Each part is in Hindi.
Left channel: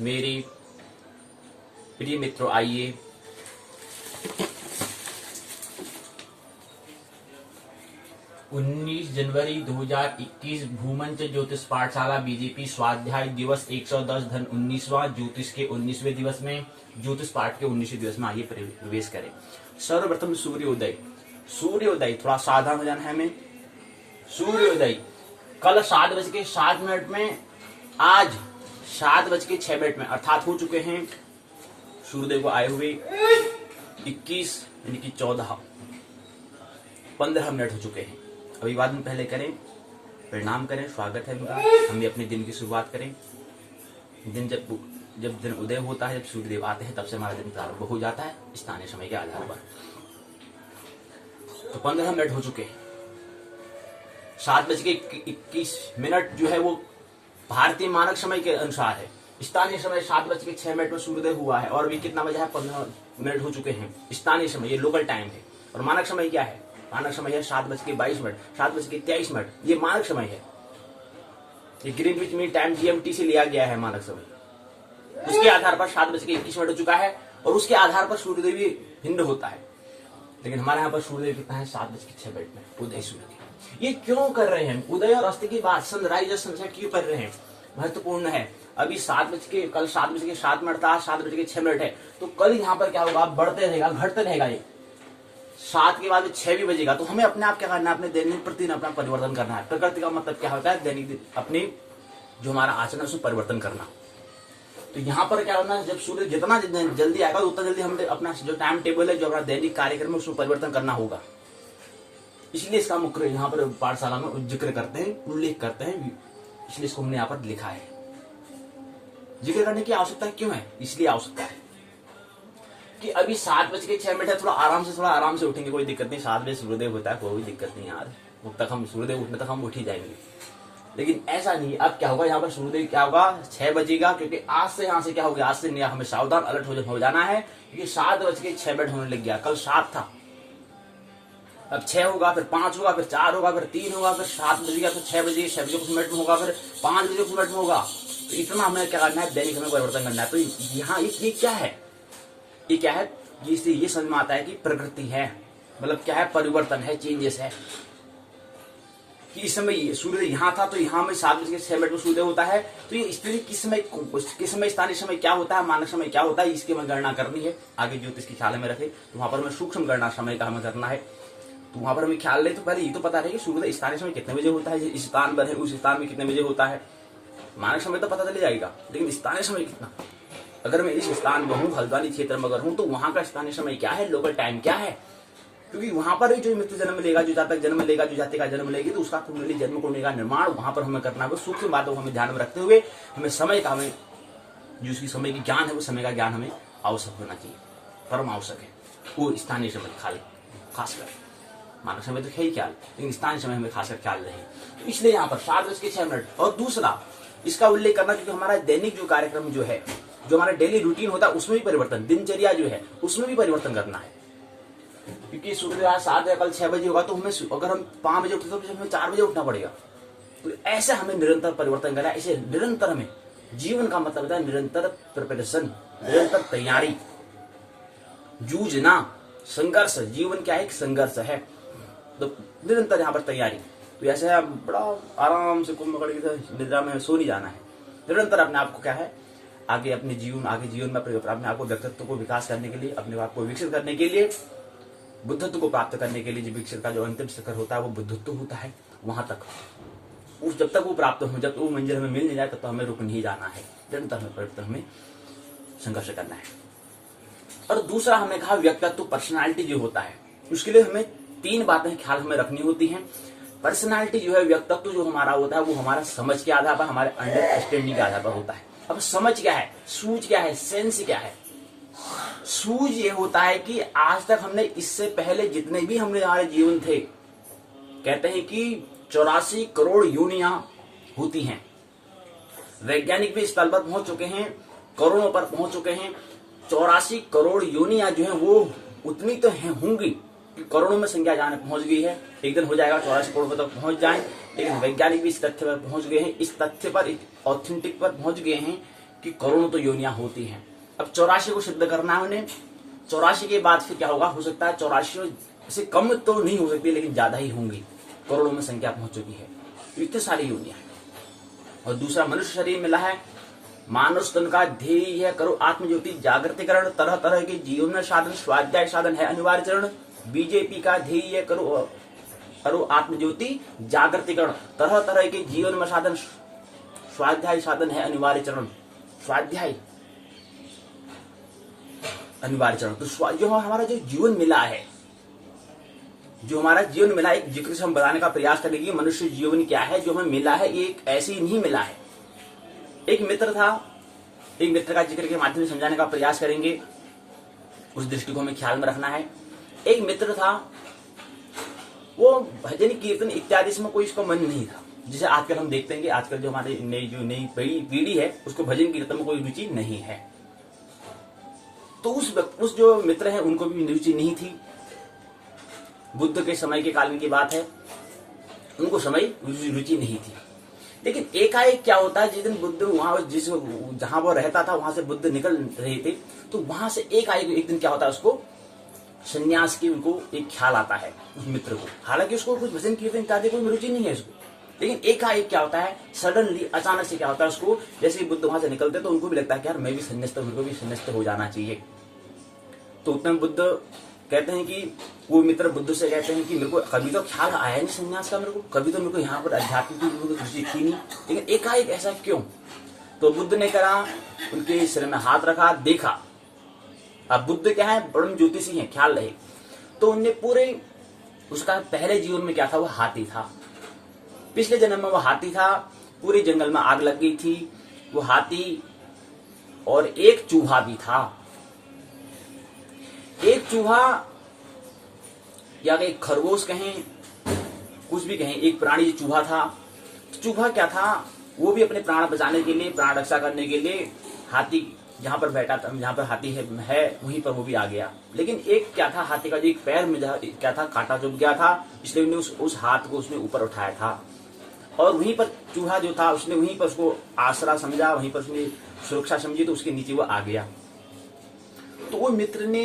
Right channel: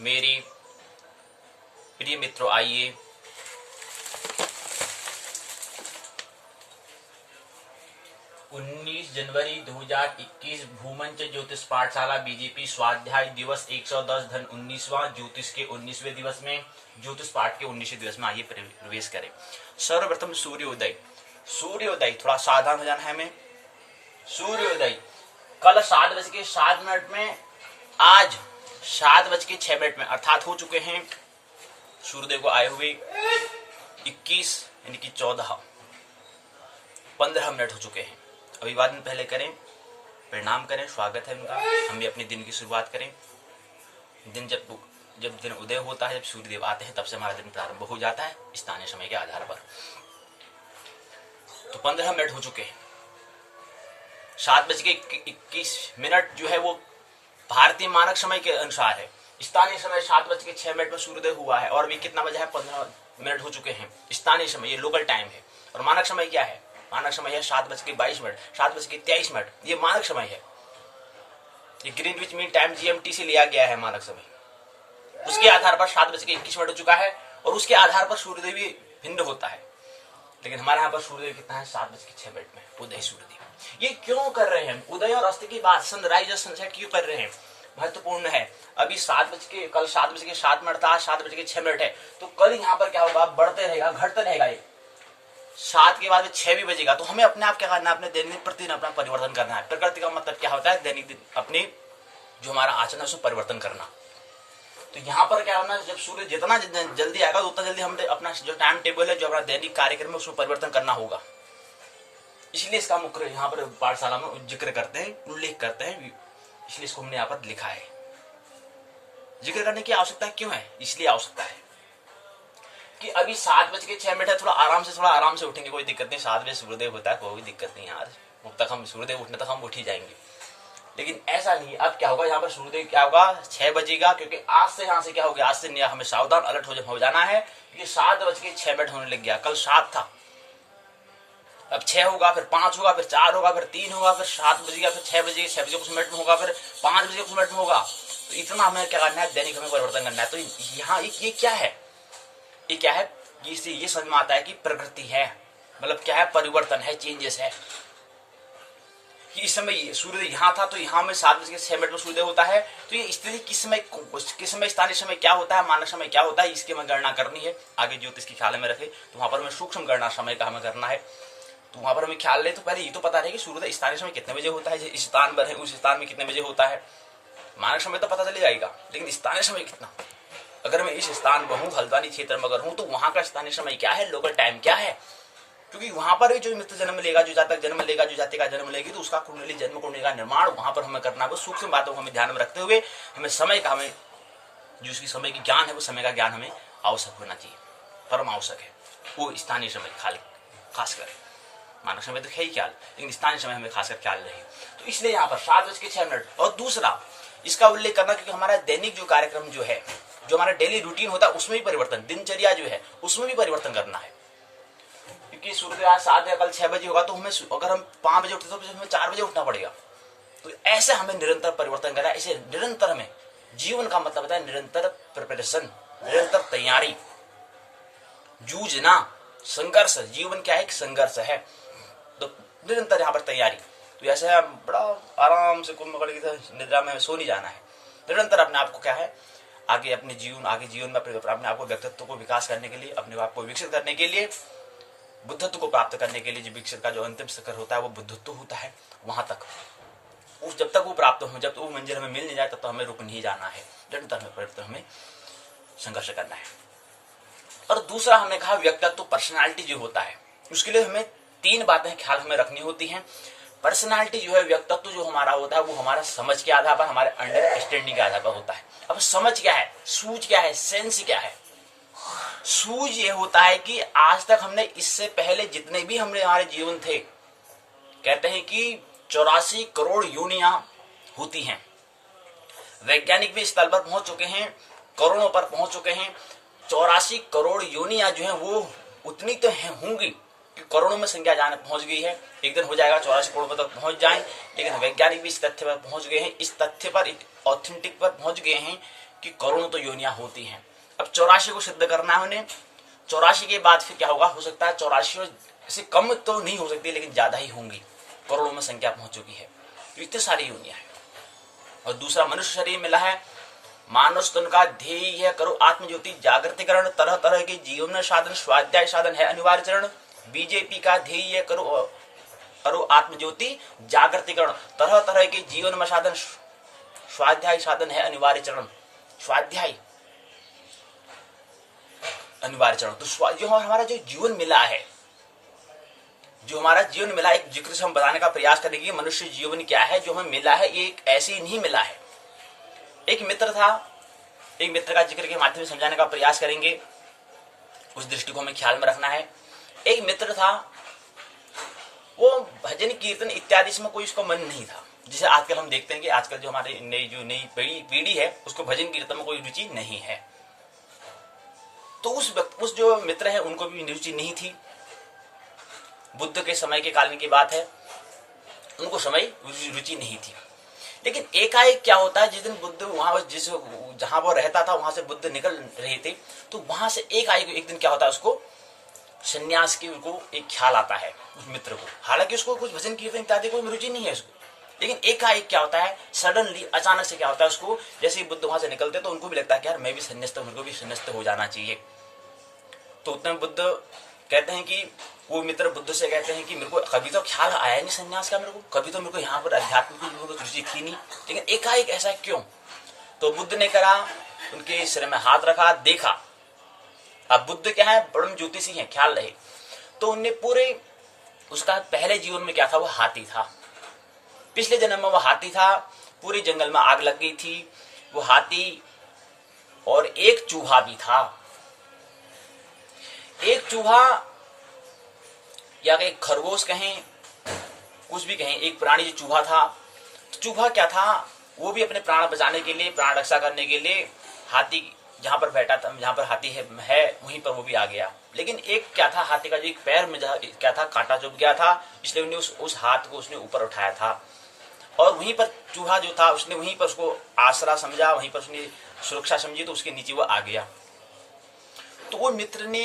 मेरी प्रिय मित्रों, आइए 19 जनवरी 2021 भूमंच ज्योतिष पाठशाला बीजेपी स्वाध्याय दिवस 110 धन 19वां ज्योतिष के 19वें दिवस में, ज्योतिष पाठ के 19वें दिवस में आइए प्रवेश करें। सर्वप्रथम सूर्योदय। सूर्योदय थोड़ा सावधान हो जाना है हमें। सूर्योदय कल 7:07 में, आज 7:06 में अर्थात हो चुके हैं सूर्योदय को आए हुए 21 यानी कि 15 मिनट हो चुके हैं। अभिवादन पहले करें, प्रणाम करें, स्वागत है उनका। हम भी अपने दिन की शुरुआत करें। दिन जब दिन उदय होता है, जब सूर्यदेव आते हैं, तब से हमारा दिन प्रारंभ हो जाता है स्थानीय समय के आधार पर। तो 15 मिनट हो चुके हैं। 7:21 जो है वो भारतीय मानक समय के अनुसार है। स्थानीय समय 7:06 में सूर्योदय हुआ है और अभी कितना बजा है? 15 मिनट हो चुके हैं। स्थानीय समय ये लोकल टाइम है। और मानक समय क्या है? मानक समय है 7:22, 7:23। ये मानक समय है। ये ग्रीनविच मीन टाइम GMT से लिया गया है मानक समय। उसके आधार पर 7:21 हो चुका है और उसके आधार पर सूर्योदय भी भिन्न होता है। लेकिन हमारे यहाँ पर सूर्योदय कितना है? 7:06 में उदय सूर्योदय। ये क्यों कर रहे हैं? उदय और अस्त की बात, सनराइज और सनसेट क्यों कर रहे हैं? महत्वपूर्ण है। अभी कल 7:07 था, 7:06 है। तो कल यहाँ पर क्या होगा? बढ़ते रहेगा, घटते रहेगा। ये 7 के बाद 6 भी बजेगा। तो हमें अपने आप क्या करना है? अपने दैनिक प्रतिदिन अपना परिवर्तन करना है। प्रकृति का मतलब क्या होता है? दैनिक अपनी जो हमारा आचरण है उसमें परिवर्तन करना। तो यहाँ पर क्या करना है? जब सूर्य जितना जल्दी आएगा उतना जल्दी हमें अपना जो टाइम टेबल है, जो हमारा दैनिक कार्यक्रम है, उसमें परिवर्तन करना होगा। इसलिए इसका मुख्य यहाँ पर पाठशाला में जिक्र करते हैं, उल्लेख करते हैं। इसलिए इसको हमने यहाँ पर लिखा है। जिक्र करने की आवश्यकता क्यों है? इसलिए आवश्यकता है कि अभी 7:06 है। थोड़ा आराम से उठेंगे, कोई दिक्कत नहीं। 7 बजे सूर्योदय होता है, कोई दिक्कत नहीं यार। उठ तक हम सूर्योदय उठने तक हम उठ ही जाएंगे। लेकिन ऐसा नहीं। अब क्या होगा? यहाँ पर सूर्योदय क्या होगा? 6 बजेगा। क्योंकि आज से यहाँ से क्या हो गया? आज से हमें सावधान अलर्ट हो जाना है। क्योंकि 7:06 होने लग गया। कल 7 था, अब 6 होगा, फिर 5 होगा, फिर 4 होगा, फिर 3 होगा, फिर 7 बजेगा, फिर 6 बजे, 6 बजे कुछ मिनट में होगा, फिर 5 बजे कुछ मिनट में होगा। तो इतना हमें क्या करना है? दैनिक हमें परिवर्तन करना है। तो यहाँ ये क्या है? ये क्या है? इससे ये समझ में आता है कि प्रकृति है, मतलब क्या है? परिवर्तन है, चेंजेस है। कि इस समय सूर्योदय यहाँ था, तो यहाँ में 7:06 में सूर्योदय होता है। तो ये स्थिति किस समय स्थानीय समय क्या होता है, मानक समय क्या होता है, इसकी हमें गणना करनी है। आगे ज्योतिष की ख्याल में रखे तो वहां पर हमें सूक्ष्म गणना समय का हमें करना है। तो वहां पर हमें ख्याल ले तो पहले ये तो पता रहे कि सूर्योदय स्थानीय समय कितने बजे होता है, इस स्थान पर है उस स्थान में कितने बजे होता है। मानक समय तो पता चल जाएगा, लेकिन स्थानीय समय कितना? अगर मैं इस स्थान पर हूँ, हल्द्वानी क्षेत्र में अगर हूँ, तो वहां का स्थानीय समय क्या है, लोकल टाइम क्या है? क्योंकि वहां पर भी जो मित्र जन्म लेगा, जो जातक जन्म लेगा, जो जाति का जन्म लेगी, तो उसका कुंडली जन्म कुंडली का निर्माण वहां पर हमें करना है। वो सूक्ष्म बातों को हमें ध्यान में रखते हुए हमें समय का, हमें जो उसकी समय की ज्ञान है, वो समय का ज्ञान हमें आवश्यक होना चाहिए, परम आवश्यक है। वो स्थानीय समय खासकर, मानव समय तो है ही ख्याल, लेकिन स्थानीय समय हमें खासकर ख्याल रहे। तो इसलिए यहाँ पर 7:06। और दूसरा इसका उल्लेख करना, क्योंकि हमारा दैनिक जो कार्यक्रम जो है, जो हमारा डेली रूटीन होता है, उसमें भी परिवर्तन, दिनचर्या जो है उसमें भी परिवर्तन करना है। क्योंकि सूर्योदय आज 7 या कल 6 बजे होगा, तो हमें अगर हम 5 बजे उठते तो हमें 4 बजे उठना पड़ेगा। तो ऐसे हमें निरंतर परिवर्तन करना है। इसे निरंतर हमें, जीवन का मतलब होता है निरंतर प्रिपरेशन, निरंतर तैयारी, जूझना, संघर्ष। जीवन क्या है? संघर्ष है। तो निरंतर यहाँ पर तैयारी। तो ऐसे बड़ा आराम से कुंभ कर निद्रा में सो नहीं जाना है। निरंतर अपने आप को क्या है, आगे जीवन में अपने आप को, व्यक्तित्व को विकास करने के लिए, अपने आप को विकसित करने के लिए, बुद्धत्व को प्राप्त करने के लिए, जो विकसित का जो अंतिम शिखर होता है वो बुद्धत्व होता है। वहां तक जब तक वो प्राप्त हो, जब तक वो मंजिल हमें मिल नहीं जाए, तब तक हमें रुक नहीं जाना है। निरंतर हमें संघर्ष करना है। और दूसरा हमने कहा व्यक्तित्व, पर्सनालिटी जो होता है, उसके लिए हमें 3 बातें ख्याल हमें रखनी होती हैं। पर्सनालिटी जो है, व्यक्तित्व जो हमारा होता है, वो हमारा समझ के आधार पर, हमारे अंडरस्टैंडिंग के आधार पर होता है। अब समझ क्या है, सूझ क्या है, सेंस क्या है? सूझ ये होता है कि आज तक हमने, इससे पहले जितने भी हमारे जीवन थे, कहते हैं कि 84 करोड़ योनियां होती हैं। वैज्ञानिक भी इस तल पर पहुंच चुके हैं, करोड़ों पर पहुंच चुके हैं। 84 करोड़ योनियां जो हैं वो उतनी तो होंगी कि करोड़ों में संख्या जाने पहुंच गई है। एक दिन हो जाएगा 84 करोड़ तक पहुंच जाएं। लेकिन वैज्ञानिक भी इस तथ्य पर पहुंच गए हैं, इस तथ्य पर, ऑथेंटिक पर पहुंच गए हैं कि करोड़ों तो योनियां होती हैं। अब 84 को सिद्ध करना है उन्हें। 84 के बाद फिर क्या होगा, हो सकता है 84 से कम तो नहीं हो सकती, लेकिन ज्यादा ही होंगी, करोड़ों में संख्या पहुंच चुकी है। तो इतनी सारी योनियां हैं। और दूसरा मनुष्य शरीर मिला है। मानव स्तन का ध्येय है करो आत्मज्योति जागृतिकरण, तरह तरह के जीवन साधन स्वाध्याय साधन है अनिवार्य चरण। बीजेपी का ध्येय है करो आत्मज्योति जागृतिकरण, तरह तरह के जीवन में साधन स्वाध्याय साधन है अनिवार्य चरण। स्वाध्याय अनिवार्य चरण, तो जो हमारा जो जीवन मिला है, जो हमारा जीवन मिला, एक जिक्र से हम बताने का प्रयास करेंगे मनुष्य जीवन क्या है। जो हमें मिला है ये एक ऐसे ही नहीं मिला है। एक मित्र था, एक मित्र का जिक्र के माध्यम से समझाने का प्रयास करेंगे, उस दृष्टि को हमें ख्याल में रखना है। एक मित्र था, वो भजन कीर्तन इत्यादि इसमें कोई उसका मन नहीं था। जिसे आजकल हम देखते हैं कि आजकल जो हमारे नई पीढ़ी है उसको भजन कीर्तन में कोई रुचि नहीं है। तो उस जो मित्र है उनको भी रुचि नहीं थी। बुद्ध के समय के कालीन की बात है, उनको समय रुचि नहीं थी। लेकिन एकाएक क्या होता है, जिस दिन बुद्ध वहां जहां वो रहता था वहां से बुद्ध निकल रहे थे, तो वहां से एक दिन क्या होता है, उसको संन्यास की उनको एक ख्याल आता है उस मित्र को। हालांकि उसको कुछ भजन कीर्तन इत्यादि कोई रुचि नहीं है उसको, लेकिन एकाएक क्या होता है, सडनली अचानक से क्या होता है उसको, जैसे ही बुद्ध वहां से निकलते तो उनको भी लगता है कि यार मैं भी संन्यास्त हूं, मेरे को भी संन्यास्त हो जाना चाहिए। तो उतने बुद्ध कहते हैं कि वो मित्र बुद्ध से कहते हैं कि मेरे को कभी तो ख्याल आया नहीं संन्यास का, मेरे को यहाँ पर अध्यात्म की रुचि थी नहीं, लेकिन एकाएक ऐसा क्यों। तो बुद्ध ने करा, उनके सिर में हाथ रखा, देखा। अब बुद्ध क्या है, परम ज्योतिषी हैं, ख्याल रहे। तो उनने पूरे उसका पहले जीवन में क्या था, वो हाथी था। पिछले जन्म में वो हाथी था, पूरे जंगल में आग लग गई थी, वो हाथी और एक चूहा भी था। एक चूहा या एक खरगोश कहें, कुछ भी कहें, एक प्राणी जो चूहा था। तो चूहा क्या था, वो भी अपने प्राण बचाने के लिए, प्राण रक्षा करने के लिए हाथी जहां पर बैठा था, जहां पर हाथी है वहीं पर वो भी आ गया। लेकिन एक क्या था, हाथी का जो एक पैर में क्या था, कांटा चुभ गया था, इसलिए उन्हें उस हाथ को उसने ऊपर उठाया था। और वहीं पर चूहा जो था उसने वहीं पर उसको आसरा समझा, वहीं पर उसने सुरक्षा समझी, तो उसके नीचे वो आ गया। तो वो मित्र ने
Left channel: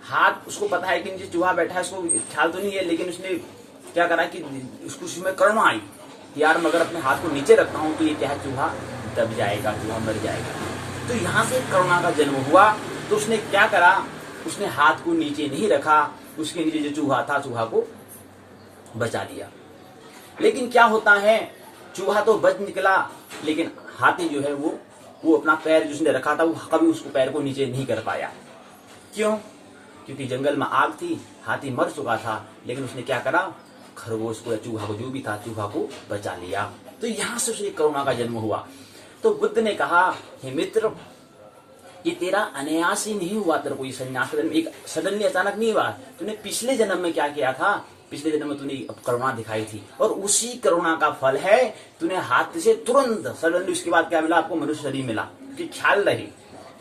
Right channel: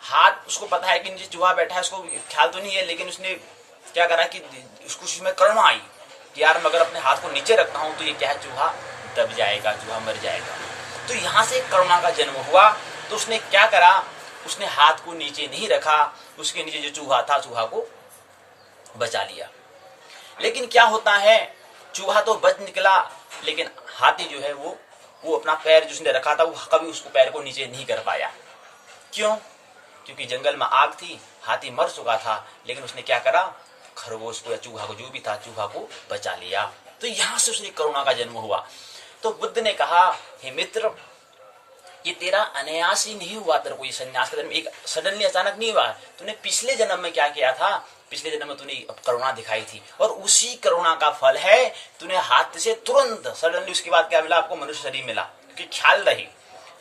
हाथ, उसको पता है कि नीचे चूहा बैठा है, उसको ख्याल तो नहीं है, लेकिन उसने क्या करा कि उसको उसमें करुणा आई कि यार मैं अगर अपने हाथ को नीचे रखता हूं तो ये क्या है, चूहा दब जाएगा, चूहा मर जाएगा। तो यहां से करुणा का जन्म हुआ। तो उसने क्या करा, उसने हाथ को नीचे नहीं रखा, उसके नीचे जो चूहा था, चूहा को बचा लिया। लेकिन क्या होता है, चूहा तो बच निकला, लेकिन हाथी जो है वो अपना पैर जो उसने रखा था, वो कभी उसको पैर को नीचे नहीं कर पाया। क्यों? क्योंकि जंगल में आग थी, हाथी मर चुका था, लेकिन उसने क्या करा, खरगोश को या चूहा को, जो भी था, चूहा को बचा लिया। तो यहां से उसने करुणा का जन्म हुआ। तो बुद्ध ने कहा, हे मित्र, ये तेरा अनायास ही नहीं हुआ, तेरे को ये संन्यास का जन्म एक सडनली अचानक नहीं हुआ। तूने पिछले जन्म में क्या किया था, पिछले जन्म में तूने करुणा दिखाई थी, और उसी करुणा का फल है तूने हाथ से तुरंत सडनली उसके बाद क्या मिला, आपको मनुष्य शरीर मिला। क्योंकि ख्याल रही,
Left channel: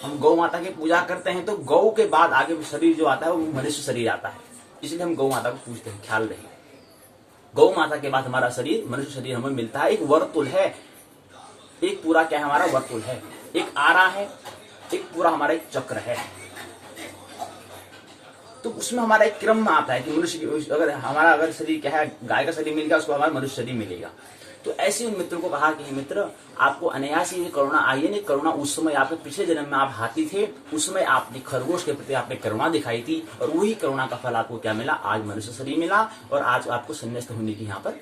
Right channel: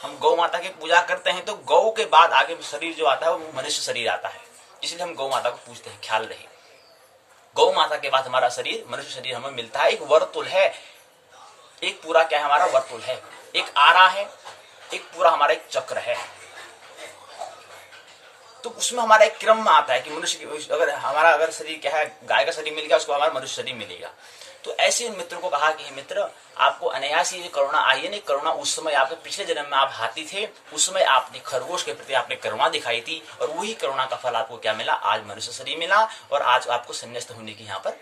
हम गौ माता की पूजा करते हैं तो गौ के बाद आगे शरीर जो आता है वो मनुष्य शरीर आता है, इसलिए हम गौ माता को पूजते हैं। ख्याल रहे, गौ माता के बाद हमारा शरीर, मनुष्य शरीर हमें मिलता है। एक वर्तुल है, एक पूरा क्या है, हमारा वर्तुल है, एक आरा है, एक पूरा हमारा एक चक्र है। तो उसमें हमारा एक क्रम में आता है कि मनुष्य अगर शरीर क्या है, गाय का शरीर मिल गया, उसको हमारा मनुष्य शरीर मिलेगा। तो ऐसे उन मित्र को कहा कि मित्र, आपको अनायास ही करुणा आई है। नहीं, करुणा उस समय आपके पिछले जन्म में आप हाथी थे, उस समय आपने खरगोश के प्रति आपने करुणा दिखाई थी, और वही करुणा का फल आपको क्या मिला, आज मनुष्य शरीर मिला, और आज आपको संन्यास्त होने की यहाँ पर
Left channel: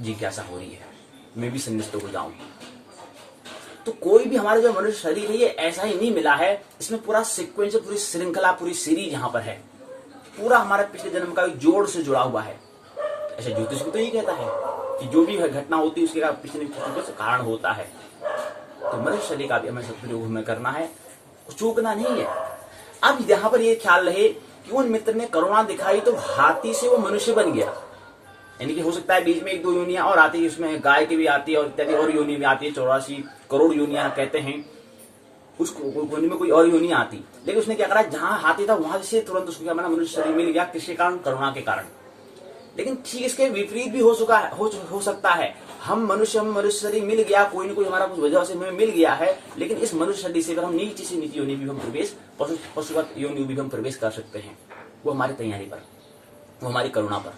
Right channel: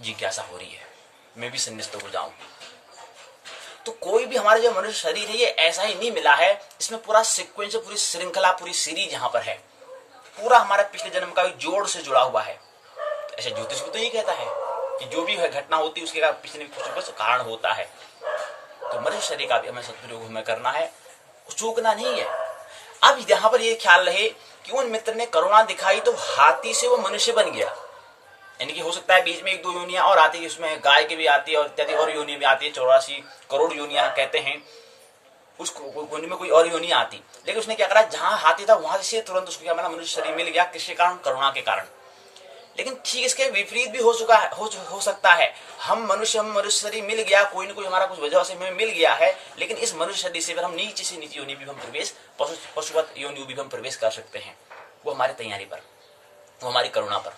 जिज्ञासा हो रही है, मैं भी संन्यास्त हो जाऊं। तो कोई भी हमारे जो मनुष्य शरीर है ये ऐसा ही नहीं मिला है, इसमें पूरा सीक्वेंस, पूरी श्रृंखला, पूरी सीरीज यहाँ पर है, पूरा हमारे पिछले जन्म का जोड़ से जुड़ा हुआ है। ऐसे ज्योतिष भी तो ये कहता है कि जो भी घटना होती है उसके पिछले कुछ कारण होता है। तो मनुष्य शरीर का भी हमें सदुपयोग हमें करना है, चूकना नहीं है। अब यहाँ पर ये ख्याल रहे कि उन मित्र ने करुणा दिखाई तो हाथी से वो मनुष्य बन गया। यानी कि हो सकता है बीच में एक दो योनियां और आती है, उसमें गाय की भी आती है और इत्यादि और योनि भी आती है, 84 करोड़ योनियां कहते हैं, उस योनि में कोई और योनि आती। लेकिन उसने क्या करा, जहां हाथी था वहां से तुरंत उसको क्या मिला, मनुष्य शरीर मिल गया। किसके कारण? करुणा के कारण। लेकिन ठीक इसके विपरीत भी हो चुका है, हो सकता है। हम मनुष्य शरीर मिल गया, कोई न कोई हमारा कुछ वजह से हमें मिल गया है, लेकिन इस मनुष्य शरीर से फिर हम नीचे से नीचे योनि भी हम प्रवेश, पशुवत योनि भी हम प्रवेश कर सकते हैं। वो हमारी तैयारी पर, वो हमारी करुणा पर,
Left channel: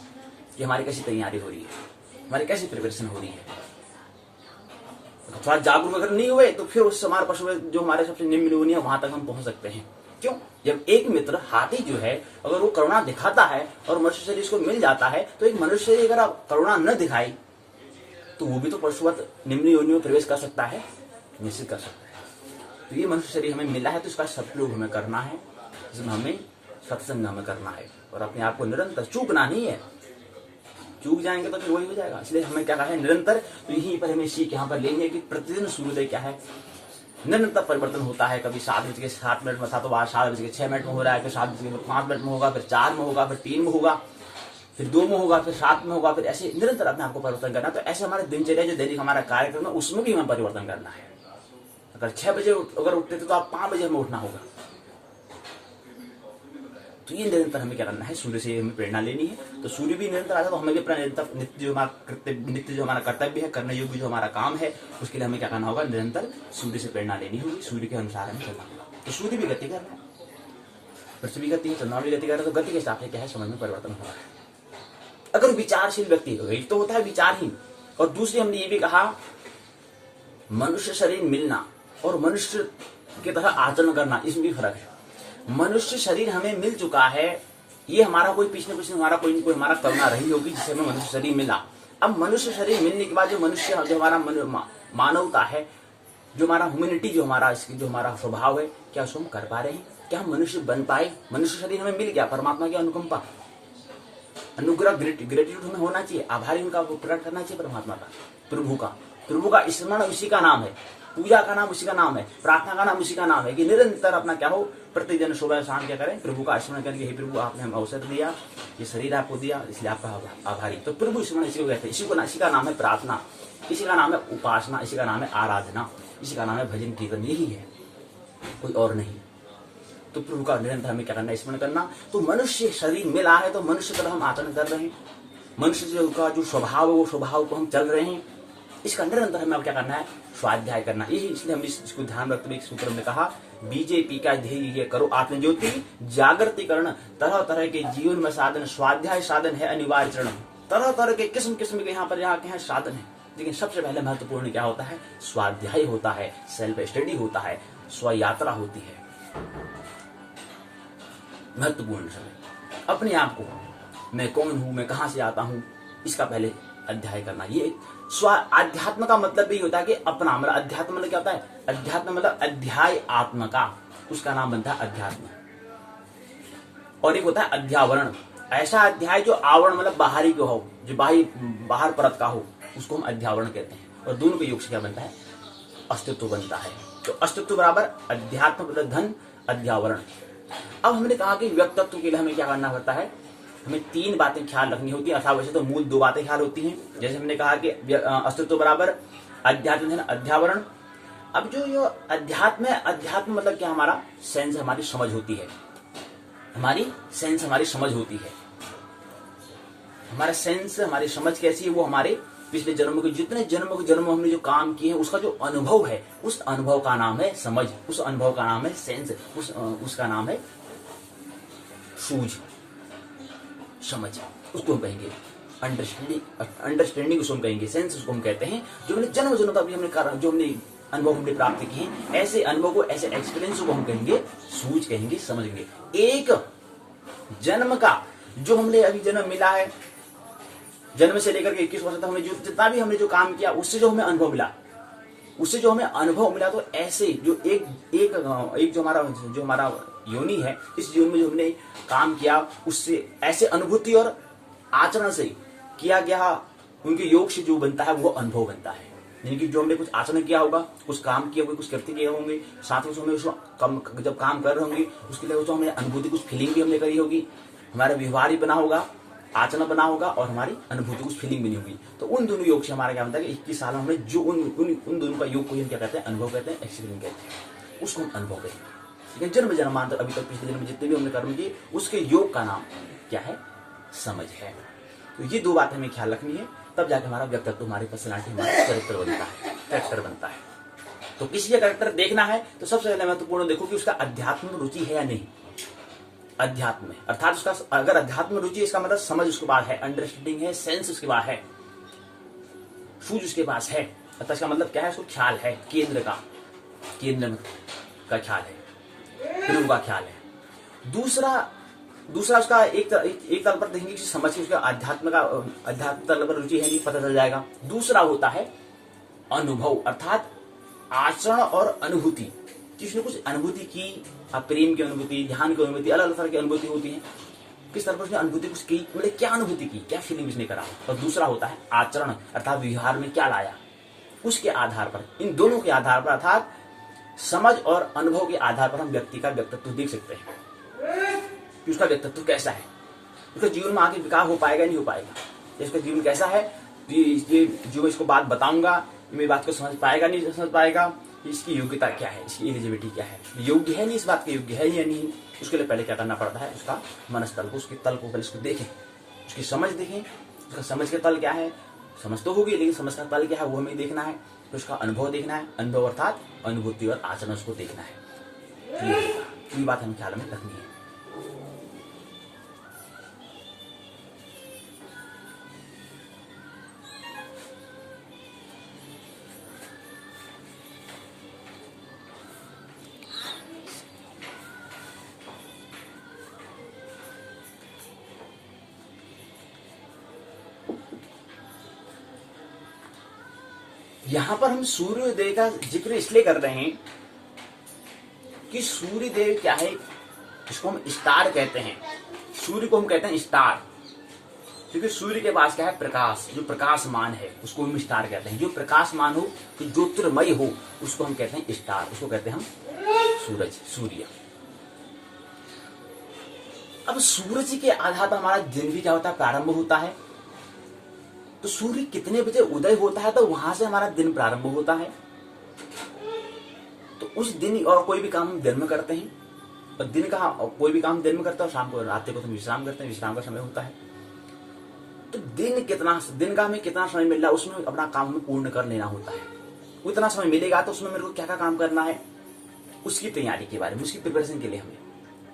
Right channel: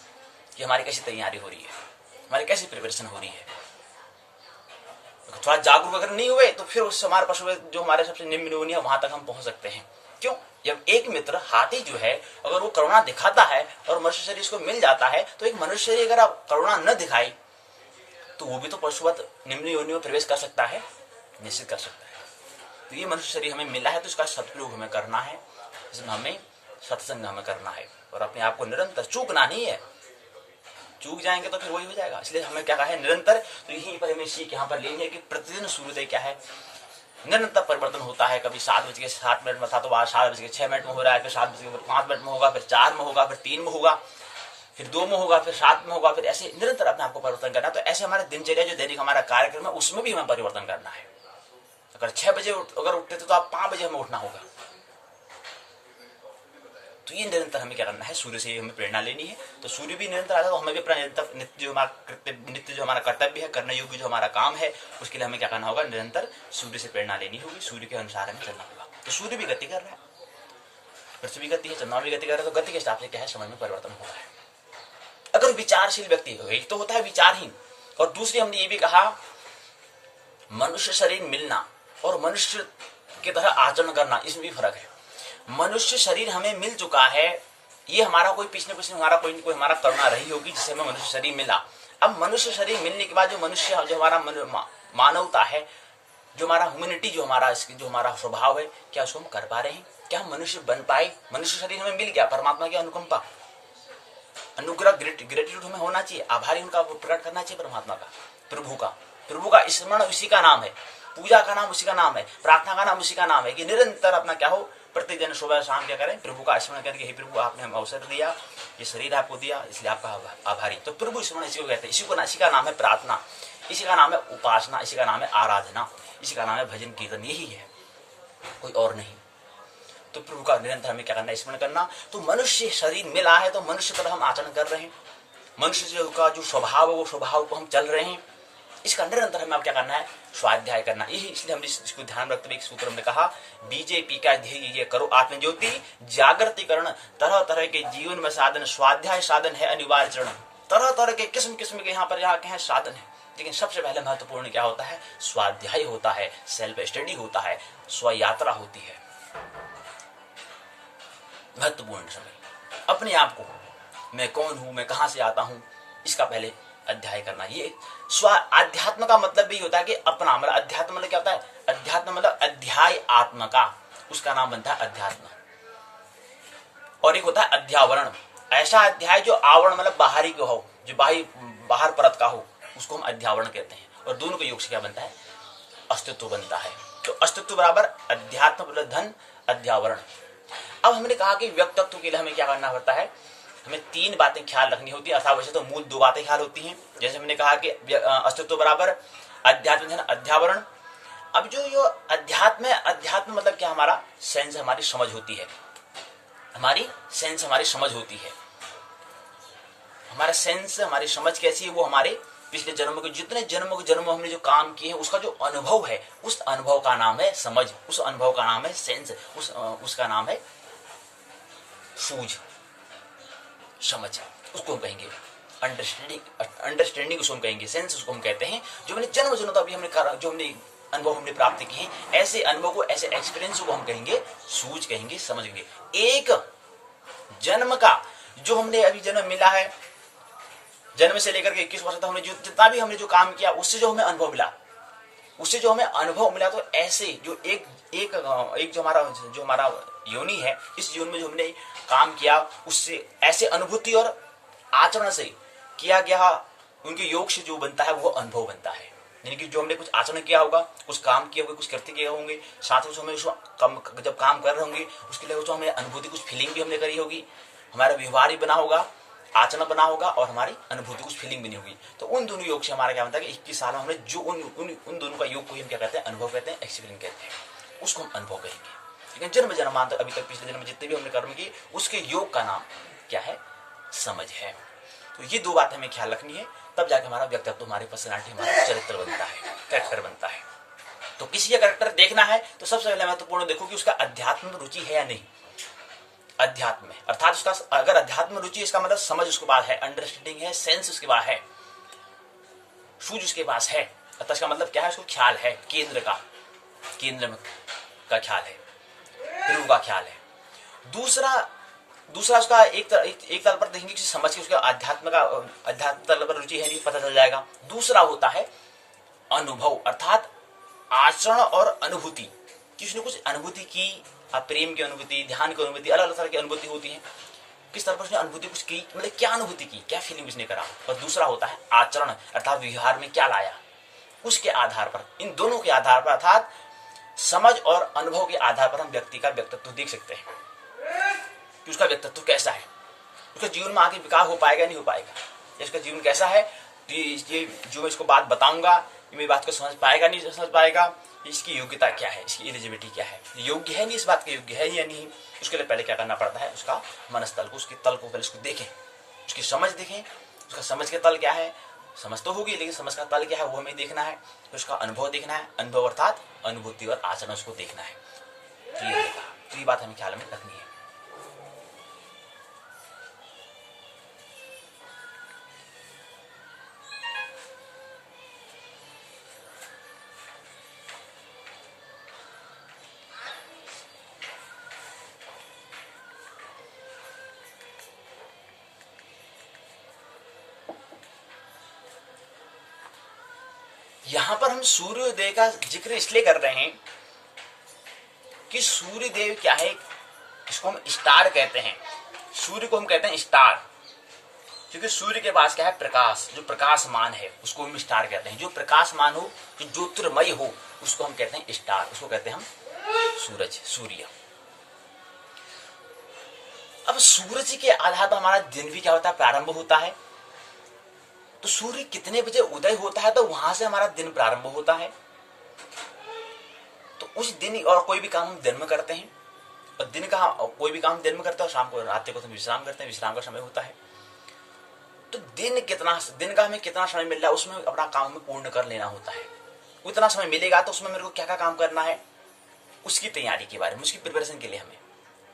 कि हमारी कैसी तैयारी हो रही है, हमारी कैसी प्रिपरेशन हो रही है। थोड़ा जागरूक अगर नहीं हुए तो फिर उससे हमारे पशु जो हमारे सबसे निम्न योनि है वहां तक हम पहुंच सकते हैं। क्यों? जब एक मित्र हाथी जो है अगर वो करुणा दिखाता है और मनुष्य शरीर उसको मिल जाता है, तो एक मनुष्य अगर आप करुणा न दिखाई तो वो भी तो पशुवत निम्न योनि में प्रवेश कर सकता है, निश्चित कर सकता है। तो ये मनुष्य शरीर हमें मिला है तो इसका सदुपयोग हमें करना है, इसमें हमें सत्संग हमें करना है और अपने आप को निरंतर चूकना नहीं है। चूक जाएंगे तो फिर वही हो जाएगा। इसलिए हमें क्या कहा है, निरंतर। तो यहीं पर हमें सीख यहाँ पर लेंगे कि प्रतिदिन सूर्योदय क्या है, निरंतर परिवर्तन होता है। कभी 7:07 में था तो आज 7:06 में हो रहा है, फिर 7:05 में होगा, फिर 4 में होगा, फिर 3 में होगा, फिर 2 में होगा, फिर 7 में होगा, फिर ऐसे निरंतर अपने आपको परिवर्तन करना। तो ऐसे हमारे दिनचर्या जो दैनिक हमारा कार्यक्रम है उसमें भी हमें परिवर्तन करना है। अगर 6 बजे अगर उठते थे तो आप 5 बजे हमें उठना होगा। तो ये निरंतर हमें क्या करना है, सूर्य से हमें प्रेरणा लेनी है। तो सूर्य भी निरंतर आता है तो हमें भी अपना नित्य जो हमारा कर्तव्य है, करने योग्य जो हमारा काम है, उसके लिए हमें क्या करना होगा, निरंतर सूर्य से प्रेरणा लेनी होगी, सूर्य के अनुसार हमें चलना होगा। तो सूर्य भी गति कर रहा है, पृथ्वी गति है, चंद्रमा भी गति कर रहा है, तो गति के हिसाब से क्या है, समझ में परिवर्तन हो रहा है। अगर विचारशील व्यक्ति, एक तो होता है विचारहीन, और दूसरी हमने ये भी कहा मनुष्य शरीर मिलना और मनुष्य की तरह आचरण करना, इसमें भी फर्क है। मनुष्य शरीर हमें मिल चुका है, ये हमारा कोई पिछले हमारा कोई हमारा करुणा रही होगी जिससे हमें मनुष्य शरीर मिला। अब मनुष्य शरीर मिलने के बाद जो मनुष्य जो हमारा मानवता है, जो हमारा ह्यूमैनिटी, जो हमारा स्वभाव है, क्या उसको हम कर पा रहे हैं? क्या हम मनुष्य बन पाए? मनुष्य शरीर हमें मिल गया, परमात्मा की अनुकंपा, अनुग्रह, ग्रेटिट्यूड हमें होना चाहिए, आभारी उनका प्रकट करना चाहिए परमात्मा का, प्रभु का स्मरण उसी का नाम है, पूजा का नाम उसी का नाम है, प्रार्थना का नाम उसी का नाम है कि निरंतर अपना क्या हो, प्रतिदिन सुबह शाम क्या करें, प्रभु का स्मरण करके, हे प्रभु आपने हमें अवसर दिया, ये शरीर आपको दिया, इसलिए आपका आभारी। तो प्रभु स्मरण इसी को कहते हैं, इसी का नाम है प्रार्थना, इसी का नाम है उपासना, इसी का नाम है आराधना, इसी का नाम है भजन कीर्तन, यही है, कोई और नहीं। तो प्रभु का निरंतर हमें क्या करना है, स्मरण करना। तो मनुष्य शरीर मिला है तो मनुष्य तरह हम आचरण कर रहे हैं, मनुष्य का जो स्वभाव है वो स्वभाव को हम चल रहे हैं, इसका निरंतर हमें अब क्या करना है, स्वाध्याय करना। यही इसलिए हमने इसको ध्यान रखते हुए एक सूत्र में कहा, बीजेपी का ध्येय ये करो आत्मज्योति जागृतिकरण, तरह तरह के जीवन में साधन, स्वाध्याय साधन है अनिवार्य चरण। तरह तरह के किस्म के यहाँ के हैं साधन है, लेकिन सबसे पहले महत्वपूर्ण क्या होता है, स्वाध्याय होता है, सेल्फ स्टडी होता है, स्व यात्रा होती है। महत्वपूर्ण समय अपने आप को, मैं कौन हूं, मैं कहां से आता हूं, इसका पहले अध्याय करना। ये स्व अध्यात्म का मतलब भी होता है कि अपना, मतलब अध्यात्म मतलब क्या होता है, अध्यात्म मतलब अध्याय आत्मा का, उसका नाम बनता है अध्यात्म। और एक होता है अध्यावरण, ऐसा अध्याय जो आवरण मतलब बाहरी को हो, जो बाहर परत का हो, उसको हम अध्यावरण कहते हैं। और दोनों के योग से क्या बनता है, अस्तित्व बनता है। तो अस्तित्व बराबर अध्यात्म प्लस धन अध्यावरण। अब हमने कहा कि व्यक्तित्व के लिए हमें क्या करना पड़ता है, हमें 3 बातें ख्याल रखनी होती है, अथवा वैसे तो मूल 2 बातें ख्याल होती हैं। जैसे हमने कहा कि अस्तित्व बराबर अध्यात्म धन अध्यावरण। अब जो अध्यात्म है, अध्यात्म मतलब क्या, हमारा सेंस, हमारी समझ होती है, हमारी सेंस, हमारी समझ होती है। हमारा सेंस, हमारी समझ कैसी है, वो हमारे पिछले जन्मों के जितने जन्म हमने जो काम किए हैं उसका जो अनुभव है, उस अनुभव का नाम है समझ, उस अनुभव का नाम है सेंस, उसका नाम है सूझ, समझ, उसको हम कहेंगे अंडरस्टैंडिंग उसको हम कहेंगे, सेंस उसको हम कहते हैं। जो हमने जन्म तक हमने जो हमने अनुभव हमने प्राप्त किए हैं, ऐसे अनुभव को, ऐसे एक्सपीरियंस को हम कहेंगे सूझ, कहेंगे समझ कहेंगे। एक जन्म का जो हमने अभी जन्म मिला है, जन्म से लेकर के 21 वर्ष तक हमने जितना भी हमने जो काम किया, उससे जो हमें अनुभव मिला, तो ऐसे जो एक जो हमारा योनि है, इस योनि में जो हमने काम किया, उससे ऐसे अनुभूति और आचरण से किया गया उनके योग से जो बनता है वो अनुभव बनता है। यानी कि जो हमने कुछ आचरण किया होगा, कुछ काम किया होगा, कुछ कृत्य किए होंगे, साथ में हमें जब काम कर रहे होंगे उसके लिए जो हमें अनुभूति, कुछ फीलिंग भी हमने करी होगी, हमारा व्यवहार ही बना होगा, आचरण बना होगा और हमारी अनुभूति, कुछ फीलिंग बनी होगी। तो उन दोनों योग से हमारा क्या बनता है कि 21 साल में हमने जो उन दोनों का योग को हम क्या कहते हैं, अनुभव कहते हैं, एक्सपीरियंस कहते हैं, उसको हम अनुभव कहेंगे। लेकिन जन्म जन्मांतर अभी तक पिछले जन्म में जितने भी हमने कर्म किए, उसके योग का नाम क्या है, समझ है। तो ये दो बातें हमें ख्याल रखनी है, तब जाके हमारा व्यक्तित्व, हमारी पर्सनालिटी, हमारा चरित्र बनता है, कैरेक्टर बनता है। तो किसी का कैरेक्टर देखना है तो सबसे पहले महत्वपूर्ण देखो कि उसका अध्यात्म में रुचि है या नहीं। अध्यात्म में अर्थात उसका अगर अध्यात्म में रुचि है, इसका मतलब समझ उसके पास है, अंडरस्टैंडिंग है, सेंस उसके पास है, सूझ उसके पास है। अर्थात इसका मतलब क्या है, उसको ख्याल है, केंद्र का ख्याल है, ध्रुव का ख्याल है। दूसरा उसका एक तल पर देखेंगे कि समझ के उसका अध्यात्म तल पर रुचि है नहीं, पता चल जाएगा। दूसरा होता है अनुभव, अर्थात आचरण और अनुभूति, कि उसने कुछ अनुभूति की, प्रेम की अनुभूति, ध्यान की अनुभूति, अलग अलग तरह की अनुभूति होती है, किस तरह पर उसने अनुभूति कुछ की, मतलब क्या अनुभूति की, क्या फीलिंग उसने करा। और दूसरा होता है आचरण, अर्थात व्यवहार में क्या लाया, उसके आधार पर, इन दोनों के आधार पर, अर्थात समझ और अनुभव के आधार पर हम व्यक्ति का व्यक्तित्व देख सकते हैं कि उसका व्यक्तित्व कैसा है, उसका जीवन में आगे विकास हो पाएगा नहीं हो पाएगा, या उसका जीवन कैसा है, ये जो मैं इसको बात बताऊंगा ये मेरी बात को समझ पाएगा नहीं समझ पाएगा, इसकी योग्यता क्या है, इसकी एलिजिबिलिटी क्या है, योग्य है नहीं, इस बात के योग्य है या नहीं। उसके लिए पहले क्या करना पड़ता है, उसका मनस तल को, उसके तल को पहले उसको देखें, उसकी समझ देखें, उसका समझ के तल क्या है, समझ तो होगी लेकिन समझ का तल क्या है वो हमें देखना है। तो उसका अनुभव देखना है, अनुभव अर्थात अनुभूति और आचरण उसको देखना है, क्लियर होगा। तो ये बात हमें ख्याल में रखनी है। यहां पर हम सूर्योदय का जिक्र इसलिए कर रहे हैं कि सूर्यदेव क्या है, इसको हम स्टार कहते हैं, सूर्य को हम कहते हैं स्टार, क्योंकि सूर्य के पास क्या है, प्रकाश, जो प्रकाशमान है उसको हम स्टार कहते हैं। जो प्रकाशमान हो, जो ज्योतिर्मय हो, उसको हम कहते हैं स्टार, उसको कहते हैं हम सूरज, सूर्य। अब सूरज के आधार पर हमारा दिन भी क्या होता है, प्रारंभ होता है। तो सूर्य कितने बजे उदय होता है तो वहां से हमारा दिन प्रारंभ होता है। तो उस दिन, और कोई भी काम हम दिन में करते हैं, और दिन का कोई भी काम दिन में करते हैं, और शाम को, रात को तो विश्राम करते हैं, विश्राम का समय होता है। तो दिन का हमें कितना समय मिल रहा है, उसमें अपना काम हमें पूर्ण कर लेना होता है। उतना समय मिलेगा तो उसमें मेरे को क्या क्या काम करना है, उसकी तैयारी के बारे में, उसकी प्रिपरेशन के लिए हमें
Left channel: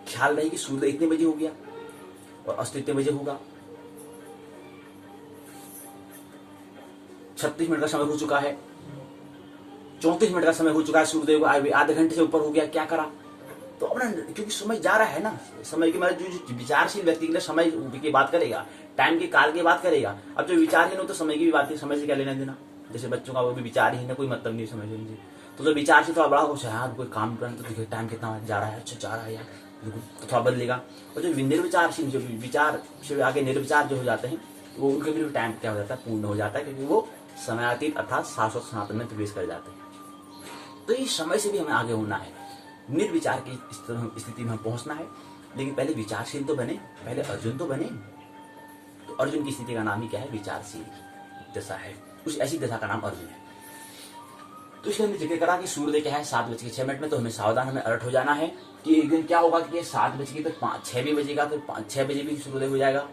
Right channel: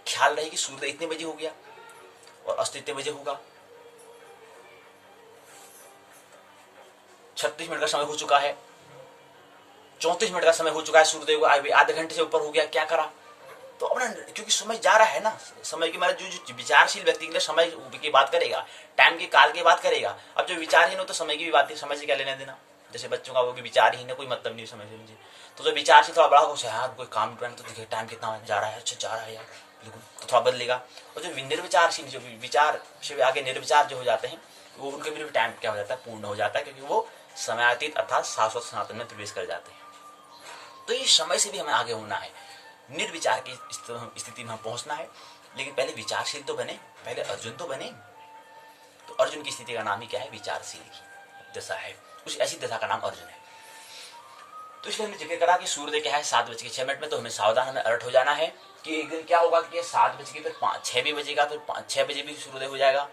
ख्याल रहे कि सूर्योदय इतने बजे हो गया और अस्त इतने बजे होगा, 36 मिनट का समय हो चुका है, 34 मिनट का समय हो चुका है, सूर्योदय को आधे घंटे से ऊपर हो गया, क्या करा। तो अपना, क्योंकि समय जा रहा है ना, समय के मतलब जो विचारशील व्यक्ति के लिए समय की बात करेगा, टाइम के काल की बात करेगा। अब जो विचारहीन हो तो समय की भी बात है, समय से क्या लेना देना। जैसे बच्चों का वो भी विचारहीन है, कोई मतलब नहीं समय से। तो जो विचारशील थोड़ा बड़ा हो, हाँ कोई काम करना तो देखिए टाइम कितना जा रहा है, अच्छा जा रहा है यार, बिल्कुल, तो थोड़ा बदलेगा। और जो निर्विचारशील, जो विचार से आगे निर्विचार जो हो जाते हैं, वो उनके भी टाइम क्या हो जाता है, पूर्ण हो जाता है, क्योंकि वो समयातीत अर्थात शाश्वत सनातन में प्रवेश कर जाते हैं। तो ये समय से भी हमें आगे होना है, निर्विचार की स्थिति में हम पहुंचना है। लेकिन पहले विचारशील तो बने, पहले अर्जुन तो बने। तो अर्जुन की स्थिति का नाम ही क्या है, विचारशील की दशा है, उस ऐसी दशा का नाम अर्जुन है। तो इसलिए हमने जिक्र करा कि सूर्योदय क्या है 7:06 में, तो हमें सावधान, हमें अलर्ट हो जाना है कि एक दिन क्या होगा कि 7 बजे की, फिर 6 भी बजेगा, फिर 6 बजे भी सूर्योदय हो जाएगा,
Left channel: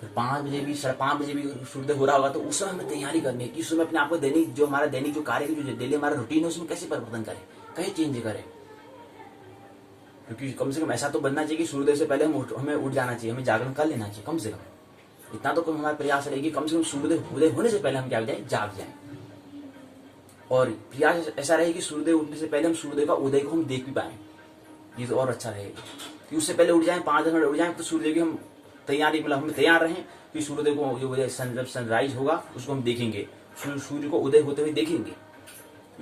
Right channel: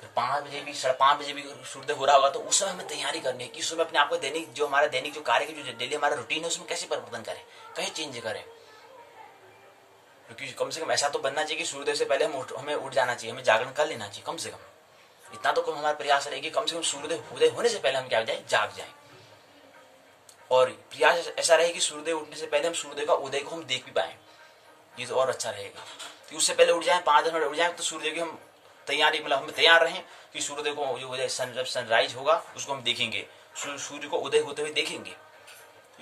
फिर 5 बजे भी, 5:30 बजे भी सूर्योदय हो रहा होगा। तो उस समय हमें तैयारी करनी है कि उस समय अपने आप को दैनिक जो हमारा दैनिक जो कार्य की जो डेली हमारा रूटीन है उसमें कैसे परिवर्तन करें, कहीं चेंज करें। क्योंकि कम से कम ऐसा तो बनना चाहिए कि सूर्योदय से पहले हमें उठ जाना चाहिए, हमें जागरण कर लेना चाहिए। कम से कम इतना तो हमारा प्रयास रहेगी, कम से कम सूर्योदय होने से पहले हम क्या हो जाए, जाग जाएं। और प्रयास ऐसा रहे कि सूर्योदय उठने से पहले हम सूर्योदय का उदय को हम देख भी पाएं, ये तो और अच्छा रहेगा। कि उससे पहले उठ जाएं, 5-10 मिनट उठ जाएं, तो सूर्योदय की हम तैयारी, मतलब हम तैयार रहें कि सूर्योदय को जो उदय जब सनराइज होगा उसको हम देखेंगे, सूर्य को उदय होते हुए देखेंगे।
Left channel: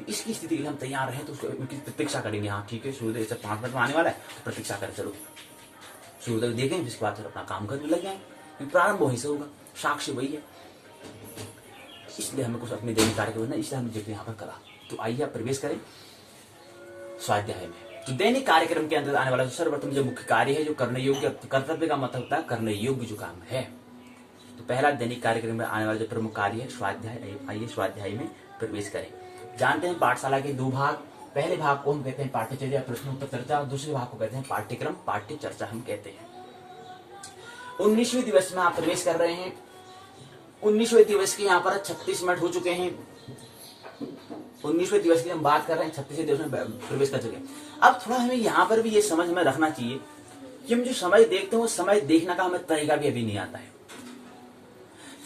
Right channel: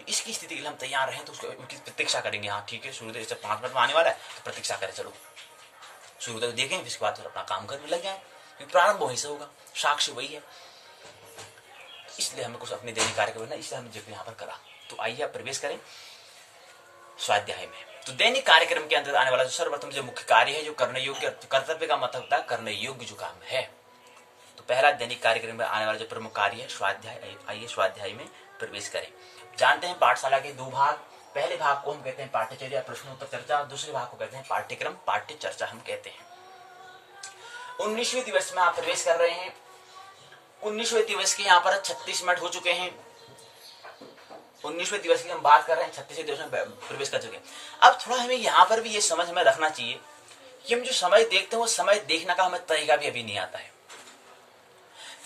इसकी स्थिति के लिए हम तैयार रहें, तो उसको उनकी प्रतीक्षा करेंगे। हाँ ठीक है, सूर्योदय जब 5 मिनट में आने वाला है तो प्रतीक्षा करें, चलो सूर्योदय देखें, इसके बाद फिर अपना काम करने लग जाए, क्योंकि प्रारंभ वहीं से होगा, साक्ष्य वही है। इसलिए हमें कुछ अपने दैनिक कार्य करना, इसलिए हमने जिक्र यहाँ पर करा। तो आइए आप प्रवेश करें स्वाध्याय में। तो दैनिक कार्यक्रम के अंतर्गत आने वाला जो सर्वप्रथम जो मुख्य कार्य है, जो करने योग्य, कर्तव्य का मतलब होता है करने योग्य जो काम है। तो पहला दैनिक कार्यक्रम में आने वाला जो प्रमुख कार्य है स्वाध्याय। आइए स्वाध्याय में प्रवेश करें। जानते हैं पाठशाला के 2 भाग, पहले भाग को हम कहते हैं पाठ्यचर्या प्रश्नोत्तर चर्चा, दूसरे भाग को कहते हैं पाठ्यक्रम पाठ्य चर्चा हम कहते हैं। 19वें दिवस में आप प्रवेश कर रहे हैं 19वें दिवस के यहाँ पर 36 मिनट हो चुके हैं। 19वें दिवस की हम बात कर रहे हैं, 36वें दिवस में प्रवेश कर चुके हैं। अब थोड़ा हमें यहाँ पर भी ये समझ हमें रखना चाहिए कि हम जो समय देखते हैं वो समय देखने का हमें तरीका भी अभी नहीं आता है।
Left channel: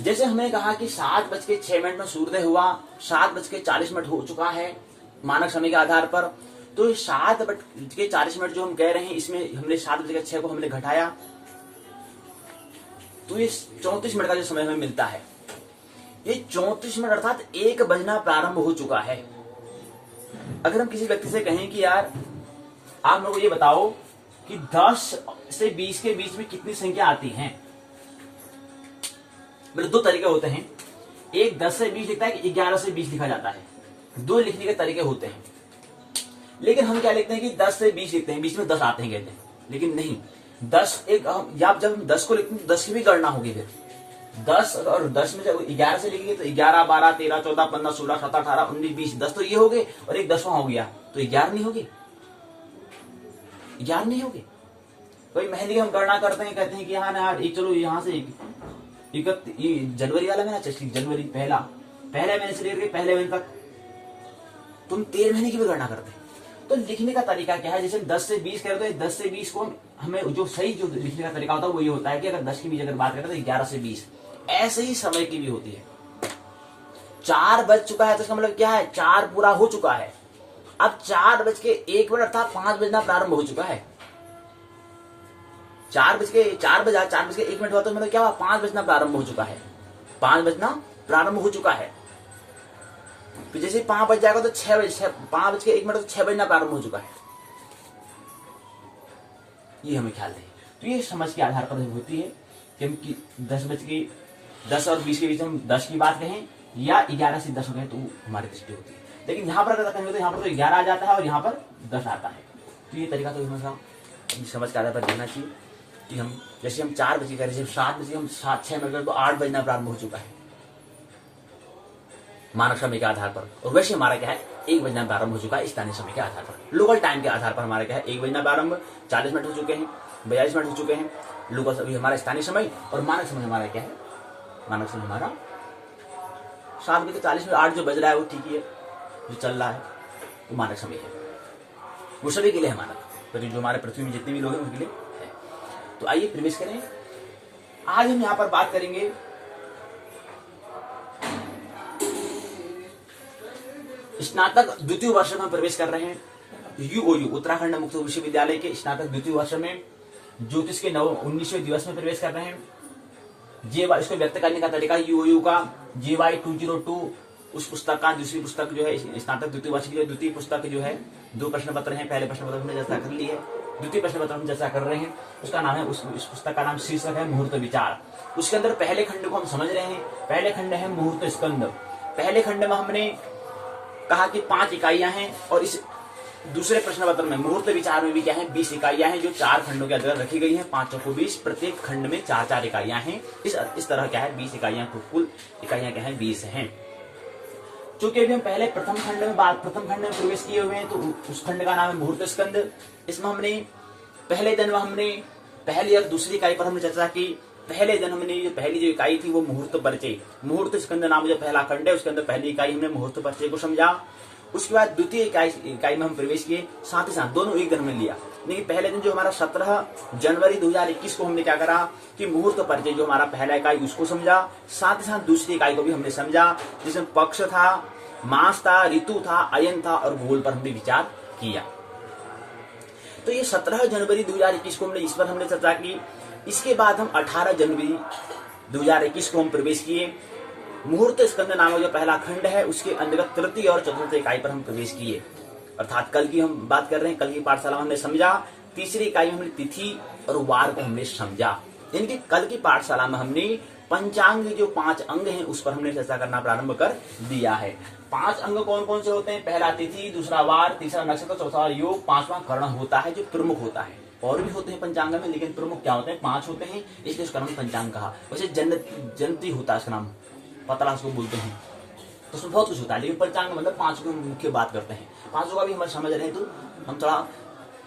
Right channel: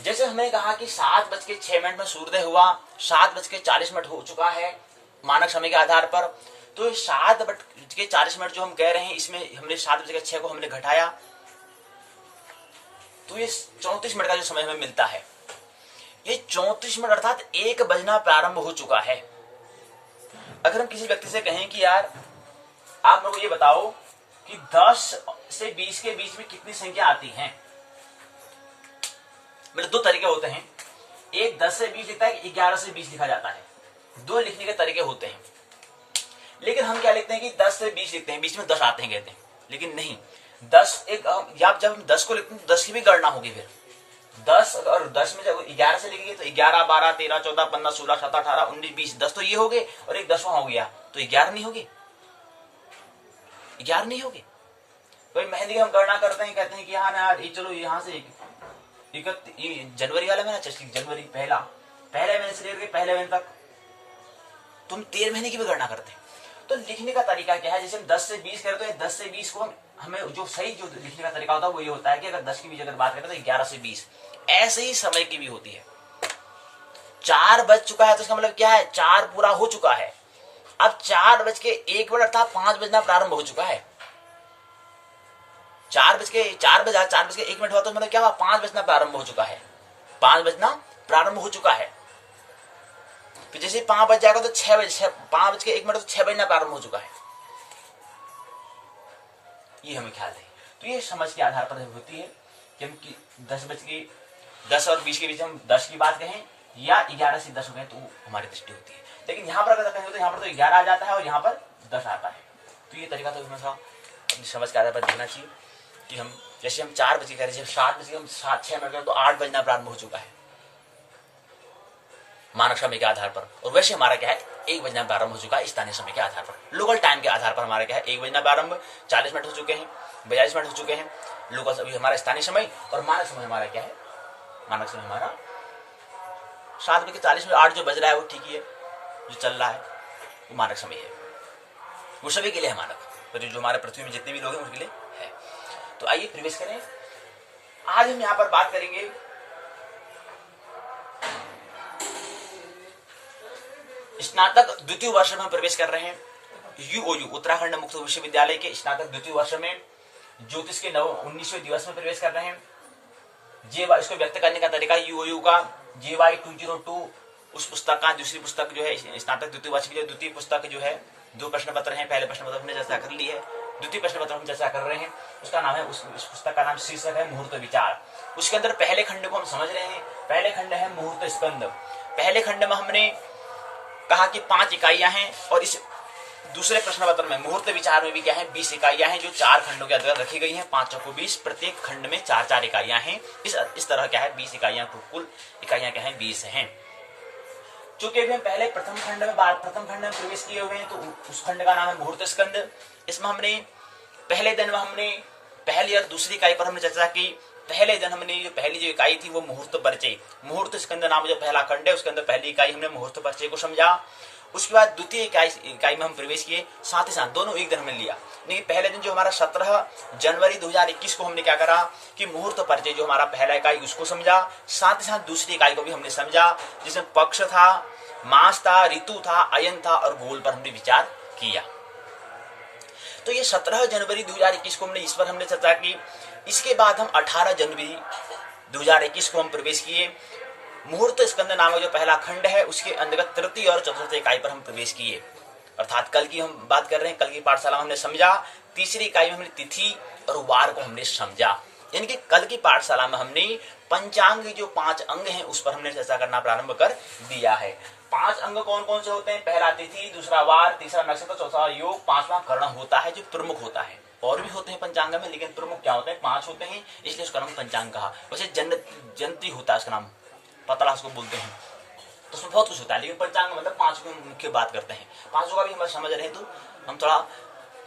जैसे हमने कहा कि 7:06 में सूर्योदय हुआ, 7:40 हो चुका है मानक समय के आधार पर, तो 7:40 जो हम कह रहे हैं इसमें हमने 7:06 को हमने घटाया, तो ये 34 मिनट का जो समय हमें मिलता है, ये 34 मिनट अर्थात 1 बजना प्रारंभ हो चुका है। अगर हम किसी व्यक्ति से कहें कि यार आप मेरे को ये बताओ कि 10 से 20 के बीच में कितनी संख्या आती हैं, मतलब दो तरीके होते हैं, एक 10 से 20 लिखता है, 11 से 20 लिखा जाता है, दो लिखने के तरीके होते हैं। लेकिन हम क्या लिखते हैं कि 10 से 20 लिखते हैं, बीच में 10 आते हैं कहते हैं, लेकिन नहीं, 10 एक या जब हम 10 को लिखते हैं तो 10 की भी गणना होगी। फिर 10 और 10 में जब 11 से लिखेंगे तो 11, 12, 13, 14, 15, 16, 17, 18, 19, 20, 10 तो ये हो गए और एक 10वां हो गया, तो 11 नहीं होगी, 11 नहीं होगी। कोई महीने की हम गणना करते हैं, कहते हैं कि हाँ ना यार चलो यहाँ से जनवरी वाला महीना, जनवरी पहले महीने से लेकर पहले महीने तक तुम 13 महीने की भी गणना करते हैं। तो लिखने का तरीका क्या है, जैसे हम 10 से 20 करें तो 10 से 20 को हमें जो सही जो लिखने का तरीका होता है वो ये होता है कि अगर 10 की भी अगर बात करें तो 11 से 20, ऐसे ही समय की भी होती है। 4 बज चुका है तो इसका मतलब क्या है, 4 पूरा हो चुका है। अब 4:01 अर्थात 5 बजना प्रारंभ हो चुका है। 4:01 हुआ तो मतलब क्या हुआ, 5 बजना प्रारंभ हो चुका है, 5 बजना प्रारंभ हो चुका है। फिर जैसे 5 बज जाएगा तो 5:01 तो 6 बजना प्रारंभ हो चुका है। ये हमें ख्याल है। तो ये समझ के आधार पर होती है कि हम 10 और 20 के बीच हम 10 की बात कहें या 11 से 10 हो गए तो हमारी दृष्टि होती है। लेकिन यहाँ पर अगर कहें तो यहाँ पर तो 11 आ जाता है और यहाँ पर 10 आता है। तो ये तरीका तो हमेशा अपनी समझ के आधार पर देखना चाहिए कि हम जैसे हम 4 बजे कह रहे हैं, 7 बजे हम 7-6 मिनट तो 8 बजना प्रारंभ हो चुका है मानक समय के आधार पर, और वैसे हमारा क्या है 1 बजना प्रारंभ हो चुका है स्थानीय समय के आधार पर। लोकल टाइम के आधार पर हमारा क्या है 1 बजना प्रारंभ, 40 मिनट हो चुके हैं, 42 मिनट हो चुके हैं लोकल अभी हमारा स्थानीय समय, और मानक समय हमारा क्या है, मानक समय हमारा 7:40 में 8 जो बज रहा है वो ठीक ही है, जो चल रहा है वो मानक समय है, वो सभी के लिए है मानक, तो जो हमारे पृथ्वी में जितने भी लोग हैं उनके लिए है। तो आइए प्रवेश करें। आज हम यहाँ पर बात करेंगे स्नातक द्वितीय वर्ष में हम प्रवेश कर रहे हैं यूओयू उत्तराखंड मुक्त विश्वविद्यालय के स्नातक द्वितीय वर्ष में ज्योतिष के 19वें दिवस में प्रवेश कर रहे हैं। इसको व्यक्त करने का तरीका यूओयू का JY 202 उस पुस्तक का दूसरी पुस्तक जो है स्नातक द्वितीय वर्ष की जो द्वितीय पुस्तक जो है 2 प्रश्न पत्र हैं। पहले प्रश्न पत्र हमने चर्चा कर ली है, द्वितीय प्रश्न पत्र हम चर्चा कर रहे हैं, उसका नाम है उस पुस्तक का नाम शीर्षक है मुहूर्त विचार। उसके अंदर पहले खंड को हम समझ रहे हैं। पहले खंड है मुहूर्त स्कंद। पहले खंड में हमने कहा कि 5 इकाइयां हैं, और इस दूसरे प्रश्न पत्र में मुहूर्त विचार में भी क्या है 20 इकाइयां हैं जो 4 खंडों के अंतर्गत रखी गई हैं। 5 को 20, प्रत्येक खंड में 4-4 इकाइयां हैं। इस तरह क्या है 20 इकाइयां, कुल इकाइयां क्या है 20 हैं। चूंकि अभी हम पहले प्रथम खंड में प्रवेश किए हुए हैं तो उस खंड का नाम है मुहूर्त स्कंद। इसमें हमने पहले दिन में हमने पहली और दूसरी इकाई पर हमने चर्चा की। पहले दिन हमने जो पहली जो इकाई थी वो मुहूर्त परिचय, मुहूर्त स्कंद नाम जो पहला खंड है उसके अंदर पहली इकाई हमने मुहूर्त परिचय को समझा। उसके बाद द्वितीय इकाई में हम प्रवेश किए, साथ ही साथ दोनों एक दिन हमने लिया। लेकिन पहले दिन जो हमारा 17 जनवरी 2021 को हमने क्या करा कि मुहूर्त परिचय जो हमारा पहला इकाई उसको समझा, साथ ही साथ दूसरी इकाई को भी हमने समझा जिसमें पक्ष था, मास था, ऋतु था, अयन था और गोल पर हमने विचार किया। तो ये 17 जनवरी 2021 को इस पर हमने चर्चा की। इसके बाद हम 18 जनवरी 2021 को हम प्रवेश किए। मुहूर्त स्कंद नामक जो पहला खंड है उसके अंतर्गत तृतीय और चतुर्थ इकाई पर हम प्रवेश किए, अर्थात कल की हम बात कर रहे हैं। कल की पाठशाला में हमने समझा। तीसरी इकाई में हमने तिथि और वार को हमने समझा। यानी कि कल की पाठशाला में हमने पंचांग जो 5 अंग हैं उस पर हमने चर्चा करना प्रारंभ कर दिया है। 5 अंग कौन कौन से होते हैं? पहला तिथि, दूसरा वार, तीसरा नक्षत्र, चौथा योग, 5वां कर्ण होता है जो प्रमुख होता है। और भी होते हैं पंचांग में, लेकिन प्रमुख क्या होते हैं? 5 होते हैं, इसलिए उसका नाम पंचांग कहा। वैसे जयंती होता है उसका नाम, पतला उसको बोलते हैं। तो उसमें बहुत कुछ होता है, लेकिन पंचांग मतलब 5 की मुख्य बात करते हैं। 5 का भी हम समझ रहे हैं तो हम थोड़ा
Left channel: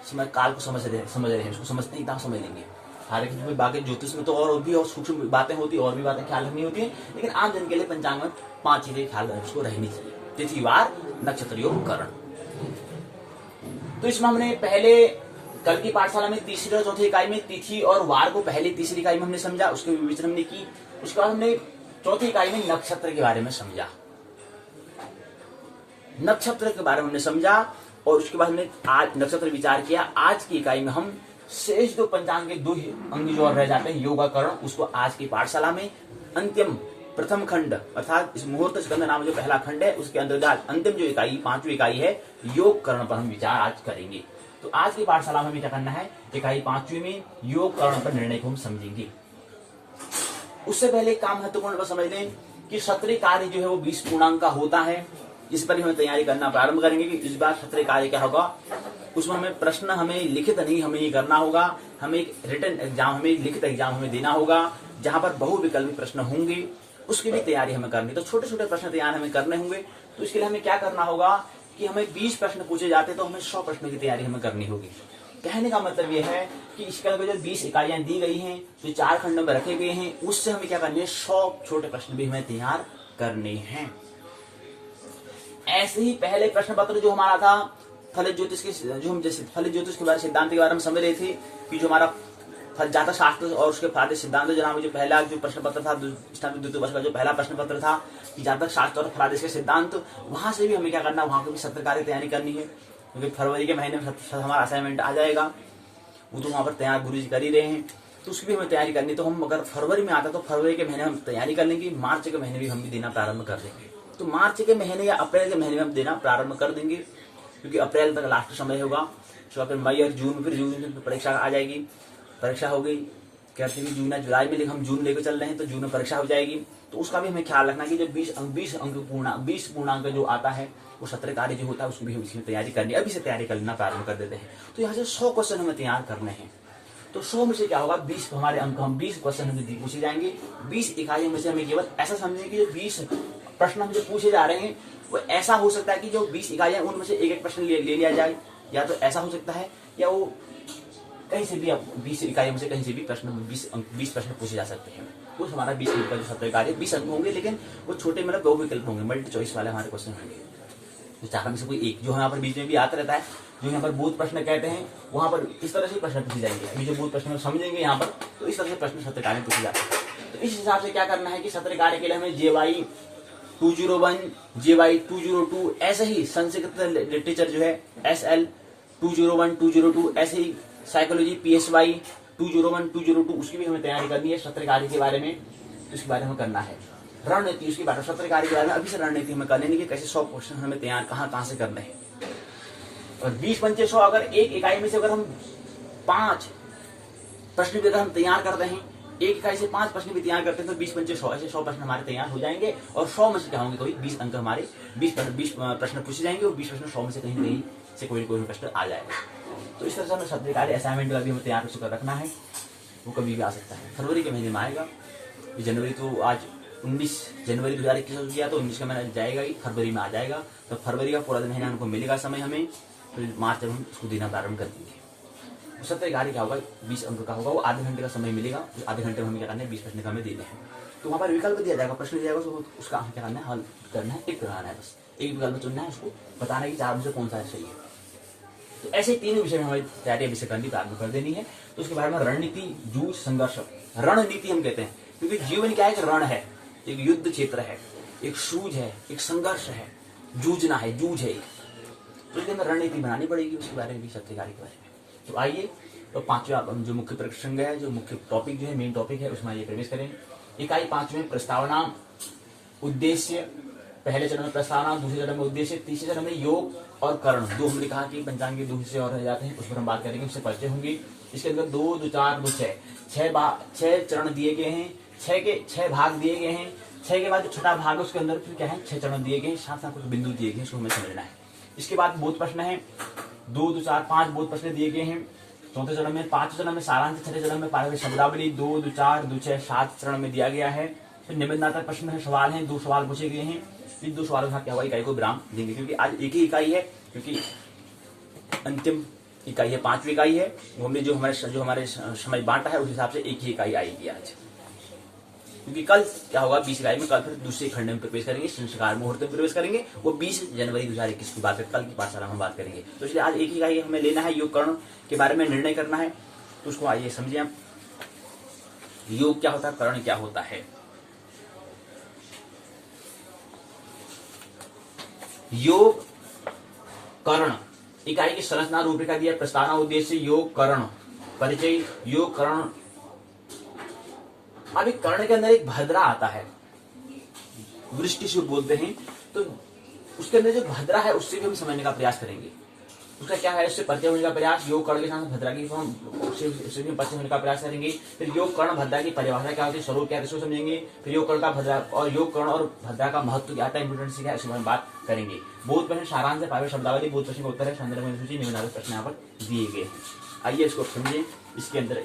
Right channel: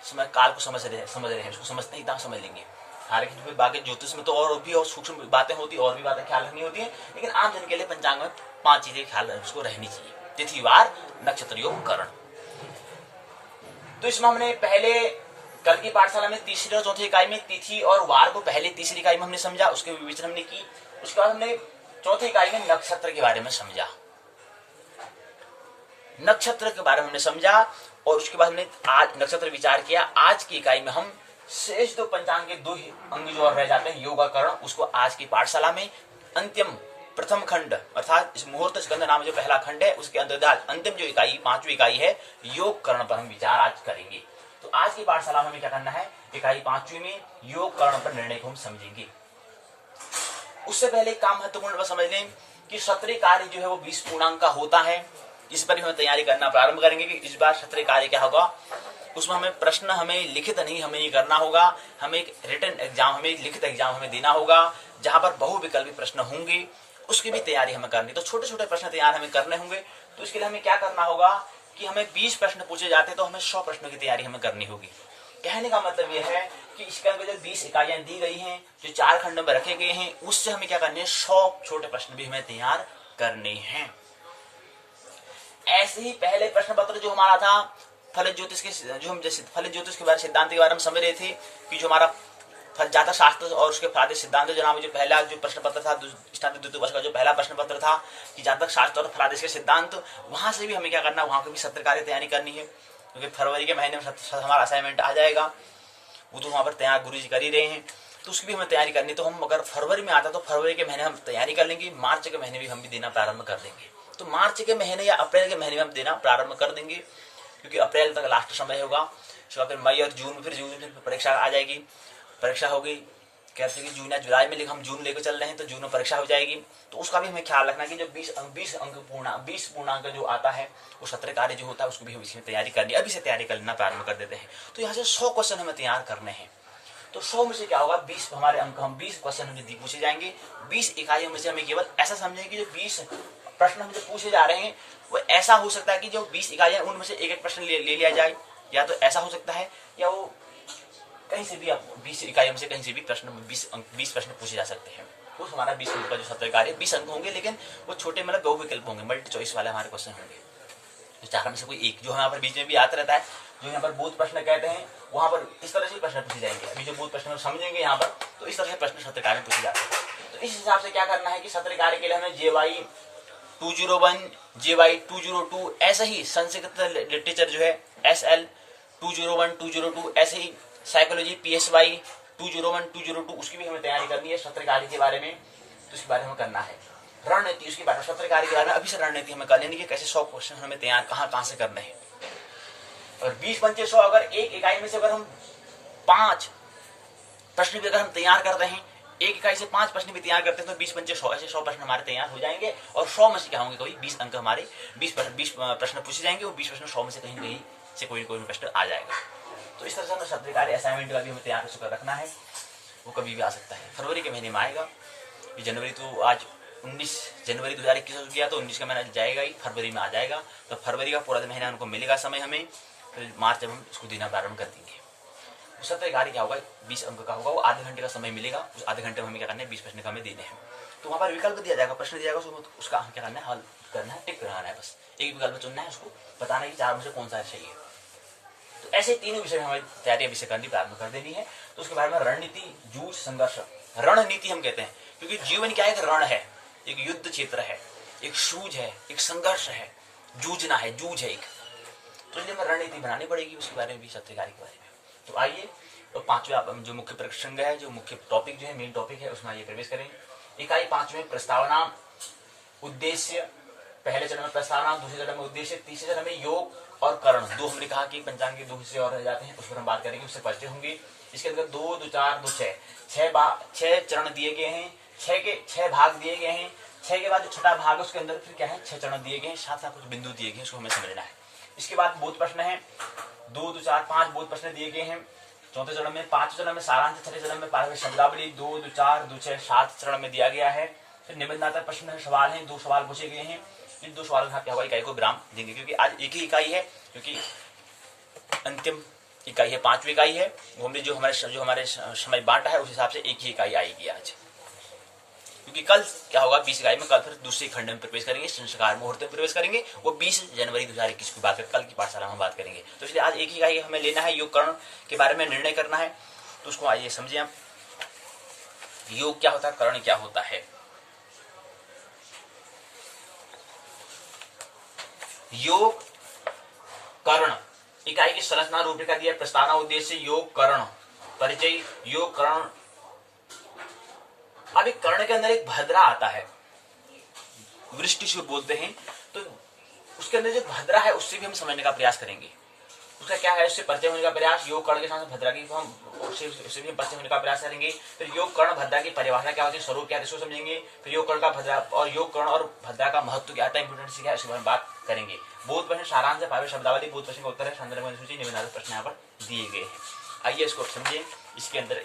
समय काल को समझ रहे हैं, उसको समझते हैं एकदम समझ लेंगे। तारे की बाकी ज्योतिष में तो और भी और सूक्ष्म बातें होती, और भी बातें ख्याल रखनी होती है, लेकिन आम जन के लिए पंचांग में 5 चीजें ख्याल उसको रहनी चाहिए। तिथि, वार, नक्षत्र, योग, करण। तो इसमें हमने पहले कल की पाठशाला में तीसरी और चौथी इकाई में तिथि और वार को पहले तीसरी इकाई में हमने समझा, उसके विवेचन हमने की। उसके बाद हमने चौथी इकाई में नक्षत्र के बारे में समझा, नक्षत्र के बारे में हमने समझा, और उसके बाद हमने आज नक्षत्र विचार किया। आज की इकाई में हम शेष 2 पंचांग के 2 अंग जो और रह जाते हैं, योगाकरण, उसको आज की पाठशाला में अंतिम प्रथम खंड अर्थात इस मुहूर्त स्कंद नाम जो पहला खंड है, उसके अंतर्गत अंतिम जो इकाई 5वीं इकाई है योग करण पर हम विचार आज करेंगे। तो आज की पाठशाला में हमें क्या करना है, इकाई 5वीं में योग करण पर निर्णय को हम समझेंगे। उससे पहले एक काम महत्वपूर्ण समझ लें कि सत्रीय कार्य जो है वो 20 पूर्णांक का होता है। इस पर हमें तैयारी करना प्रारंभ करेंगे कि इस बार सत्रीय कार्य क्या होगा। उसमें हमें प्रश्न हमें लिखित नहीं हमें करना होगा, हमें एक रिटन एग्जाम हमें लिखित एग्जाम हमें देना होगा, जहां पर बहुविकल्पी प्रश्न होंगे, उसकी भी तैयारी हमें करनी। तो छोटे छोटे प्रश्न तैयार हमें करने होंगे। तो इसके लिए हमें क्या करना होगा कि हमें 20 प्रश्न पूछे जाते तो हमें 100 प्रश्नों की तैयारी हमें करनी होगी। कहने का मतलब यह है कि इसके अंदर जो 20 इकाइयां दी गई हैं, जो 4 खंडों में रखे गए हैं, उससे हमें क्या करने हैं, 100 छोटे प्रश्न भी हमें तैयार करने हैं। ऐसे ही पहले प्रश्न पत्र जो हमारा था फलित ज्योतिष के, जो हम जैसे फलित ज्योतिष के बारे सिद्धांत के बारे में समझ रहे थे कि जो हमारा जातक शास्त्र और उसके फलादि सिद्धांत जो नाम जो पहला जो प्रश्न पत्र था, स्नातक द्वितीय वर्ष का जो पहला प्रश्न पत्र था कि जातक शास्त्र और फलादेश के सिद्धांत, वहां से भी हमें क्या करना है, वहां की भी सत्र कार्य तैयारी करनी है, क्योंकि फरवरी के महीने में हमारा असाइनमेंट आ जाएगा। वो तो वहां पर तैयार गुरु जी कर ही रहे हैं, तो उसकी भी हमें तैयारी करनी। तो हम अगर फरवरी में आता तो फरवरी के महीने हम तैयारी कर लेंगे, मार्च के महीने भी हम भी देना प्रारंभ कर देंगे। तो मार्च के महीने या अप्रैल के महीने में हम देना प्रारंभ कर देंगे, क्योंकि अप्रैल तक लास्ट समय होगा। उसके बाद फिर मई और जून, फिर जून में परीक्षा आ जाएगी, परीक्षा होगी। कहते हैं कि जून या जुलाई में, लेकिन हम जून लेकर चल रहे हैं तो जून में परीक्षा हो जाएगी। तो उसका भी हमें ख्याल रखना कि जो 20 पूर्णांक जो आता है वो सत्र कार्य जो होता है उसको भी हम इसमें तैयारी करनी है। अभी से तैयारी करना प्रारंभ कर देते हैं। तो यहाँ से 100 क्वेश्चन हमें तैयार करने हैं। तो 100 में से क्या होगा, 20 हमारे अंक, हम 20 क्वेश्चन हमें पूछे जाएंगे। 20 इकाइयों में से हमें केवल ऐसा समझेंगे कि जो 20 प्रश्न हम जो पूछे जा रहे हैं वो ऐसा हो सकता है कि जो 20 इकाइयां उनमें से एक प्रश्न ले लिया जाए, या तो ऐसा हो सकता है या वो कहीं से भी, आप 20 इकाइयों में से कहीं से भी प्रश्न 20 प्रश्न पूछे जा सकते हैं। वो हमारा 20 अंक का जो सत्र कार्य 20 अंक होंगे, लेकिन वो छोटे मतलब बहुविकल्प होंगे, मल्टी चॉइस वाले हमारे क्वेश्चन होंगे। तो 4 में से कोई एक जो यहाँ पर बीच में भी आता रहता है, जो यहाँ पर बोध प्रश्न कहते हैं, वहां पर इस तरह से प्रश्न पूछे जाएंगे। अभी जो बोध प्रश्न समझेंगे यहाँ पर, तो इस तरह से प्रश्न सत्र कार्य में पूछे जाते हैं। तो इस हिसाब से क्या करना है कि सत्र कार्य के लिए हमें JY 201, JY 202, ऐसे ही संस्कृत लिटरेचर जो है SL 201, 202, ऐसे ही साइकोलॉजी PSY 201, 202, उसकी भी हमें तैयारी करनी है। सत्र कार्य के बारे में, तो इसके बारे में करना है। रणनीति उसके बारे में, सत्र कार्य के बारे में अभी से रणनीति हमें कर लेनी है, कैसे 100 क्वेश्चन हमें तैयार कहाँ से करने हैं। और 20 पंचे 100, अगर एक इकाई में से अगर हम 5 प्रश्न भी अगर हम तैयार करते हैं, एक इकाई से 5 प्रश्न भी तैयार करते हैं, तो 20 पंचे 100, ऐसे 100 प्रश्न हमारे तैयार हो जाएंगे। और 100 में से क्या होंगे, कोई 20 अंक हमारे 20 प्रश्न पूछे जाएंगे, और 20 प्रश्न 100 में से कहीं से कोई प्रश्न आ जाएगा। तो इस तरह से हमें सत्र कार्य असाइनमेंट का भी हमें तैयार कर रखना है। वो कभी भी आ सकता है, फरवरी के महीने में आएगा। ये जनवरी तो आज 19 जनवरी 2021 हो गया, तो 19 का महीना जाएगा ही, फरवरी में आ जाएगा। तो फरवरी का पूरा महीना उनको मिलेगा समय हमें, फिर मार्च जब हम उसको देना प्रारंभ कर देंगे। सत्र कार्य क्या होगा, 20 अंक का होगा, वो आधे घंटे का समय मिलेगा। उस आधे घंटे में हमें क्या करना है, 20 प्रश्न का हमें देने हैं। तो वहाँ पर विकल्प दिया जाएगा, प्रश्न दिया जाएगा, उसका हम क्या करना है, हल करना है, टिक कराना है। बस एक विकल्प चुनना है, उसको बताना है कि 4 में से कौन सा चाहिए। तो ऐसे तीनों विषय में हमारी तैयारी अभी से करनी प्रारंभ कर देनी है। तो उसके बारे में रणनीति, जूझ, संघर्ष। रणनीति हम कहते हैं क्योंकि जीवन क्या है, एक रण है, एक युद्ध क्षेत्र है, एक शूज है, एक संघर्ष है, जूझना है, जूझ है एक। तो इसलिए हमें रणनीति बनानी पड़ेगी उसके बारे में भी, सत्र कार्य के बारे में। तो आइए, तो 5वां जो मुख्य प्रसंग है, जो मुख्य टॉपिक जो है, मेन टॉपिक है, उसमें आइए प्रवेश करें। इकाई 5 में प्रस्तावना, उद्देश्य। पहले चरण में प्रस्तावना, दूसरे चरण में उद्देश्य, तीसरे चरण में योग और करण। 2 हमने कहा कि पंचांग के 2 हिस्से और रह जाते हैं, उस पर हम बात करेंगे, उससे परिचय होंगे। इसके अंदर 2, 2, 4, 2, 6 चरण दिए गए हैं, 6 के 6 भाग दिए गए हैं। 6 के बाद जो छठा भाग है उसके अंदर फिर क्या है, 6 चरण दिए गए हैं, साथ साथ कुछ बिंदु दिए गए हैं, उसको हमें समझना है। इसके बाद बोध प्रश्न है, 2, 2, 4, 5 बोध प्रश्न दिए गए हैं। चौथे चरण में, 5वें चरण में सारांश, छठे चरण में पारंपरिक शब्दावली, 2, 2, 4, 2, 6, 7 चरण में दिया गया है। फिर निबंधात्मक प्रश्न है, सवाल हैं, 2 सवाल पूछे गए हैं। इन 2 सवालों का क्या होगा, इकाई को विराम देंगे, क्योंकि आज एक ही इकाई है, क्योंकि अंतिम इकाई है, 5वीं इकाई है। वो हमने जो हमारे समय बांटा है उस हिसाब से एक ही इकाई आएगी आज, क्योंकि कल क्या होगा 20 इकाई में, कल फिर दूसरे खंड में प्रवेश करेंगे, संस्कार मुहूर्त में प्रवेश करेंगे। वो 20 जनवरी 2021 की बात, कल की पाठशाला में बात करेंगे। तो इसलिए आज एक ही इकाई हमें लेना है, योग कर्ण के बारे में निर्णय करना है। तो उसको आइए समझिए हम, योग क्या होता है, कर्ण क्या होता है। योग कर्ण इकाई की संरचना रूपरेखा दिया, प्रस्तावना उद्देश्य योग कर्ण परिचय। योग कर्ण, अब एक कर्ण के अंदर एक भद्रा आता है, वृष्टिशुर बोलते हैं, तो उसके अंदर जो भद्रा है उससे भी हम समझने का प्रयास करेंगे। उसका क्या है, उससे परिचय होने का प्रयास। योग कर्ण के साथ भद्रा की हम उससे भी परिचय होने का प्रयास करेंगे। फिर योग कर्ण भद्रा की परिभाषा क्या होती है, स्वरूप क्या है, इसको समझेंगे। फिर योग कर्ण का भद्रा और योग कर्ण और भद्रा का महत्व क्या है, इंपोर्टेंस क्या है, इसके बारे में बात करेंगे। बोध प्रश्न सारांश है, पावे शब्दावली, बोध प्रश्न का उत्तर है, संदर्भ सूची, निम्नलिखित प्रश्न यहाँ पर दिए गए हैं। आइए इसको समझें। इसके अंदर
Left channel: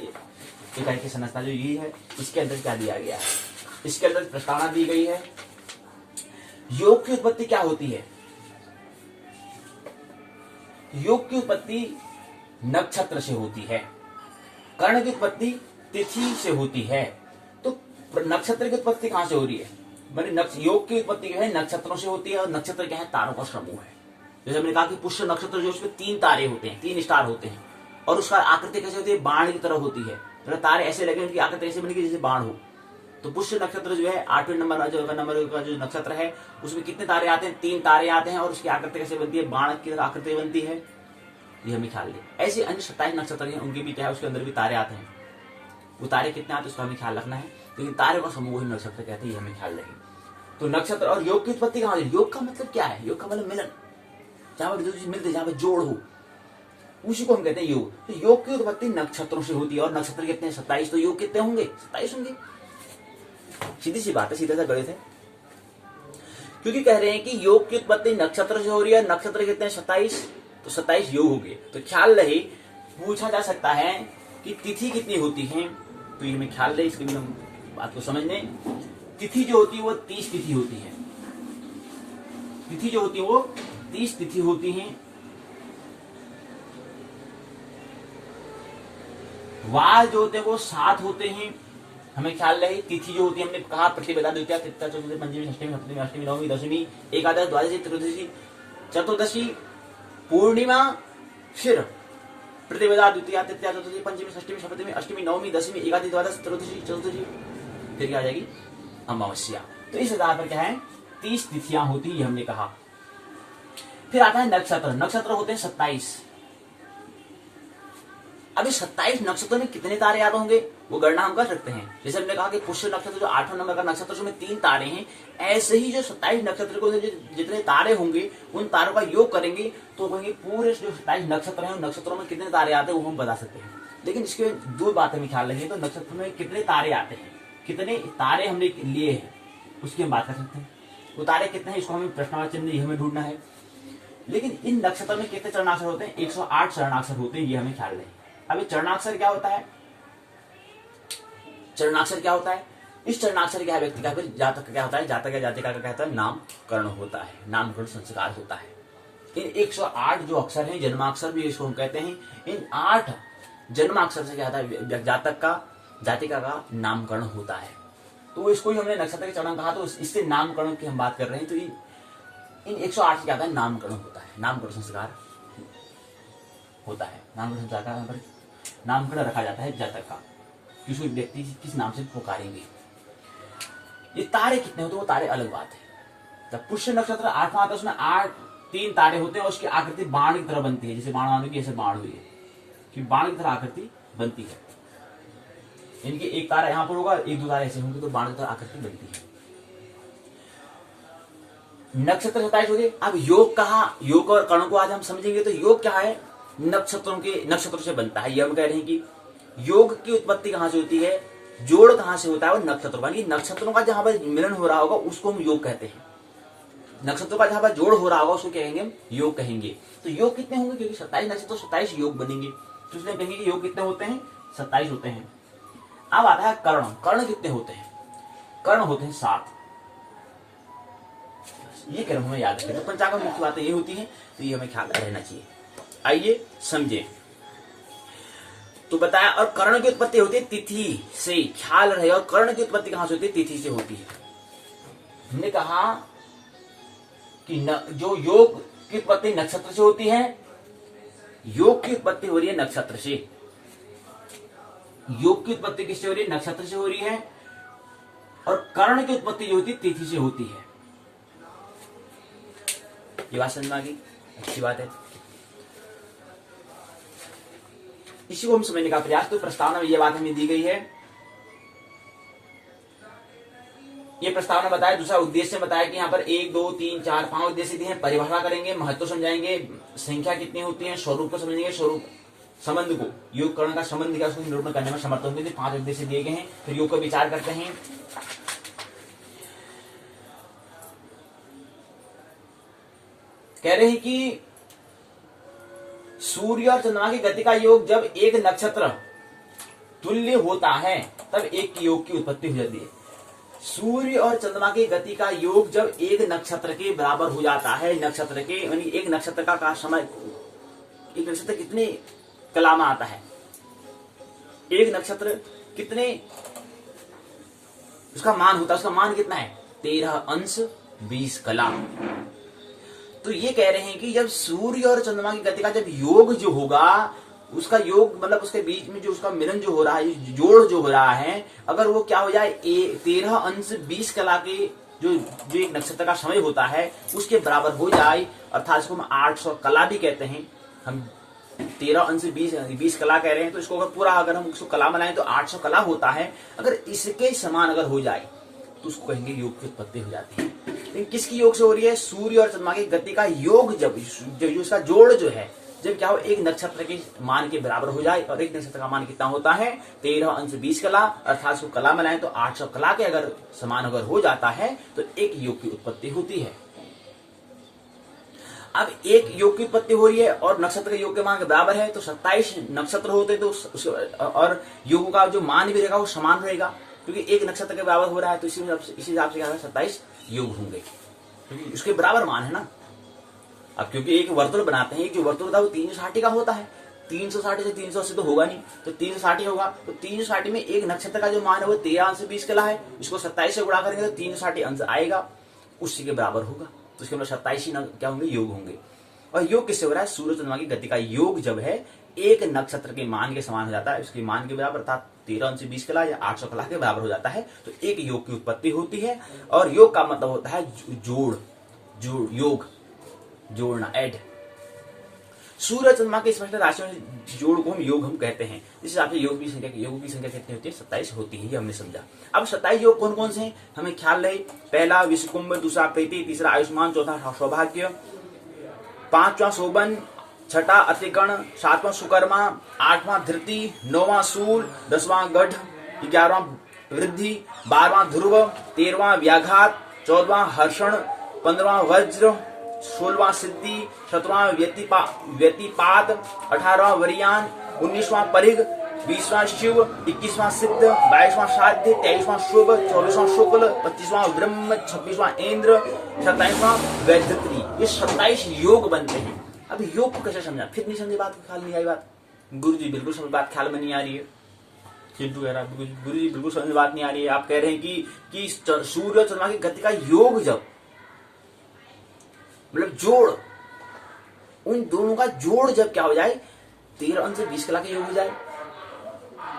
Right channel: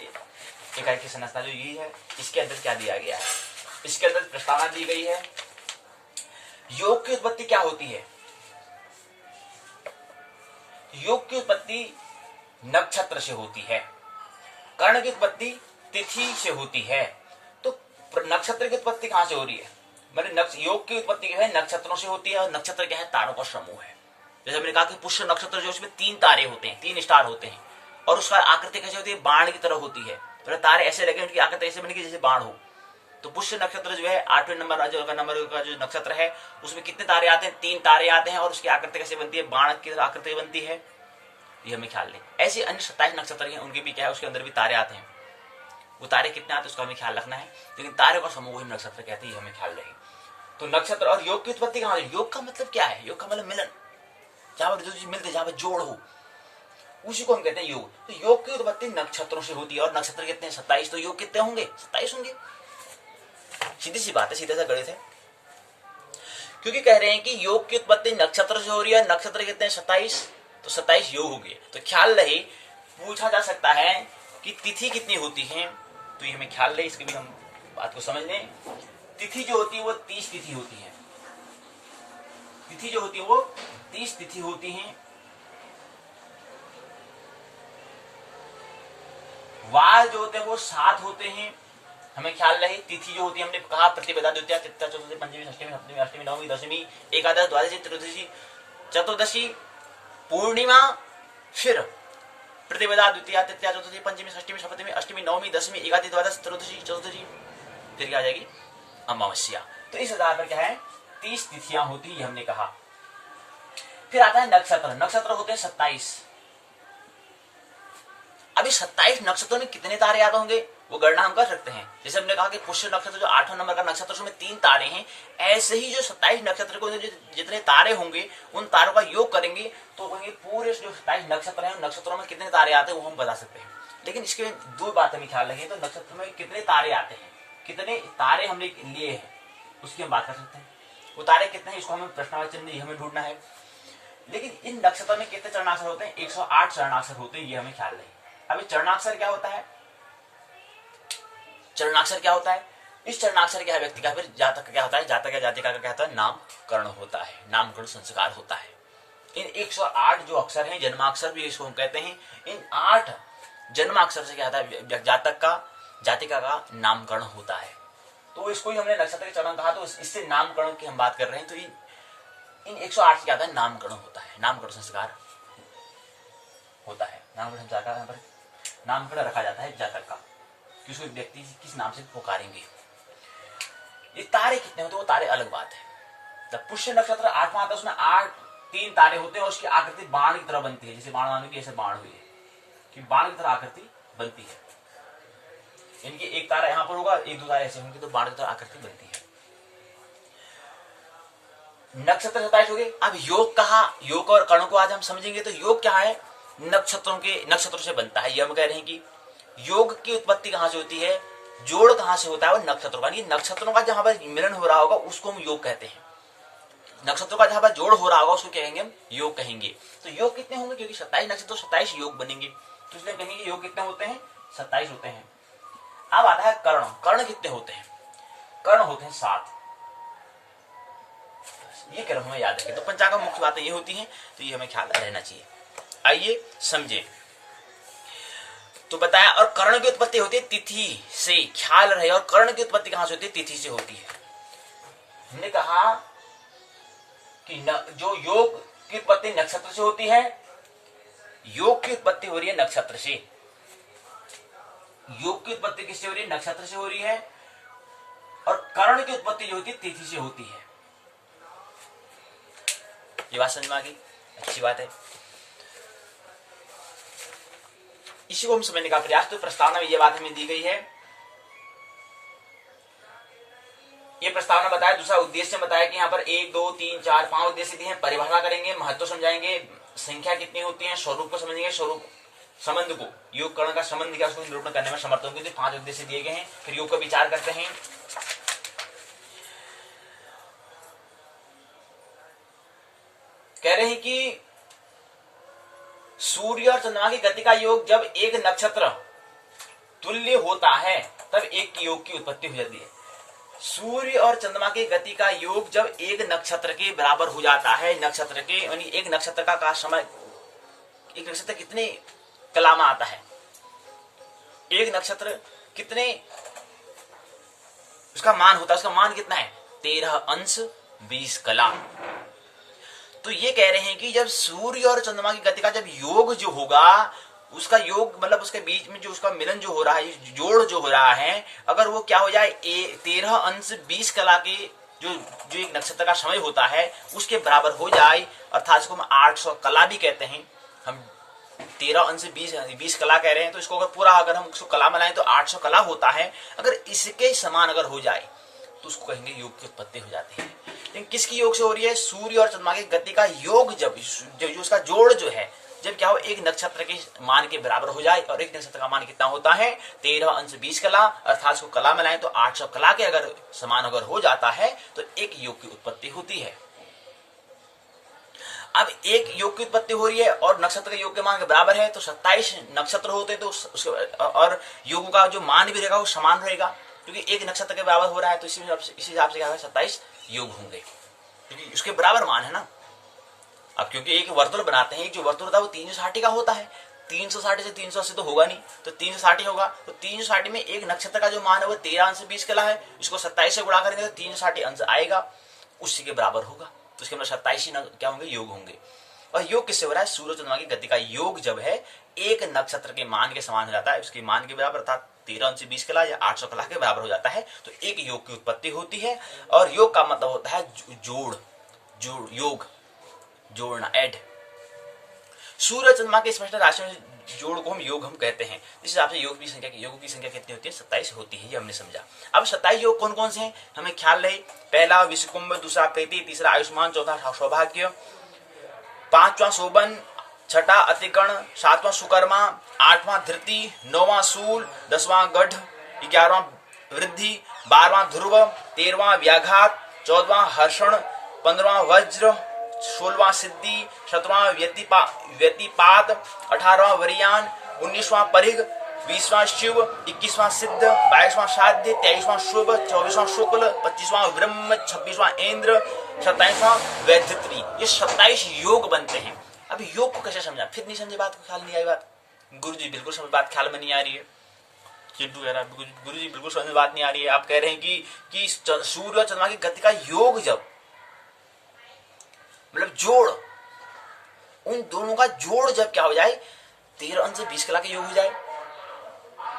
इकाई की संरचना जो यही है, इसके अंदर क्या दिया गया है, इसके अंदर प्रस्तावना दी गई है। योग की उत्पत्ति क्या होती है, योग की उत्पत्ति नक्षत्र से होती है, कर्ण की उत्पत्ति तिथि से होती है। तो नक्षत्र की उत्पत्ति कहां से हो रही है, मैंने योग की उत्पत्ति जो है नक्षत्रों से होती है, और नक्षत्र क्या है, तारों का समूह है। जैसे मैंने कहा कि पुष्य नक्षत्र जो उसमें 3 तारे होते हैं, 3 स्टार होते हैं, और उसका आकृति कैसे होती है, बाण की तरह होती है। तो तारे ऐसे लगे, उनकी आकृति ऐसे बनेगी जैसे बाण हो। तो पुष्य नक्षत्र जो है 8वें नंबर का जो नक्षत्र है, उसमें कितने तारे आते हैं, 3 तारे आते हैं, और उसकी आकृति कैसे बनती है, बाण की तरह आकृति बनती है, ये हमें ख्याल रहे। ऐसे अन्य 27 नक्षत्र हैं, उनके भी क्या है, उसके अंदर भी तारे आते हैं। वो तारे कितने आते हैं उसका हमें ख्याल रखना है, लेकिन तारे का समूह ही नक्षत्र कहते हैं, ये हमें ख्याल रहे। तो नक्षत्र और योग की उत्पत्ति कहां से, योग का मतलब क्या है, योग का मतलब मिलन, जहां पर जो चीज मिलते, जहां पर जोड़ हो, उसी को हम कहते हैं योग। तो योग की उत्पत्ति नक्षत्रों से होती है, और नक्षत्र कितने हैं, 27। तो योग कितने होंगे, 27 होंगे। सीधी सी बात है, सीधा सा गणित है। क्योंकि कह रहे हैं कि योग की उत्पत्ति नक्षत्र से हो रही है, नक्षत्र कितने हैं, 27, तो 27 योग हो गए। तो ख्याल रहे, पूछा जा सकता है कि तिथि कितनी होती है, तो ये हमें ख्याल रहे, इसके भी हम बात को समझ लें। तिथि जो होती है वो 30 तिथि होती है, तिथि जो होती है वो 30 तिथि होती है। वार जो होते हैं वो 7 होते हैं, हमें ख्याल रहे। तिथि जो होती है, हमने कहा प्रतिपदा, द्वितीया, तृतीया, चतुर्थी, पंचमी, षष्ठी, सप्तमी, अष्टमी, नवमी, दशमी, एकादश, द्वादशी, त्रयोदशी, चतुर्दशी, पूर्णिमा, फिर प्रतिपदा, द्वितीया, तृतीया, चतुर्थी, पंचमी, षष्ठी, सप्तमी, अष्टमी, नवमी, दशमी, एकादशी, द्वादश, त्रयोदशी, चतुर्दशी, फिर क्या आ जाएगी, अमावस्या। तो इस आधार पर क्या है, 30 तिथियां होती है, हमने कहा। फिर आता है नक्षत्र, नक्षत्र होते हैं 27। अभी 27 नक्षत्रों में कितने तारे याद होंगे, वो गणना हम कर सकते हैं। जैसे हमने कहा कि पुष्य नक्षत्र जो 8वां नंबर का नक्षत्र, उसमें 3 तारे हैं, ऐसे ही जो 27 नक्षत्र को जितने तारे होंगे, उन तारों का योग करेंगे तो कहेंगे पूरे जो 27 नक्षत्र हैं, उन नक्षत्रों में कितने तारे आते हैं वो हम बता सकते हैं। लेकिन इसके 2 बातें हमें ख्याल रखिए। तो नक्षत्र में कितने तारे आते हैं, कितने तारे हमने लिए हैं, उसकी हम बात कर सकते हैं। वो तारे कितने हैं, इसको हमें प्रश्नवाचन में हमें ढूंढना है। लेकिन इन नक्षत्र में कितने चरणाक्षर होते हैं, 108 चरणाक्षर होते हैं, ये हमें ख्याल रहे। अभी चरणाक्षर क्या होता है, चरणाक्षर क्या होता है, इस चरणाक्षर क्या है, व्यक्ति का, फिर जातक क्या होता है, जातक या जातिका का क्या होता है, नामकरण होता है, नामकरण संस्कार होता है। इन 108 जो अक्षर हैं, जन्माक्षर भी इसको हम कहते हैं, इन 8 जन्माक्षर से क्या होता है, जातक का, जातिका का नामकरण होता है। तो इसको ही हमने नक्षत्र के चरण कहा, तो इससे नामकरण की हम बात कर रहे हैं। तो इन 108 से क्या होता है, नामकरण होता है, नामकरण संस्कार होता है। नामकरण संस्कार का यहाँ पर नामकरण रखा जाता है जातक का, किसी व्यक्ति किस नाम से पुकारेंगे। ये तारे कितने होते हैं, वो तारे अलग बात है। जब पुष्य नक्षत्र 8वां आता है, उसमें 3 तारे होते हैं, और उसकी आकृति बाण की तरह बनती है, जैसे बाण वालों की ऐसे बाण हुई है कि बाण की तरह आकृति बनती है। इनकी एक तारा यहां पर होगा, 1-2 तारे ऐसे होंगे, तो बाण की तरह आकृति बनती है। नक्षत्र 27 हो गए। अब योग कहा, योग और कर्ण को आज हम समझेंगे। तो योग क्या है, नक्षत्रों से बनता है। ये हम कह रहे हैं कि योग की उत्पत्ति कहां से होती है, जोड़ कहां से होता है, वो नक्षत्रों का, नक्षत्रों का जहां पर मिलन हो रहा होगा उसको हम योग कहते हैं। नक्षत्रों का जहां पर जोड़ हो रहा होगा उसको क्या कहेंगे, हम योग कहेंगे। तो योग कितने होंगे, क्योंकि 27 नक्षत्र, 27 योग बनेंगे, तो इसलिए कहेंगे कि योग कितने होते हैं, 27 होते हैं। अब आता है कर्ण, कर्ण कितने होते हैं, कर्ण होते हैं 7। ये क्रम हमें याद रखें। तो पंचांग में मुख्य बातें ये होती हैं, तो ये हमें ख्याल रहना चाहिए। आइए समझे। तो बताया। और कर्ण की उत्पत्ति होती है तिथि से, ख्याल रहे। और कर्ण की उत्पत्ति कहां से होती है? तिथि से होती है। हमने कहा कि जो योग की उत्पत्ति नक्षत्र से होती है, योग की उत्पत्ति हो रही है नक्षत्र से। योग की उत्पत्ति किससे हो रही है? नक्षत्र से हो रही है। और कर्ण की उत्पत्ति जो होती है तिथि से होती है। ये बात समझ में आ गई? अच्छी बात है। इसी को हम समझने का प्रयास, तो प्रस्तावना में ये बात हमें दी गई है। ये प्रस्तावना बताया। दूसरा उद्देश्य बताया कि यहाँ पर 1 2 3 4 5 उद्देश्य दिए हैं। परिभाषा करेंगे, महत्व समझाएंगे, संख्या कितनी होती है, स्वरूप को समझेंगे, स्वरूप संबंध को, योग कर्ण का संबंध क्या उसको निरूपण करने में समर्थ होंगे। 5 उद्देश्य दिए गए हैं। फिर योग का विचार करते हैं। कह रहे हैं कि सूर्य और चंद्रमा की गति का योग जब एक नक्षत्र तुल्य होता है तब एक योग की उत्पत्ति हो जाती है। सूर्य और चंद्रमा की गति का योग जब एक नक्षत्र के बराबर हो जाता है, नक्षत्र के यानी एक नक्षत्र का समय, एक नक्षत्र कितने कला में आता है, एक नक्षत्र कितने उसका मान होता है, उसका मान कितना है? 13 अंश 20 कला। तो ये कह रहे हैं कि जब सूर्य और चंद्रमा की गति का जब योग जो होगा, उसका योग मतलब उसके बीच में जो उसका मिलन जो हो रहा है, जोड़ जो हो रहा है, अगर वो क्या हो जाए 13 अंश 20 कला के जो एक नक्षत्र का समय होता है उसके बराबर हो जाए, अर्थात इसको हम 800 कला भी कहते हैं। हम 13 अंश 20 कला कह रहे हैं, तो इसको अगर पूरा अगर हम उसको कला बनाएं तो 800 कला होता है। अगर इसके समान अगर हो जाए तो उसको कहेंगे योग की उत्पत्ति हो जाती है। लेकिन किसकी योग से हो रही है? सूर्य और चंद्रमा की गति का योग जब उसका जोड़ जो है, जब क्या हो एक नक्षत्र के मान के बराबर हो जाए। और एक नक्षत्र का मान कितना होता है? 13 अंश 20 कला, अर्थात उसको कला में लाएं तो 800 कला के अगर समान अगर हो जाता है तो एक योग की उत्पत्ति होती है। अब एक योग की उत्पत्ति हो रही है और नक्षत्र के योग के मान के बराबर है, तो 27 नक्षत्र होते हैं, तो उसके और योग का जो मान भी रहेगा वो समान रहेगा, क्योंकि एक नक्षत्र के बराबर हो रहा है। तो इसी हिसाब से क्या होगा? 27 योग होंगे, क्योंकि उसके बराबर मान है ना। अब क्योंकि एक वर्तुल बनाते हैं, एक जो वर्तुल होता है वो 360 का होता है, 360 से 380 तो होगा नहीं, तो 360 होगा। तो 360 में एक नक्षत्र का जो मान है वो 13 अंश 20 कला है, इसको 27 से गुणा करेंगे तो 360 अंश आएगा, उसी के बराबर होगा। तो इसके मतलब 27 ही क्या होंगे? योग होंगे। और योग किससे हो रहा है? सूर्य चंद्रमा की गति का योग जब है एक नक्षत्र के मान के समान हो जाता है, उसके मान के बराबर, अर्थात 13 अंश 20 कला या 800 कला के बराबर हो जाता है, तो एक योग की उत्पत्ति होती है। और योग का मतलब होता है योग, जोड़ना, ऐड। सूर्य चंद्रमा के स्पष्ट राशि में जोड़ को हम योग हम कहते हैं। इस हिसाब से योगों की संख्या कितनी होती है? 27 होती है, ये हमने समझा। अब 27 योग कौन कौन से हैं हमें ख्याल रहे। पहला विषकुंभ, दूसरा प्रीति, तीसरा आयुष्मान, चौथा सौभाग्य, 5वां शोभन, 6ठा अतिकर्ण, 7वां सुकर्मा, 8वां धृति, 9वां शूल, 10वां गढ़, 11वां वृद्धि, 12वां ध्रुव, 13वां व्याघात, 14वां हर्षण, 15वां वज्र, 16वां सिद्धि, 17वां व्यतिपात, 18वां वरियान, 19वां परिघ, 20वां शिव, 21वां सिद्ध, 22वां साध्य, 23वां शुभ, 24वां शुक्ल, 25वां ब्रह्म, 26वां इंद्र, 27वां वैधत्री। ये 27 योग बनते हैं। अब योग को कैसे समझा? फिर नहीं समझे बात को, ख्याल नहीं आई बात। गुरु जी बिल्कुल समझ बात ख्याल में नहीं आ रही है। चिंटू कह रहा है गुरु जी बिल्कुल समझ बात नहीं आ रही है। आप कह रहे हैं कि सूर्य और चंद्रमा की गति का योग जब मतलब जोड़, उन दोनों का जोड़ जब क्या हो जाए 13 अंश 20 कला के योग हो जाए,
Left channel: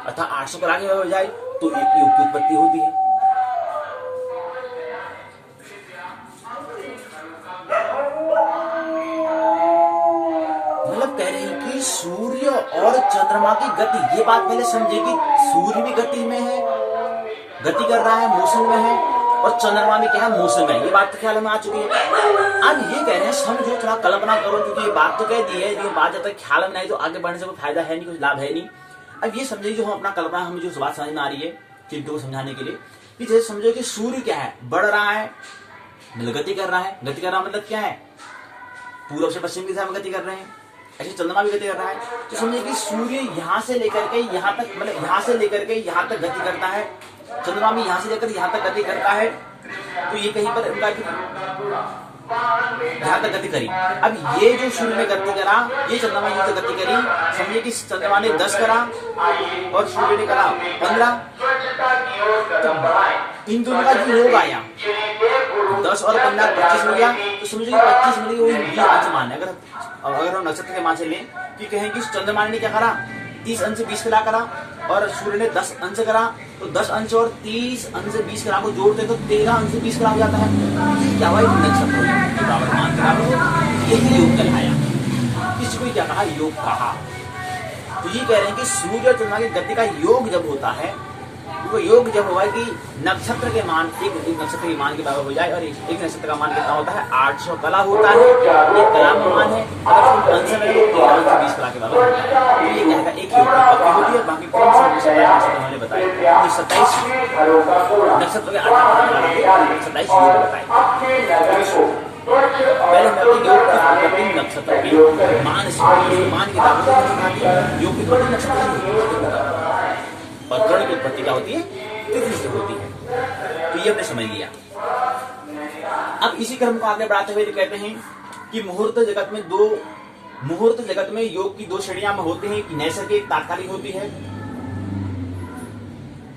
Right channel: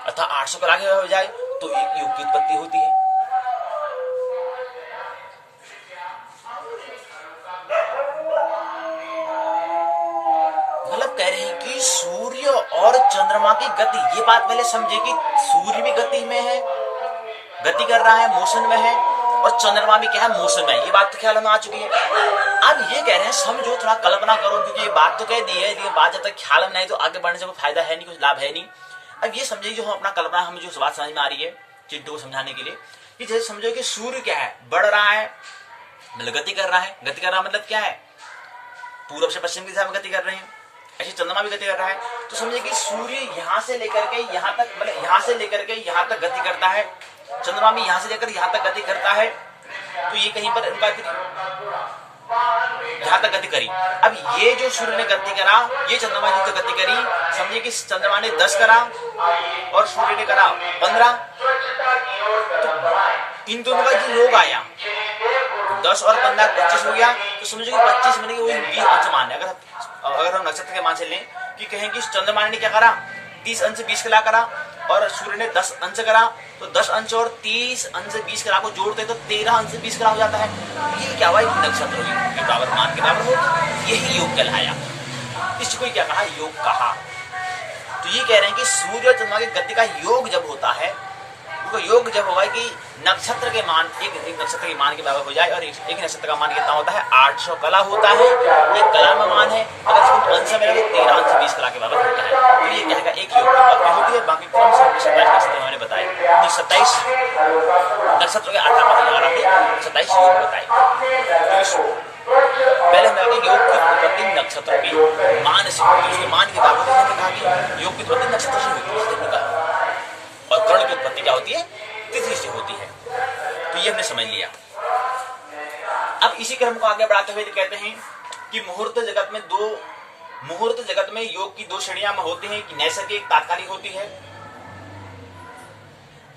अर्थात 800 कला के हो जाए, तो एक योग की उत्पत्ति होती है। मतलब कह रहे हैं कि सूर्य और चंद्रमा की गति, ये बात पहले समझे कि सूर्य भी गति में है, गति कर रहा है, मोशन में है, और चंद्रमा भी क्या है? मोशन में है। ये बात तो ख्याल में आ चुकी है। अब ये कह रहे हैं समझो, थोड़ा कल्पना करो, क्योंकि ये बात तो कह दी है, लेकिन बात जब तक ख्याल में नहीं तो आगे बढ़ने से कोई फायदा है नहीं, कुछ लाभ है नहीं। अब ये समझिए, जो हम अपना कल्पना, हमें जो बात समझ में आ रही है चिंटू को समझाने के लिए, कि जैसे समझो कि सूर्य क्या है? बढ़ रहा है, मतलब गति कर रहा है। गति कर रहा मतलब क्या है? पूर्व से पश्चिम की दिशा में गति कर रहे हैं। ऐसे चंद्रमा भी गति कर रहा है। तो समझिए कि सूर्य यहां से लेकर के यहां तक, मतलब यहां से लेकर के यहां तक गति करता है, चंद्रमा भी यहां से लेकर यहां तक गति करता है। तो ये कहीं पर इनका जहां तक गति करी। अब ये जो सूर्य ने गति करा, ये चंद्रमा ने जो गति करी, समझिए कि चंद्रमा ने 10 करा और सूर्य ने करा 15। तो इन दोनों का जो योग आया 10 और 15 25 हो गया। तो समझो कि 25 मिले वो 20 अंश मान है। अगर हम नक्षत्र के मान से लें कि कहें कि चंद्रमा ने क्या करा 30 अंश 20 कला करा और सूर्य ने 10 अंश करा, तो 10 अंश और 30 अंश 20 कला को जोड़ते तो 13 अंश 20 कला हो जाता है। ये क्या हुआ, एक नक्षत्र के बराबर मान के बराबर हो, यही योग कहलाया। इसको क्या कहा, योग कहा। तो ये कह रहे हैं कि सूर्य और चंद्रमा की गति का योग जब होता है, तो योग जब होगा कि नक्षत्र के मान एक नक्षत्र के मान के बराबर हो जाए, और एक नक्षत्र का मान कितना होता है 800 कला होता है। एक कला में मान है, अगर इसको अंश में तो 13 अंश 20 कला के बराबर होता है। तो ये कहेगा एक योग की होती है। बाकी क्रम से 27 नक्षत्र मैंने बताए, तो 27 नक्षत्र के 8 पद लगा रहे 27 योग बताए। पहले हमने योग की उत्पत्ति नक्षत्र के मान से, उसके मान के बराबर कहा कि योग की उत्पत्ति नक्षत्र से होती है और कर्ण की उत्पत्ति क्या होती है, तिथि से होती है। तो ये हमने समझ लिया। अब इसी क्रम को आगे बढ़ाते हुए कहते हैं कि मुहूर्त जगत में योग की 2 श्रेणियां होती हैं कि नैसर्गिक तात्कालिक होती है।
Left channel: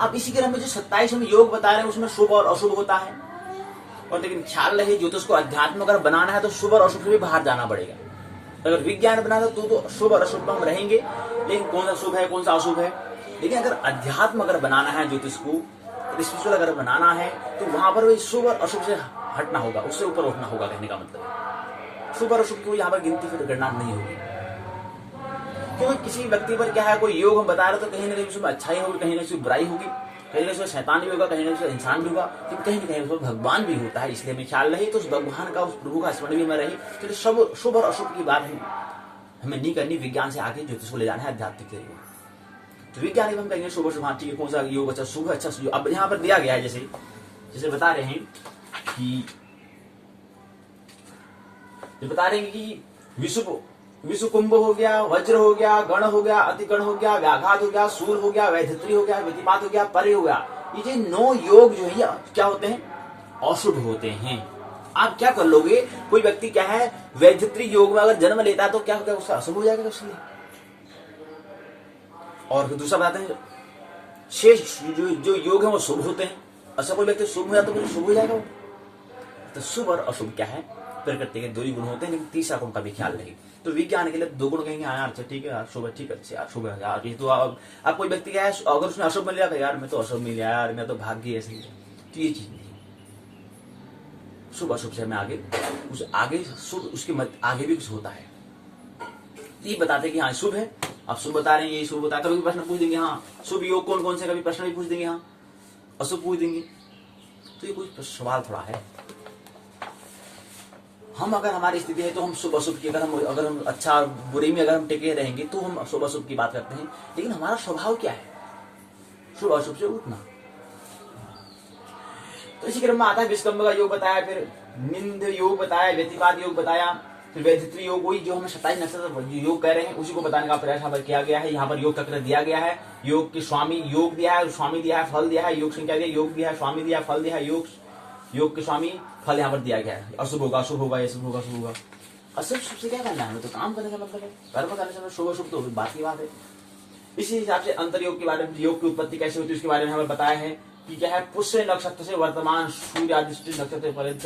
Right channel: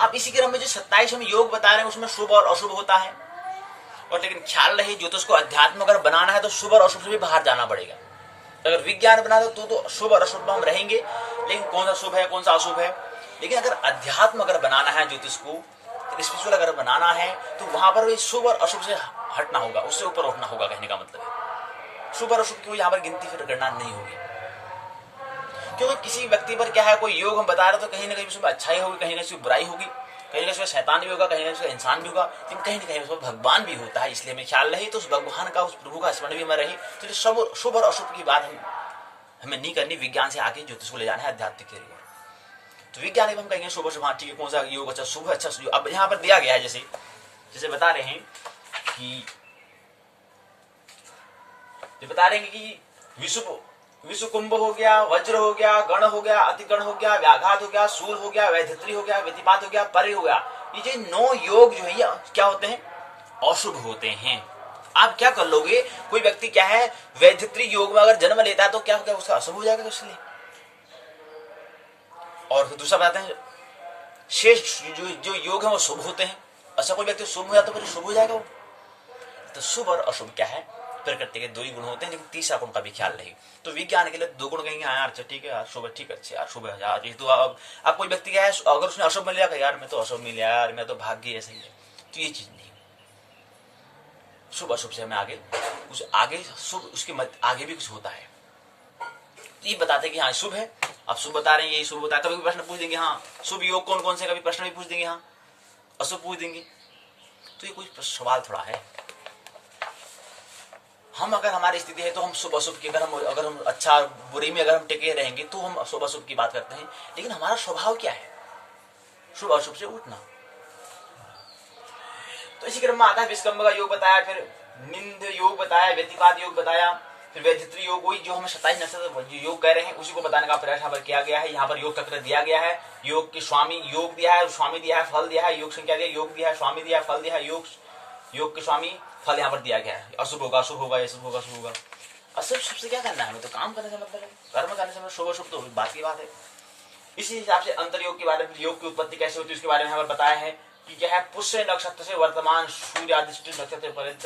अब इसी क्रम में जो 27 हम योग बता रहे हैं उसमें शुभ और अशुभ होता है। और लेकिन ख्याल रहे ज्योतिष को अध्यात्म अगर बनाना है तो शुभ और अशुभ से भी बाहर जाना पड़ेगा। अगर विज्ञान बनाना तो शुभ और अशुभ हम रहेंगे, लेकिन कौन सा शुभ है कौन सा अशुभ है। लेकिन अगर अध्यात्म अगर बनाना है, ज्योतिष को स्पिरिचुअल अगर बनाना है, तो वहां पर शुभ और अशुभ से हटना होगा, उससे ऊपर उठना होगा। कहने का मतलब है शुभ और अशुभ की यहाँ पर गिनती फिर गणना नहीं होगी। क्योंकि किसी व्यक्ति पर क्या है, कोई योग हम बता रहे तो कहीं ना कहीं उसमें अच्छाई होगी, कहीं ना कहीं बुराई होगी, कहीं ना कहीं शैतान भी होगा, कहीं ना कहीं इंसान भी होगा, लेकिन कहीं ना कहीं उसमें भगवान भी होता है। इसलिए हमें ख्याल रहे तो उस भगवान का, उस प्रभु का स्मरण भी हमें रहे। तो शुभ और अशुभ की बात हमें नहीं करनी, विज्ञान से आगे ज्योतिष को ले जाना है आध्यात्मिक की ओर। तो विज्ञान में हम कहेंगे शुभ अशुभ, ठीक है, कौन सा योग अच्छा शुभ अच्छा। अब यहाँ पर दिया गया है जैसे बता रहे हैं कि बता रहे हैं कि विषु कुंभ हो गया, वज्र हो गया, गण हो गया, अतिगण हो गया, व्याघात हो गया, सूर हो गया, वैधित्री हो गया, व्यतिपात हो गया, परे हो गया। ये 9 योग जो है क्या होते हैं, अशुभ होते हैं। आप क्या कर लोगे, कोई व्यक्ति क्या है वैधित्री योग में अगर जन्म लेता है तो क्या उसका अशुभ हो जाएगा इसलिए। और दूसरा बताते हैं शेष जो योग है वो शुभ होते हैं। ऐसा कोई व्यक्ति शुभ हो जाता तो फिर शुभ हो जाएगा वो। तो शुभ और अशुभ क्या है, प्रकृति के 2 ही गुण होते हैं, लेकिन तीसरा गुण का भी ख्याल रहे। तो विज्ञान के लिए 2 गुण कहेंगे, हाँ यार अच्छा ठीक है यार शुभ ठीक है, अच्छा शुभ है यार। ये तो अब कोई व्यक्ति क्या है अगर उसने अशुभ मिल जाएगा, यार मैं तो अशुभ मिल यार, मैं तो भाग्य ऐसा ही है। तो ये चीज नहीं, शुभ अशुभ से हमें आगे शुभ उसके आगे भी कुछ होता है। तो ये बताते कि हाँ शुभ है, आप शुभ बता रहे हैं, यही शुभ बता। कभी प्रश्न पूछ देंगे हाँ शुभ योग कौन कौन से, कभी प्रश्न भी पूछ देंगे हाँ अशुभ पूछ देंगे। तो ये कुछ सवाल थोड़ा है। हम अगर हमारी स्थिति है तो हम शुभ अशुभ की अगर हम अच्छा बुरी में अगर हम टिके रहेंगे तो हम शुभ अशुभ की बात करते हैं। लेकिन हमारा स्वभाव क्या है, शुभ अशुभ से उठना। तो इसी क्रम में आता है विस्कंभ का योग बताया, फिर निंद योग बताया, व्यतिपात योग बताया, फिर वैधित्री योग, वही जो हमें 27 नक्षत्र योग कह रहे हैं उसी को बताने का प्रयास यहाँ पर किया गया है। यहाँ पर योग चक्र दिया गया है, योग के स्वामी योग दिया है, स्वामी दिया है, फल दिया है, योग संख्या दिया, योग दिया है, स्वामी दिया है, फल दिया है, योग के स्वामी फल यहाँ पर दिया गया है। अशुभ होगा शुभ होगा, ये शुभ होगा शुभ होगा। अशुभ शुभ से क्या करना है, हमें तो काम करने से मतलब है, कर्म करने से। शुभ अशुभ तो बात की बात है। इसी हिसाब से अंतर्योग के बारे में, योग की उत्पत्ति कैसे होती है उसके बारे में यहाँ पर बताया है कि क्या है, पुष्य नक्षत्र से वर्तमान सूर्यादिष्ट नक्षत्र पर्यंत,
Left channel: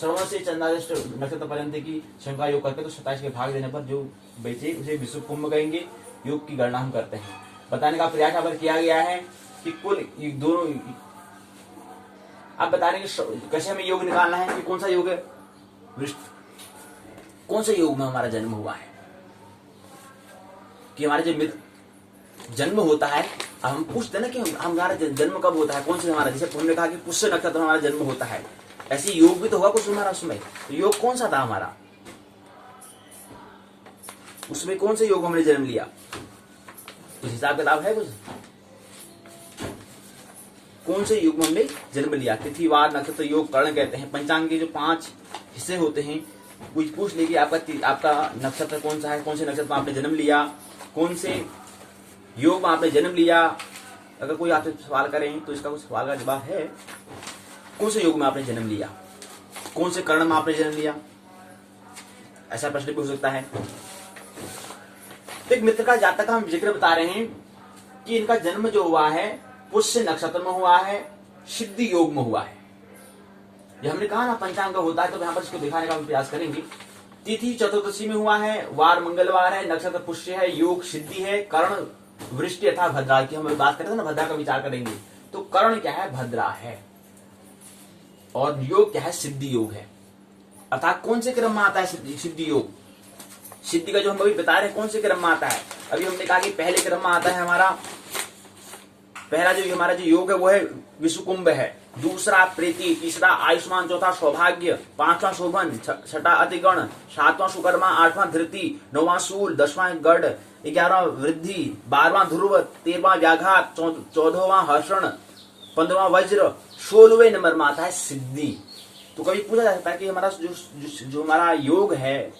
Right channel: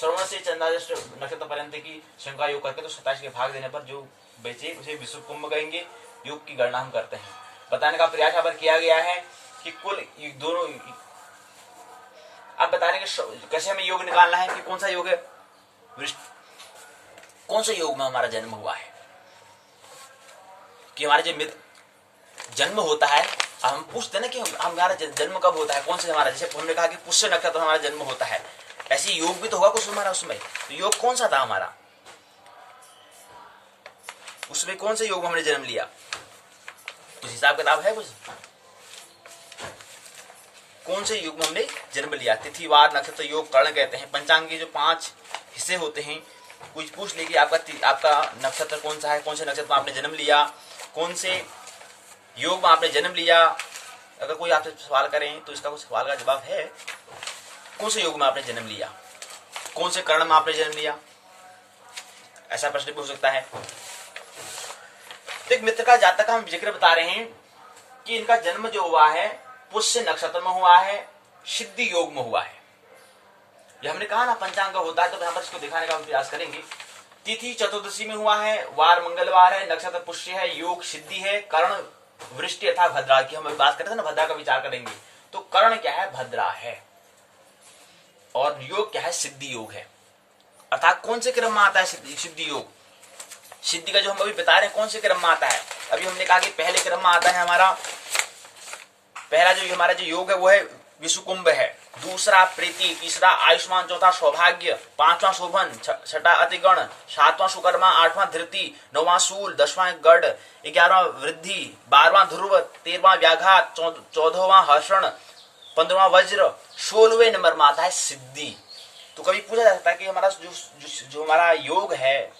श्रवण से चंद्रादिष्ट नक्षत्र पर्यंत की संख्या योग करके तो 27 के भाग देने पर जो बचे उसे विश्व कुंभ कहेंगे। योग की गणना हम करते हैं, बताने का प्रयास यहाँ पर किया गया है कि कुल दोनों। आप बता रहे हैं कैसे हमें योग निकालना है कि कौन सा योग है, कौन से योग में हमारा जन्म हुआ है, कि हमारे जो जन्म होता है। अब हम पूछते ना कि हमारा जन्म कब होता है, कौन से हमारा, जैसे हमने कहा कि पुष्य नक्षत्र हमारा जन्म होता है, ऐसे योग भी तो होगा कुछ हमारा उसमें। तो योग कौन सा था हमारा, उसमें कौन से योग में हमने जन्म लिया, कुछ हिसाब किताब है कुछ, कौन से युग में हमने जन्म लिया। तिथिवार नक्षत्र योग कर्ण कहते हैं। पंचांग के जो 5 हिस्से होते हैं, कुछ पूछ ले कि आपका नक्षत्र कौन सा है, कौन से नक्षत्र में आपने जन्म लिया, कौन से योग में आपने जन्म लिया। अगर कोई आपसे सवाल करें तो इसका कुछ सवाल का जवाब है, कौन से योग में आपने जन्म लिया, कौन से कर्ण में आपने जन्म लिया, ऐसा प्रश्न भी हो सकता है। तो एक मित्र का जातक का हम जिक्र बता रहे हैं कि इनका जन्म जो हुआ है पुष्य नक्षत्र में हुआ है, सिद्धि योग में हुआ है। ये हमने कहा ना पंचांग होता है, तो यहाँ पर इसको दिखाने का हम प्रयास करेंगे। तिथि चतुर्दशी में हुआ है, वार मंगलवार है, नक्षत्र पुष्य है, योग सिद्धि है, कर्ण वृष्टि अर्थात भद्रा की हम बात करते थे ना, भद्रा का विचार करेंगे। तो कर्ण क्या है? भद्रा है। और योग क्या है? सिद्धि योग है। अर्थात कौन से क्रम में आता है सिद्धि योग? सिद्धि का जो हम अभी बता रहे हैं कौन से क्रम में आता है? अभी हमने कहा कि पहले क्रम में आता है हमारा पहला जो हमारा जो योग है वो है विषुकुंभ है, दूसरा प्रीति, तीसरा आयुष्मान, चौथा सौभाग्य, पांचवा शोभन, छठा अतिगण, सातवां सुकर्मा, आठवां धृति, नौवां शूल, 10वां गढ़, 11वां वृद्धि, 12वां ध्रुव, 13वां व्याघात, 14वां हर्षण, 15वां वज्र, 16वें नंबर में आता है सिद्धि। तो कभी पूछा जा सकता है कि हमारा जो हमारा योग है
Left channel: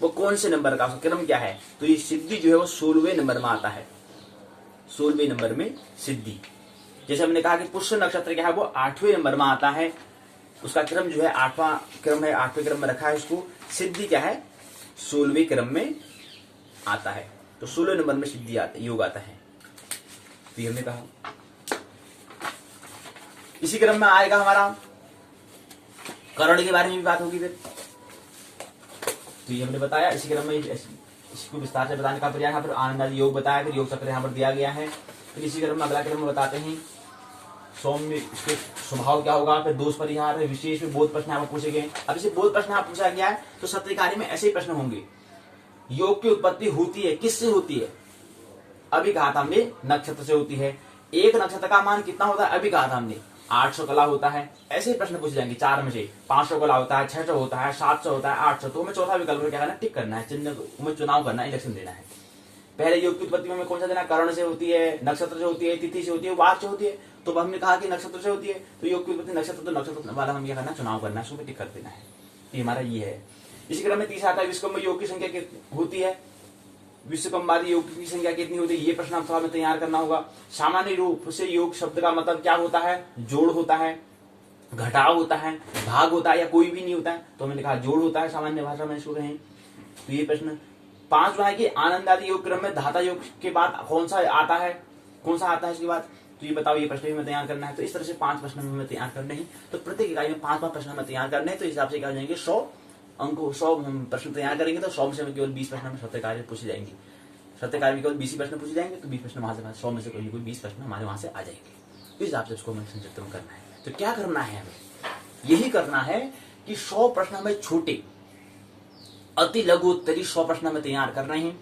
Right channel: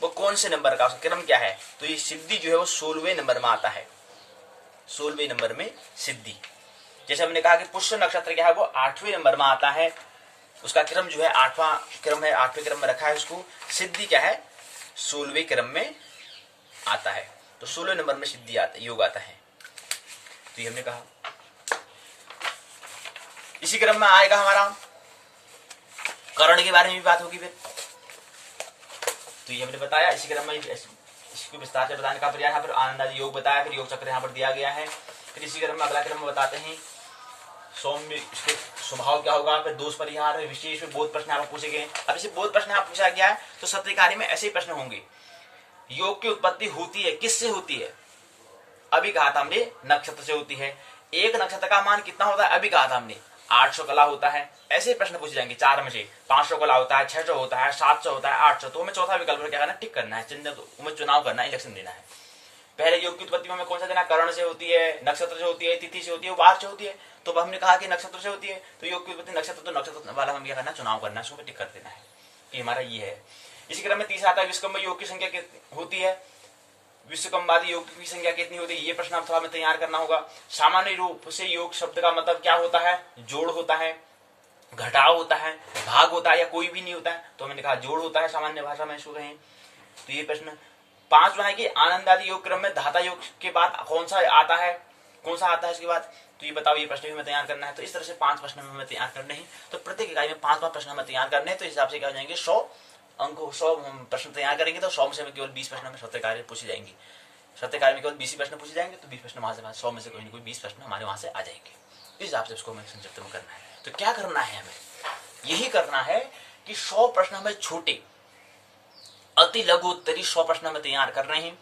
वो कौन से नंबर का, उसका क्रम क्या है? तो ये सिद्धि जो है वो 16वें नंबर में आता है, 16वें नंबर में सिद्धि। जैसे हमने कहा कि पुष्य नक्षत्र क्या है वो 8वें नंबर में आता है, उसका क्रम जो है 8वां क्रम है, 8वें क्रम में रखा है उसको। सिद्धि क्या है? 16वें क्रम में आता है। तो 16वें नंबर में सिद्धि आता है, योग आता है। तो ये हमने कहा। इसी क्रम में आएगा हमारा कर्ण के बारे में भी बात होगी फिर। तो ये हमने बताया, इसी क्रम में इसको विस्तार से बताने का प्रयास। यहाँ पर आनंद आदि योग बताया, फिर योग चक्र यहाँ पर दिया गया है। फिर इसी क्रम में अगला क्रम में बताते हैं सौम्य, इसके स्वभाव क्या होगा, फिर दोष परिहार, विशेष में बोध प्रश्न यहाँ पर पूछे गए। अब इसे बोध प्रश्न यहाँ पूछा गया है तो सत्यकारी में ऐसे ही प्रश्न होंगे। योग की उत्पत्ति होती है किससे होती है? अभी कहा था हमने नक्षत्र से होती है। एक नक्षत्र का मान कितना होता है? अभी कहा था हमने 800 कला होता है। ऐसे ही प्रश्न पूछे जाएंगे 4 में से। 500 कला होता है, 600 होता है, 700 होता है, 800। तो हमें चौथा विकल्प क्या करना है? टिक करना है, चिन्ह, हमें चुनाव करना है, इलेक्शन देना है। पहले योग की उत्पत्ति में हमें कौन सा देना? कर्ण से होती है, नक्षत्र से होती है, तिथि से होती है, वार से होती है। तो हमने कहा कि नक्षत्र से होती है, तो योग की उत्पत्ति नक्षत्र, तो नक्षत्र वाला हम क्या करना है? चुनाव करना है, उसको टिक कर देना है कि हमारा ये है। इसी क्रम में तीसरा आता है विश्वकर्म योग की संख्या कितनी होती है? विश्वकर्मादि योग की संख्या कितनी होती है? ये प्रश्न हम थोड़ा में तैयार करना होगा। सामान्य रूप से योग शब्द का मतलब क्या होता है? जोड़ होता है, घटाव होता है, भाग होता है, या कोई भी नहीं होता है। तो मैंने कहा जोड़ होता है सामान्य भाषा में इसको कहें। तो ये प्रश्न 5वां है कि आनंद आदि योग क्रम में धाता योग के बाद कौन सा आता है, कौन सा आता है इसके बाद? तो ये बताओ, ये प्रश्न भी हमें तैयार करना है। तो इस तरह से 5 प्रश्न हमें तैयार करने हैं। तो प्रत्येक इकाई में 5 प्रश्न हमें तैयार करने हैं। तो इस हिसाब से क्या हो जाएंगे? 100 अंक, 100 हम प्रश्न तैयार करेंगे तो 100 में से केवल 20 प्रश्न हमें सत्य कार्य पूछे जाएंगे। सत्य कार्य में केवल 20 प्रश्न पूछे जाएंगे, तो 20 प्रश्न वहां से 100 में से कोई 20 प्रश्न हमारे वहां से आ जाएंगे। इस हिसाब से उसको हमें संक्षिप्त में करना है। तो क्या करना है? हमें यही करना है कि 100 प्रश्न हमें छोटे, अति लघु उत्तरी 100 प्रश्न हमें तैयार कर रहे हैं,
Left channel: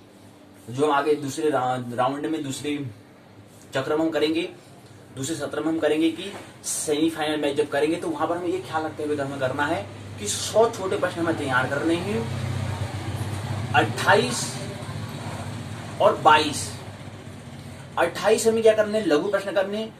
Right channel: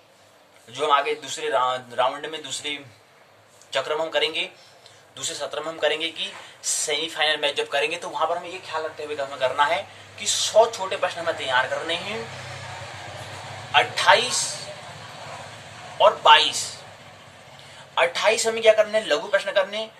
जो हम आगे दूसरे राउंड में, दूसरे चक्र में हम करेंगे, दूसरे सत्र में हम करेंगे कि सेमीफाइनल मैच जब करेंगे तो वहां पर हमें ये ख्याल रखते हुए हमें करना है कि 100 छोटे प्रश्न हमें तैयार करने हैं। 28 और 22, 28 हमें क्या करने? लघु प्रश्न करने,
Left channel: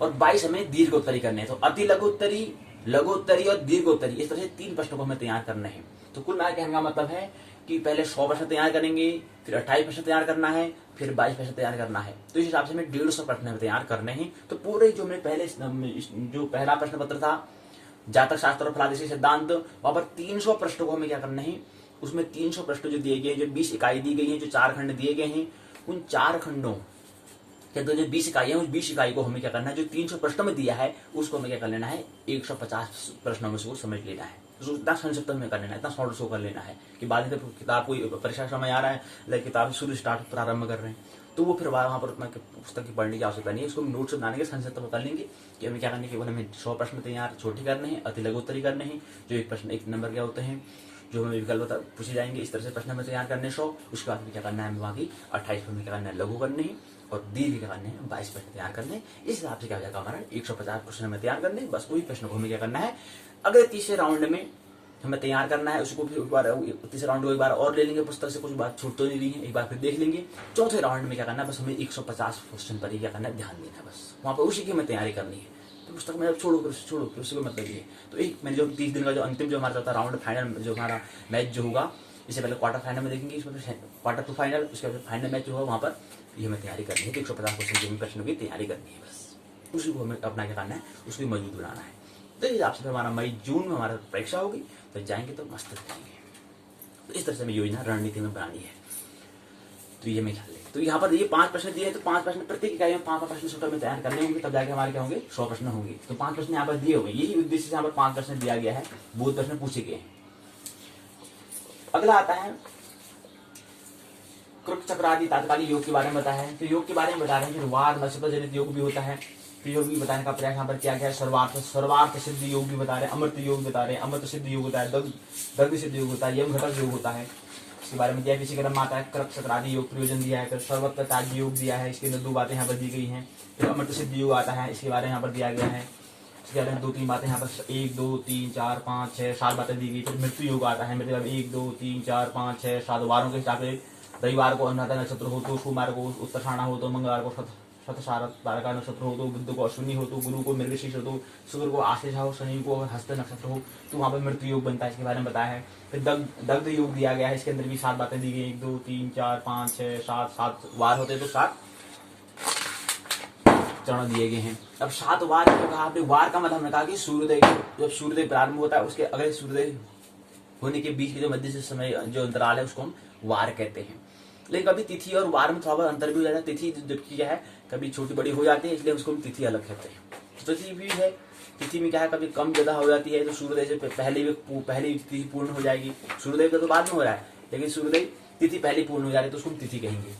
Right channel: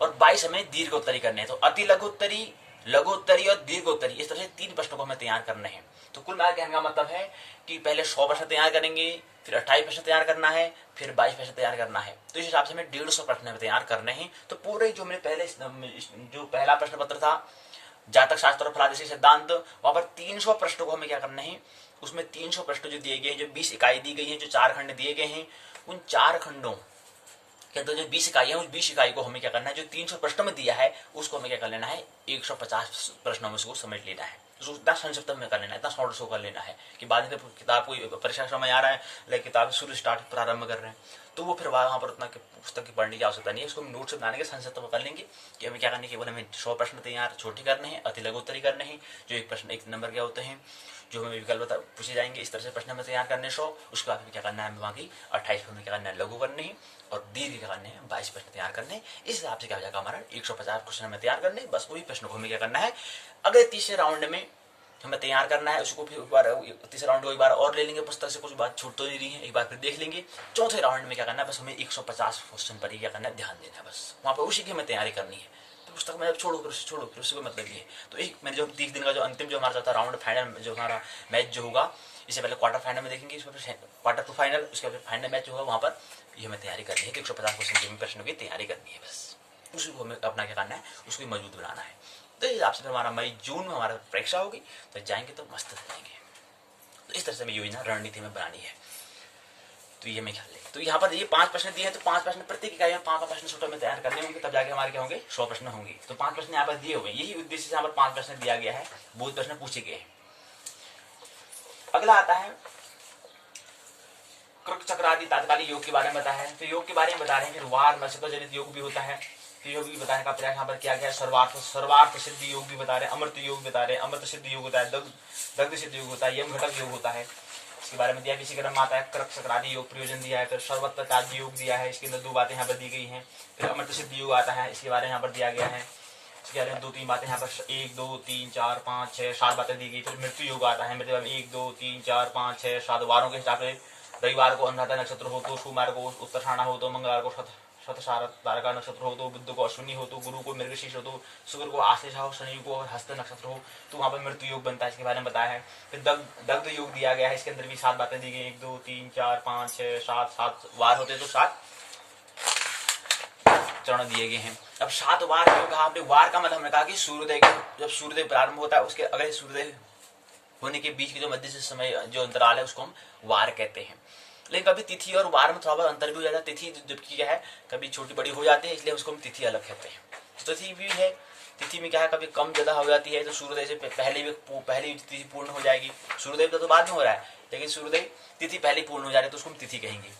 और 22 हमें दीर्घ उत्तरी करने हैं। तो अति लघु उत्तरी, लघु उत्तरी और दीर्घ उत्तरी, इस तरह से 3 प्रश्नों को हमें तैयार करने हैं। तो कुल मिलाकर कहने का मतलब है कि पहले 100 प्रश्न तैयार करेंगे, फिर 28 प्रश्न तैयार करना है, फिर 22 प्रश्न तैयार करना है। तो इस हिसाब से हमें 150 प्रश्न हमें तैयार करने हैं। तो पूरे जो मैंने पहले जो पहला प्रश्न पत्र था जातक शास्त्र और फलादेशी सिद्धांत, वहां पर 300 प्रश्नों को हमें क्या करना है? उसमें 300 प्रश्न जो दिए गए हैं, जो 20 इकाई दी गई है, जो 4 खंड दिए गए हैं, उन 4 खंडों के अंदर जो 20 इकाई है, उस 20 इकाई को हमें क्या करना है? जो 300 प्रश्नों में दिया है उसको हमें क्या कर लेना है? 150 प्रश्नों में उसको समझ लेना है। तो इतना संक्षिप्त में कर लेना है, इतना शॉर्ट शो कर लेना है कि बाद में किताब कोई परीक्षा समय आ रहा है, लाइक किताब शुरू स्टार्ट प्रारंभ कर रहे हैं, तो वो फिर वहाँ पर उतना पुस्तक की पढ़ने की आवश्यकता नहीं है। उसको नोट्स बनाने के संक्षिप्त में कर लेंगे कि हमें क्या करने केवल हमें 100 प्रश्न तैयार छोटे करने हैं, अति लघुत्तरी करने हैं, जो एक प्रश्न 1 नंबर के होते हैं, जो हमें विकल्प पूछे जाएंगे। इस तरह से प्रश्न हमें तैयार करने 100। उसके बाद क्या करना है? हमें बाकी 28 हमें क्या करना है? लघु करने हैं, और दीर्घ क्या करने हैं? 22 प्रश्न तैयार करने। इस हिसाब से क्या हो जाएगा? हमारा 150 क्वेश्चन हमें तैयार करने। बस वही प्रश्न को हमें क्या करना है? अगले तीसरे राउंड में हमें तैयार करना है। उसको भी एक बार तीसरे राउंड को एक बार और ले लेंगे, पुस्तक से कुछ बात छूट तो नहीं रही है, एक बार फिर देख लेंगे। चौथे राउंड में क्या करना है? बस हमें 150 क्वेश्चन पर ही क्या करना है? ध्यान देना है। बस वहाँ पर उसी की हमें तैयारी करनी है। तो पुस्तक में छोड़ो फिर उसको मतलब ये। तो एक मैंने जो 30 दिन का जो अंतिम जो हमारा चौथा राउंड फाइनल जो हमारा मैच जो होगा, इससे पहले क्वार्टर फाइनल में देखेंगे, इसमें फिर क्वार्टर टू फाइनल, उसके बाद फाइनल मैच जो होगा वहाँ पर ये हमें तैयारी करनी है कि 150 क्वेश्चन के प्रश्नों की तैयारी करनी है। बस उसी को हमें अपना क्या करना है? उसको मजबूत बनाना है। तो इस हिसाब से फिर हमारा मई जून में हमारा परीक्षा होगी, तो जाएंगे तो मस्त जाएंगे। तो इस तरह से हमें योजना रणनीति में बनानी है। तो ये मैं ख्याल लेंगे। तो यहाँ पर ये 5 प्रश्न दिए हैं, तो 5 प्रश्न प्रत्येक इकाई में 5 प्रश्न छोटा में तैयार करने होंगे, तब जाके हमारे क्या होंगे 100 प्रश्न होंगे। तो 5 प्रश्न यहाँ पर दिए हुए, यही उद्देश्य से यहाँ पर 5 प्रश्न दिया गया है, बहुत प्रश्न पूछे गए हैं। अगला आता है कृक चक्र आदि तात्कालिक योग के बारे में बताया है। तो योग के बारे में बता रहे हैं, फिर वार नक्षत्र जनित योग भी होता है, तो योग भी बताने का प्रयास यहाँ पर किया गया है। सर्वार्थ सिद्ध योग भी बता रहे हैं, अमृत योग बता रहे हैं, अमृत सिद्ध योग होता है, दग्ध सिद्ध योग होता है, यम घटक योग होता है, इसके बारे में दिया है। इसी क्रम में आता है कृक चक्र आदि योग प्रयोजन दिया है, फिर सर्वत्र त्याज्य योग दिया है, इसके अंदर 2 बातें यहाँ पर दी गई हैं। फिर अमृत सिद्ध योग आता है, इसके बारे में यहाँ पर दिया गया है। इसके बारे में 2-3 बातें यहाँ पर 1 2 3 4 5 6 7 बातें दी गई। फिर मृत्यु योग आता है, मतलब 1 2 3 4 5 6 7 वारों के हिसाब से, रविवार को अनुराधा नक्षत्र हो तो, सोमवार को उत्तरायण हो तो, मंगलवार को शतशारदा नक्षत्र हो तो, बुध को अश्विनी हो तो, गुरु को मृगशीर्ष हो तो, शुक्र को आश्लेषा हो, शनि को हस्त नक्षत्र हो तो वहाँ पर मृत्यु योग बनता है, इसके बारे में बताया है। फिर दग्ध योग दिया गया है, इसके अंदर भी 7 बातें दी गई, 1 2 3 4 5 6 7 वार होते हैं तो 7 चरण दिए गए हैं। अब 7 वार क्यों कहा आपने? वार का मतलब हमने कहा कि सूर्योदय, जब सूर्योदय प्रारंभ होता है उसके अगले सूर्योदय होने के बीच के जो मध्य से समय जो अंतराल है उसको हम वार कहते हैं। लेकिन कभी तिथि और वार में थोड़ा बहुत अंतर भी हो जाता है। तिथि जबकि क्या है कभी छोटी बड़ी हो जाती है, इसलिए उसको हम तिथि अलग कहते हैं। तो तिथि भी है, तिथि में क्या है कभी कम ज्यादा हो जाती है, तो सूर्योदय से पहले तिथि पूर्ण हो जाएगी। सूर्योदय तो बाद में हो रहा है, लेकिन सूर्योदय तिथि पहले पूर्ण हो जा रही है तो उसको हम तिथि कहेंगे।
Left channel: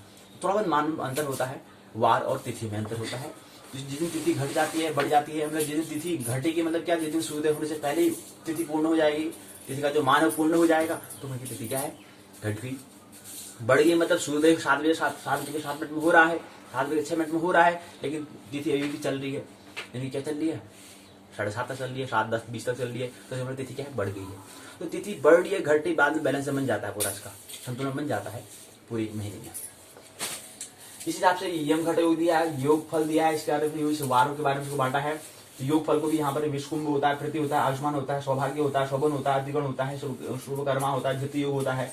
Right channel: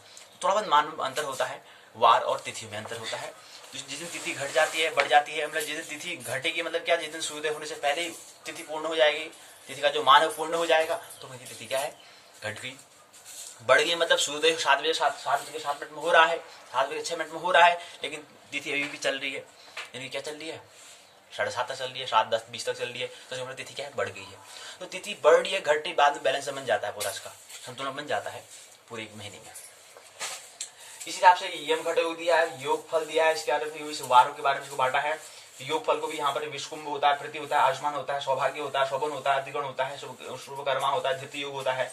थोड़ा बहुत मान अंतर होता है, वार और तिथि में अंतर होता है। जिस दिन तिथि घट जाती है बढ़ जाती है, मतलब जिस दिन तिथि घटेगी मतलब क्या, जिस दिन सूर्योदय होने से पहले ही तिथि पूर्ण हो जाएगी, तिथि का जो मान है पूर्ण हो जाएगा, तो वही तिथि क्या है घट गई। बढ़ गई मतलब सूर्योदय 7 बजे 7 में हो रहा है, 7 बजे 6 में हो रहा है, लेकिन तिथि अभी भी चल रही है, यानी क्या चल रही है 7:30 तक चल रही है, 7 10 20 तक चल रही है, तो हमारी तिथि क्या है बढ़ गई है। तो तिथि बढ़ रही है घट रही, बाद में बैलेंस बन जाता है, पूरा इसका संतुलन बन जाता है पूरे महीने में। इसी हिसाब से यम घट योग दिया है, योग फल दिया है, इसके बारे में वारों के बारे में इसको बांटा है। तो योग फल को भी यहाँ पर विश्वकुंभ होता है, प्रति होता है, आयुष्मान होता है, सौभाग्य होता है, शोभन होता है, द्विगुण होता है, शुभकर्मा होता है, द्वितीय योग होता है।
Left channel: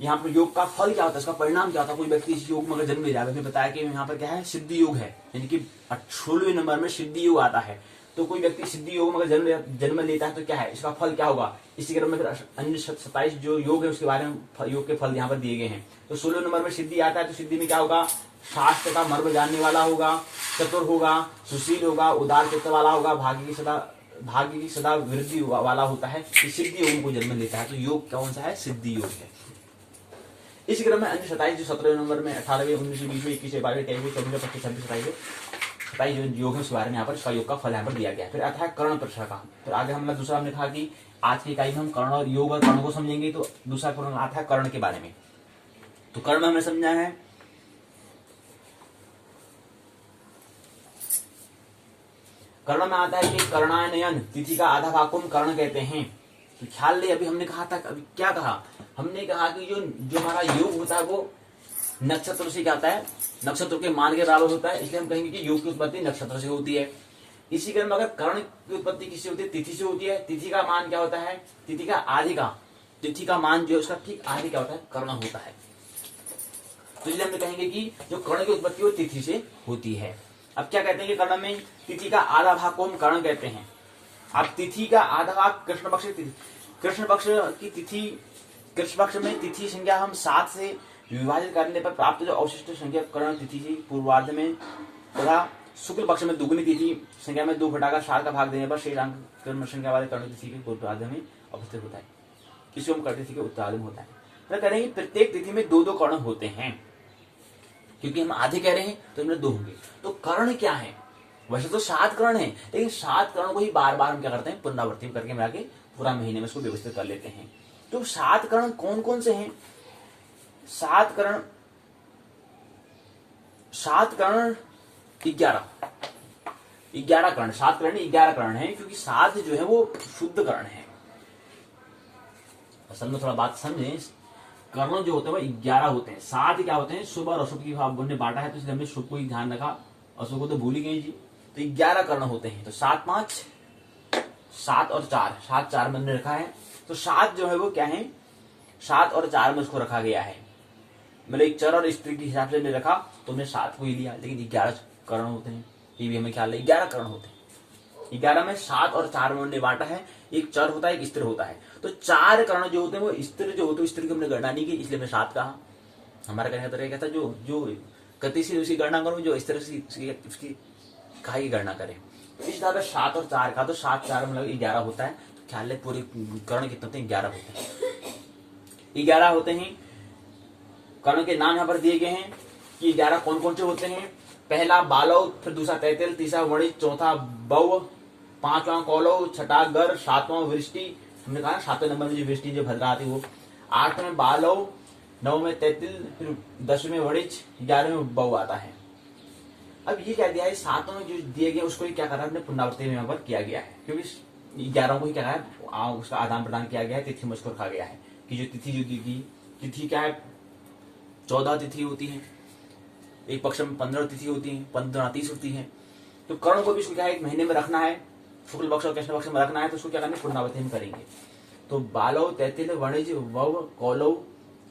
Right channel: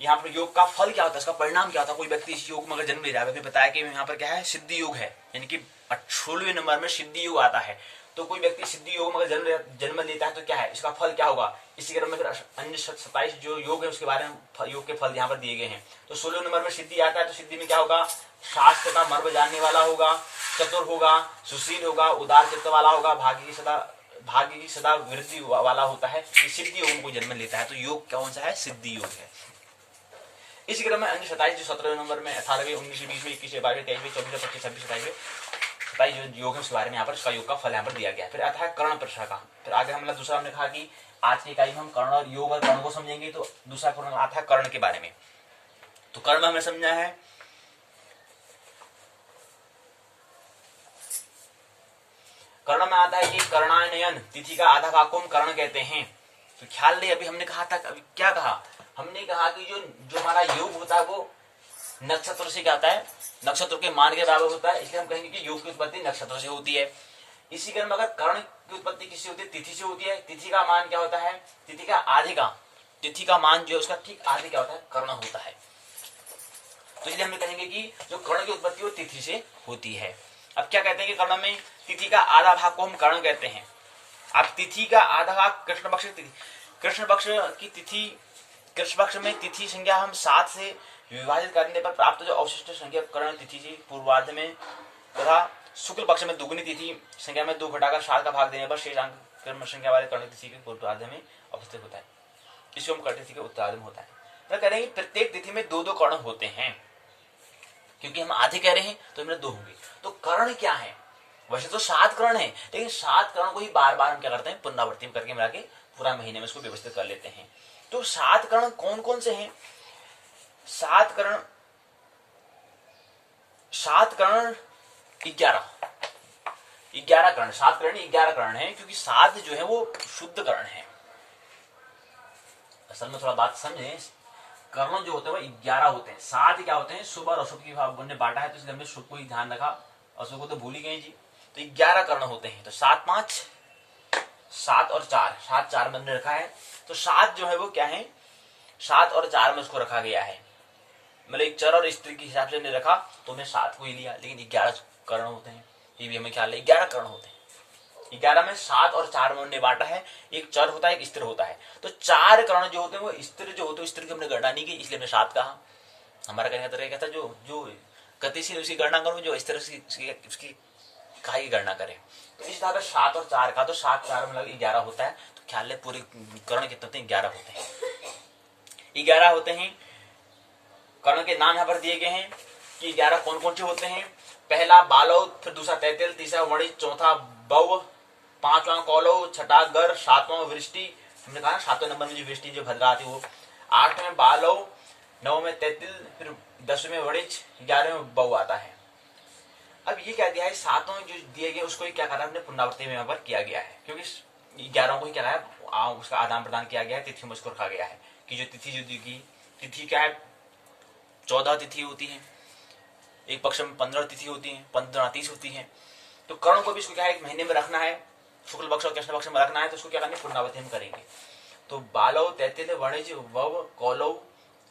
यहाँ पर योग का फल क्या होता है, इसका परिणाम क्या होता है? कोई व्यक्ति इस योग में अगर जन्म ले रहा है, मैंने बताया कि यहाँ पर क्या है सिद्धि योग है, यानी कि 16वें नंबर में सिद्धि योग आता है। तो कोई व्यक्ति सिद्धि योग में अगर जन्म लेता है तो क्या है इसका फल क्या होगा? इसी क्रम में फिर अन्य 27 जो योग है उसके बारे में योग के फल यहाँ पर दिए गए हैं। तो 16वें नंबर में सिद्धि आता है, तो सिद्धि में क्या होगा? शास्त्र का मर्म जानने वाला होगा, चतुर होगा, सुशील होगा, उदार चित्त वाला होगा, भाग्य की सदा वृद्धि वाला होता है। सिद्धि योग में कोई जन्म लेता है तो योग कौन सा है? सिद्धि योग है। इसी क्रम में अन्य 27 जो 17वें नंबर में 18वें 19वें 20वें 21वें 22वें 23वें 24वें 25वें 26वें 27वें 27 जो योग है उसके बारे में यहाँ पर इसका योग का फल यहाँ पर दिया गया है। फिर आता है कर्ण प्रश्न का। फिर आगे हमने दूसरा हमने कहा कि आज की इकाई में हम कर्ण और योग और कर्ण को समझेंगे, तो दूसरा कर्ण आता है कर्ण के बारे में। तो कर्ण में हमने समझा है कर्ण में आता है कि कर्णायनयन तिथि का आधा भाग को हम कर्ण कहते हैं। तो ख्याल ले, अभी हमने कहा था, अभी क्या कहा हमने? कहा कि जो हमारा योग होता है वो नक्षत्र से क्या होता है? नक्षत्र के मान के बराबर होता है, इसलिए हम कहेंगे कि योग की उत्पत्ति नक्षत्र से होती है। इसी क्रम में अगर कर्ण की उत्पत्ति किससे होती है? तिथि से होती है। तिथि का मान क्या होता है? तिथि का आधे का, तिथि का मान जो है उसका ठीक आधे क्या होता है? कर्ण होता है। तो इसलिए हम कहेंगे कि जो कर्ण की उत्पत्ति वो तिथि से होती है। अब क्या कहते हैं कि कर्ण में तिथि का आधा भाग को हम कर्ण कहते हैं। अब तिथि का आधा भाग कृष्ण पक्ष की तिथि, कृष्ण पक्ष में तिथि संख्या हम 7 से विभाजित करने पर प्राप्त जो अवशिष्ट संख्या कर्ण तिथि की पूर्वार्ध में तथा शुक्ल पक्ष में दुगुनी तिथि संख्या में 2 घटाकर 7 का भाग देने पर शेष अंक कर्ण संख्या वाले कर्ण तिथि के पूर्वार्ध में अवस्थित होता है। इसको हम कर्ण तिथि के उत्तरार्ध में होता है। तो कह रहे हैं कि प्रत्येक तिथि में 2-2 कर्ण होते हैं, क्योंकि हम आधे कह रहे हैं तो इनमें 2 होंगे। तो कर्ण क्या है? वैसे तो 7 कर्ण है, लेकिन 7 कर्ण को ही बार बार हम क्या करते हैं? पुनरावृत्ति करके मिला के पूरा महीने में इसको व्यवस्थित कर लेते हैं। तो 7 कर्ण कौन कौन से हैं? 7 कर्ण 11 कर्ण, 7 कर्ण 11 कर्ण है, क्योंकि 7 जो है वो शुद्ध कर्ण है। असल में थोड़ा बात समझें, कर्ण जो होते हैं वो 11 होते हैं। 7 क्या होते हैं? शुभ और अशुभ की भाव ने बांटा है, तो इसलिए हमने शुभ को ही ध्यान रखा, अशुभ को तो भूल ही गए जी। तो 11 कर्ण होते हैं। तो 7 5 7 और 4, 7 4 में हमने रखा है। तो 7 जो है वो क्या है? 7 और 4 में उसको रखा गया है, मतलब एक चर और स्त्री के हिसाब से हमने रखा तो हमने 7 को ही लिया, लेकिन 11 कर्ण होते हैं। ये भी हमें ख्याल है 11 कर्ण होते हैं। 11 में 7 और 4 में उन्होंने बांटा है, एक चर होता है एक स्थिर होता है। तो 4 कर्ण जो होते हैं वो स्थिर जो होते हैं, स्थिर की हमने गणना नहीं की इसलिए हमने 7 कहा। हमारा कहने का तरीका था जो गतिशील उसकी गणना करूं, जो स्थिर उसकी काहे की गणना करें। तो इस तरह 7 और 4 का, तो 7 4 मतलब 11 होता है। तो ख्याल है पूरे कर्ण कितने होते हैं, 11 होते हैं। 11 होते हैं। कर्ण के नाम यहाँ पर दिए गए हैं कि 11 कौन कौन से होते हैं। पहला बालव, फिर दूसरा तैतिल, तीसरा वणिज, चौथा बव, पांचवां कौलव, छठा गर, सातवां वृष्टि। हमने कहा ना 7वें नंबर में जो वृष्टि जो भद्रा आती है वो। 8वें में बालव, 9वें में तैतिल, फिर 10वें में वणिज, 11वें में बव आता है। अब ये क्या दिया है, 7 जो दिए गए उसको ही क्या करा हमने पुनरावृत्ति में यहाँ पर किया गया है, क्योंकि 11 को ही क्या है उसका आदान प्रदान किया गया है, तिथि में उसको रखा गया है कि जो तिथि जो दी गई, तिथि क्या है 14 तिथि होती है, एक पक्ष में 15 तिथि होती है, 15 30 होती है। तो कर्ण को भी इसको क्या है एक महीने में रखना है, शुक्ल पक्ष और कृष्ण पक्ष में रखना है, तो उसको क्या करना है पुनरावृत्ति में करेंगे। तो बालव, तैतिल, वणिज, वव, कौलव,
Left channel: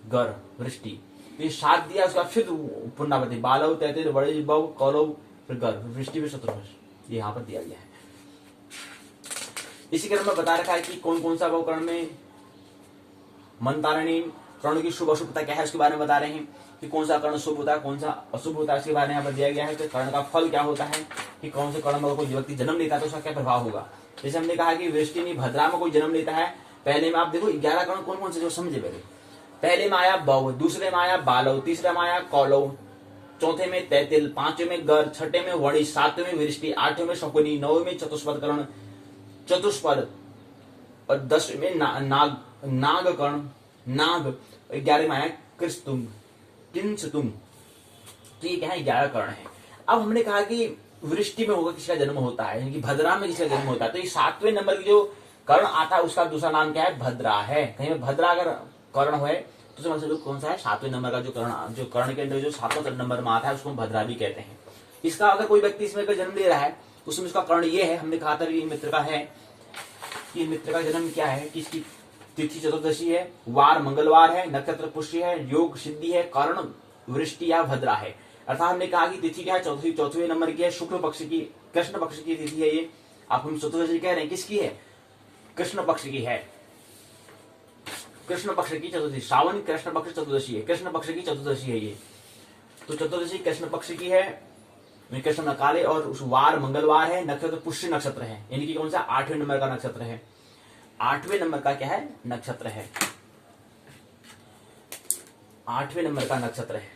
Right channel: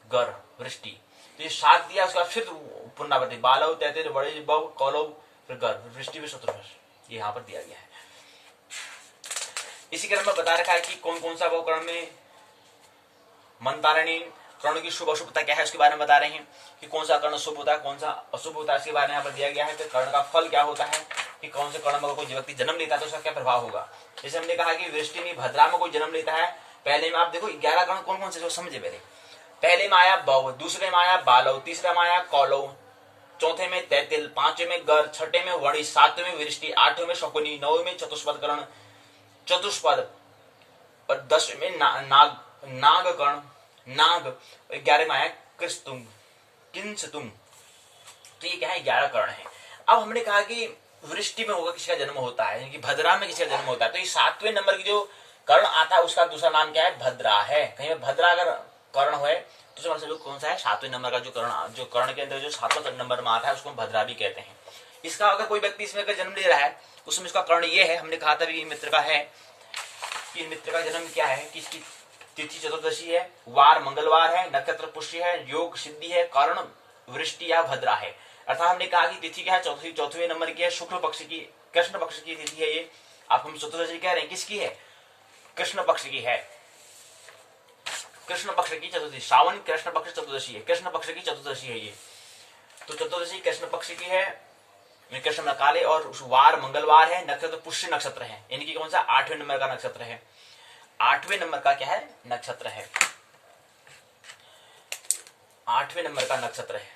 गर, वृष्टि, तो ये 7 दिया, उसके बाद फिर पुनरावृत्ति बालव, तैतिल, वणिज, वव, कौलव, फिर गर, वृष्टि भी चतुर्भुज, ये यहाँ पर दिया गया है। इसी क्रम में बता रखा है कि कौन कौन सा वो कर्ण में मंतारणी कर्ण की शुभ अशुभता क्या है उसके बारे में बता रहे हैं कि कौन सा कर्ण शुभ होता है कौन सा अशुभ होता है, इसके बारे में यहाँ पर दिया गया है। तो कर्ण का फल क्या होता है कि कौन से कर्ण में कोई व्यक्ति जन्म लेता है तो उसका क्या प्रभाव होगा। जैसे हमने कहा कि वृष्टि भद्रा में कोई जन्म लेता है, पहले में आप देखो 11 कर्ण कौन कौन से जो समझे पहले में आया बव, दूसरे में आया बालव, तीसरे में आया कौलव, चौथे में तैतिल, पांचवें में गर, छठे में वणिज, सातवें में वृष्टि, आठवें में शकुनी, 9वें में चतुष्पद कर्ण चतुष्पद और 10वें में नाग कर्ण नाग, 11 में आया कृस्तुंग किंसतुंग। तो ये क्या है 11 कर्ण है। अब हमने कहा कि वृष्टि में होगा किसका जन्म होता है, यानी कि भद्रा में किसका जन्म होता है। तो ये 7वें नंबर की जो कर्ण आता है उसका दूसरा नाम क्या है भद्रा है। कहीं में भद्रा अगर कर्ण है तो समझ लो कौन सा है 7वें नंबर का जो कर्ण के अंदर जो 7वां नंबर में आता है उसको हम भद्रा भी कहते हैं। इसका अगर कोई व्यक्ति इसमें अगर जन्म ले रहा है उसमें इसका कर्ण ये है, हमने कहा था कि मित्र का है कि मित्र का जन्म क्या है कि इसकी तिथि चतुर्दशी है, वार मंगलवार है, नक्षत्र पुष्य है, योग सिद्धि है, कर्ण वृष्टि या भद्रा है। अर्थात हमने कहा कि तिथि क्या है चौथे नंबर की है, शुक्ल पक्ष की कृष्ण पक्ष की तिथि है। ये आप हम चतुर्दशी कह रहे हैं किसकी है, कृष्ण पक्ष की है, कृष्ण पक्ष की चतुर्दशी, श्रावण कृष्ण पक्ष चतुर्दशी है, कृष्ण पक्ष की चतुर्दशी है ये। तो चतुर्दशी कृष्ण पक्ष की है, कृष्ण काले, और उस वार मंगलवार है, नक्षत्र पुष्य नक्षत्र है, यानी कि कौन सा 8वें नंबर का नक्षत्र है। 8वें नंबर का क्या है नक्षत्र है, 8वें नंबर का नक्षत्र है,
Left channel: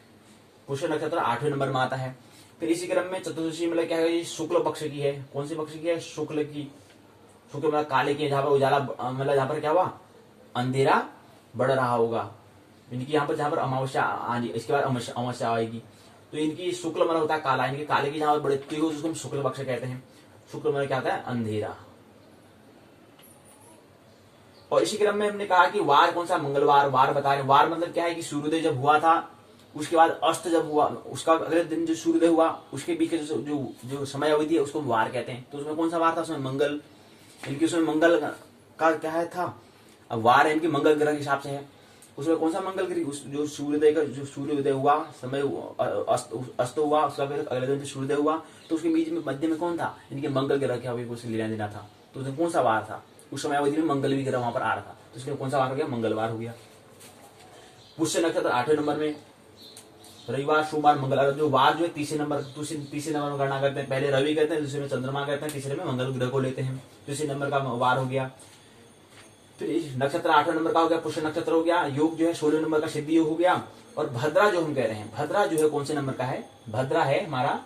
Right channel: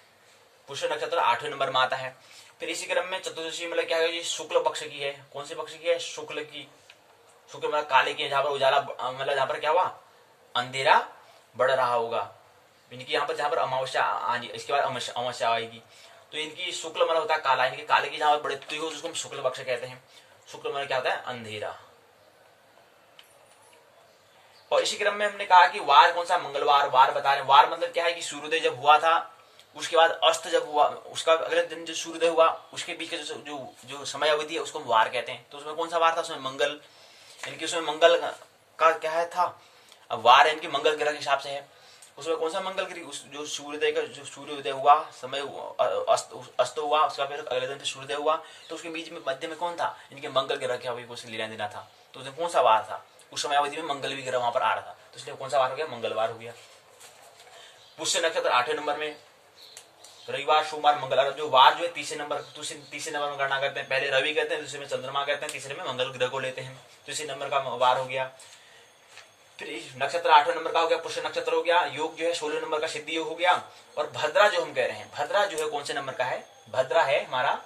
पुष्य नक्षत्र 8वें नंबर में आता है। फिर इसी क्रम में चतुर्दशी मतलब क्या है, शुक्ल पक्ष की है। कौन सी पक्ष की है, शुक्ल की, शुक्ल मतलब काले की है, जहां पर उजाला मतलब जहां पर क्या हुआ अंधेरा बढ़ रहा होगा, इनकी यहाँ पर जहां पर अमावस्या आनी, इसके बाद अमावस्या आएगी। तो इनकी शुक्ल मतलब होता है काला, इनके काले की जहां पर बढ़ती हो उसको हम शुक्ल पक्ष कहते हैं। शुक्ल मतलब क्या होता है अंधेरा। और इसी क्रम में हमने कहा कि वार कौन सा मंगलवार, वार बता रहे। वार मतलब क्या है कि सूर्योदय जब हुआ था उसके बाद अस्त जब हुआ उसका अगले दिन जो सूर्योदय हुआ उसके बीच के जो समय अवधि है उसको हम वार कहते हैं। तो उसमें कौन सा वार था, उसमें मंगल, इनकी उसमें मंगल का क्या है था। अब वार इनकी मंगल ग्रह के हिसाब से है, उसमें कौन सा मंगल ग्रह जो सूर्योदय का जो सूर्योदय हुआ समय अस्त हुआ उसका फिर अगले दिन फिर सूर्योदय हुआ, तो उसके बीच में मध्य में कौन था, इनके मंगल ग्रह क्या उसे लेना देना था। तो उसमें कौन सा वार था, उस समय अवधि में मंगल भी ग्रह वहां पर आ रहा था, तो इसलिए कौन सा वार हो गया मंगलवार हो गया। पुष्य नक्षत्र 8वें नंबर में, रविवार सोमवार मंगलवार। जो वार जो है तीसरे नंबर में गणना करते हैं, पहले रवि करते हैं, दूसरे में चंद्रमा करते हैं, तीसरे में मंगल ग्रह को लेते हैं, तीसरे नंबर का वार हो गया। फिर नक्षत्र 8वें नंबर का हो गया पुष्य नक्षत्र हो गया। योग जो है 16 नंबर का सिद्धि योग हो गया। और भद्रा जो हम कह रहे हैं, भद्रा जो है कौन से नंबर का है, भद्रा है हमारा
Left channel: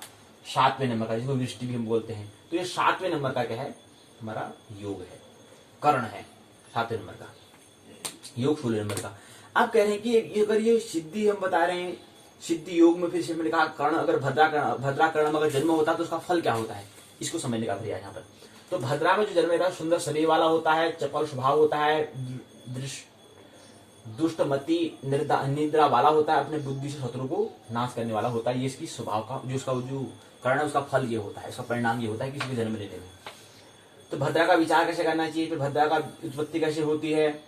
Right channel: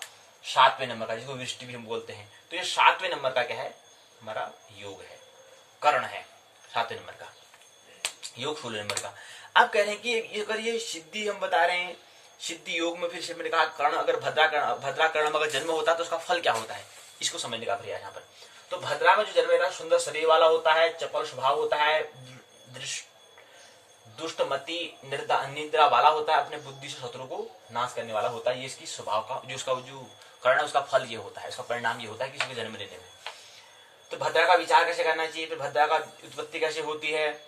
7वें नंबर का, जिसको वृष्टि भी हम बोलते हैं। तो ये 7वें नंबर का क्या है हमारा योग है, कर्ण है 7वें नंबर का, योग 16 नंबर का। आप कह रहे हैं कि अगर ये सिद्धि हम बता रहे हैं, सिद्धि योग में फिर से मैंने कहा कर्ण अगर भद्रा कर्ण में अगर जन्म होता है तो उसका फल क्या होता है, इसको समझने का प्रयास यहाँ पर। तो भद्रा में जो जन्म लेता है सुंदर शरीर वाला होता है, चपल स्वभाव होता है, दुष्टमति निद्रा वाला होता है, अपने बुद्धि से शत्रु को नाश करने वाला होता है। ये इसकी स्वभाव का जो उसका जो कर्ण है उसका फल ये होता है, इसका परिणाम ये होता है किसी को जन्म लेने में। तो भद्रा का विचार कैसे करना चाहिए, फिर भद्रा का उत्पत्ति कैसे होती है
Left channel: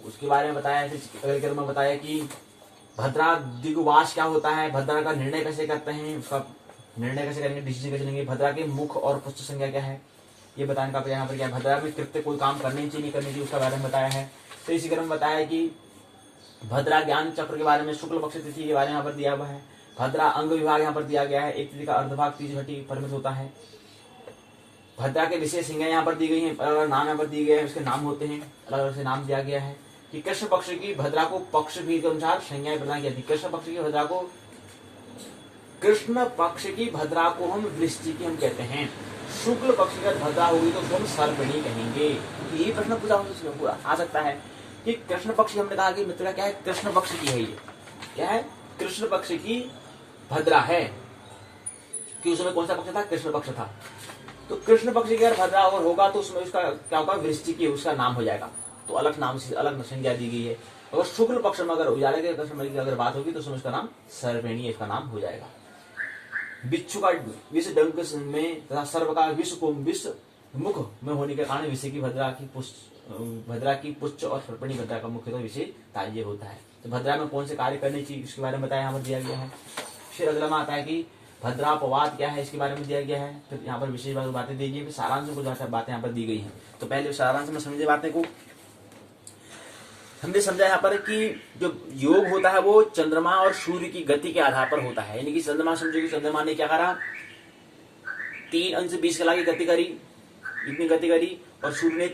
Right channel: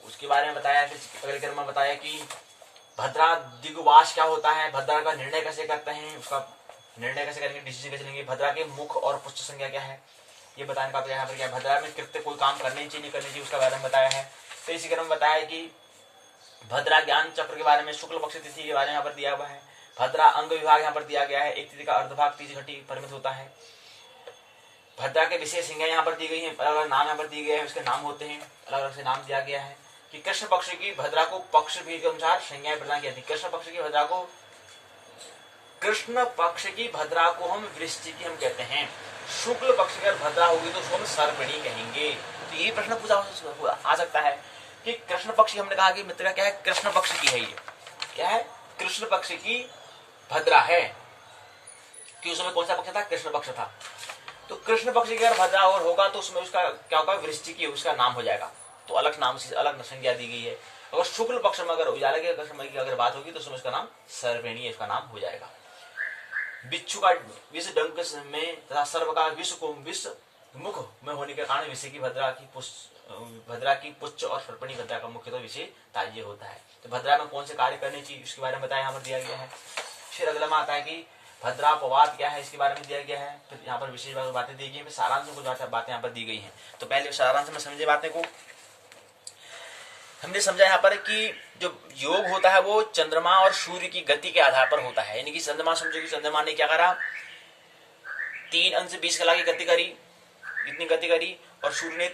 उसके बारे में बताया। फिर अगले क्रम में बताया कि भद्रा दिग्वास क्या होता है, भद्रा का निर्णय कैसे करते हैं, उसका निर्णय कैसे करेंगे, डिसीजन कैसे लेंगे, भद्रा के मुख और पुष्ट संज्ञा क्या है, ये बताने का यहाँ पर क्या, भद्रा में कृत्य कोई काम करने चाहिए नहीं करने चाहिए उसका बारे में बताया है। तो इसी क्रम में बताया कि भद्रा ज्ञान चक्र के बारे में, शुक्ल पक्ष तिथि के बारे में यहाँ पर दिया हुआ है। भद्रा अंग विभाग यहाँ पर दिया गया है, एक तिथि का अर्धभाग 30 घटी परिमित होता है। भद्रा के विशेष संज्ञा यहाँ पर दी गई है, अलग अलग नाम यहाँ पर दिए गए हैं, उसके नाम होते हैं, अलग अलग से नाम दिया गया है कि कृष्ण पक्ष की भद्रा को पक्ष भी के अनुसार संज्ञाएं प्रदान की थी। कृष्ण पक्ष की भद्रा को हम वृश्चिकी हम कहते हैं। शुक्ल पक्ष की भद्रा होगी तो उसको हम सर्पिणी कहेंगे। तो ये प्रश्न पूछा आ सकता है कि कृष्ण पक्ष की, हमने कहा कि मित्र क्या है, कृष्ण पक्ष की है, ये क्या है, कृष्ण पक्ष की भद्रा है कि उसमें कौन सा पक्ष था, कृष्ण पक्ष था। तो कृष्ण पक्ष की अगर भद्रा और होगा तो उसमें उसका क्या होगा, वृश्चिकी उसका नाम हो जाएगा। तो अलग नाम से अलग संज्ञा दी गई है। अगर शुक्ल पक्ष में अगर उजाले के समय की अगर बात होगी तो उसमें उसका नाम सर्पिणी इसका नाम हो जाएगा। बिच्छू का विष डंक में तथा सर्व का विष को विष मुख में होने के कारण विषय की भद्रा की पुच्छ और सर्पिणी भद्रा का मुख्यतः विषय ताज्य होता है। तो भद्रा में कौन से कार्य करने चाहिए इसके बारे में बताया यहाँ पर दिया गया है। फिर अगला में आता है कि भद्रा अपवाद क्या है, इसके बारे में दिया गया है। फिर यहाँ पर विशेष बातें दी गई है, सारांश में कुछ बातें यहाँ पर दी गई हैं। तो पहले सारांश में समझे बातें को, हमने समझा यहाँ पर कि जो योग होता है वो चंद्रमा और सूर्य की गति के आधार पर होता है। यानी कि चंद्रमा, समझो कि चंद्रमा ने क्या करा, 3 अंश 20 कला की गति करी, इतनी गति करी, और सूर्य ने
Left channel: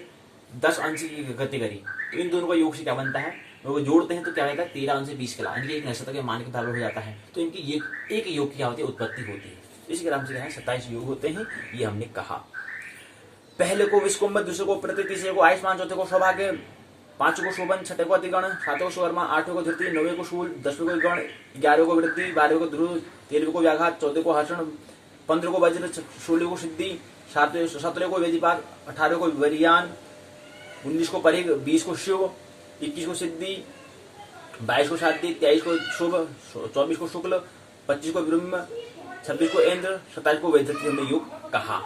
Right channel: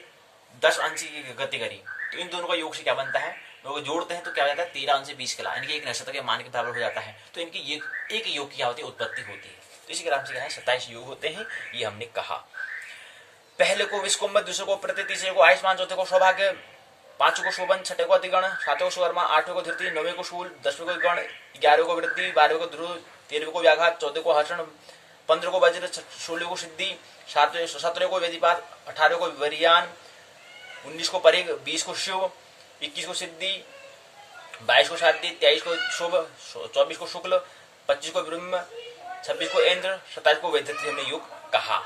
10 अंश की गति करी। तो इन दोनों का योग से क्या बनता है, लोग जोड़ते हैं तो क्या होता है, 13 अंश 20 कला, यानी कि एक नक्षत्र के मान के बराबर हो जाता है। तो इनकी ये एक योग की क्या होती है, उत्पत्ति होती है। तो इसी क्रम से क्या है, 27 योग होते हैं, ये हमने कहा। पहले को विश्वकुंभ, दूसरे को प्रति, तीसरे को आयुष्मान, चौथे को सौभाग्य, 5 को शोभन, 6 को अतिगण, 7 को सुवर्मा, 8 को धृति, 9 को शूल, 10 को गण, 11 को वृद्धि, 12 को ध्रुव, 13 को व्याघात, 14 को हर्षण, 15 को वज्र, 16 को सिद्धि, 17 को वेदिपात, 18 को वरियान, 19 को परिग, 20 को शिव, 21 को सिद्धि, 22 को शादी, 23 को शुभ, 24 को शुक्ल, 25 को ब्रह्म, 26 को इंद्र, 27 को वैधृति हमने योग कहा।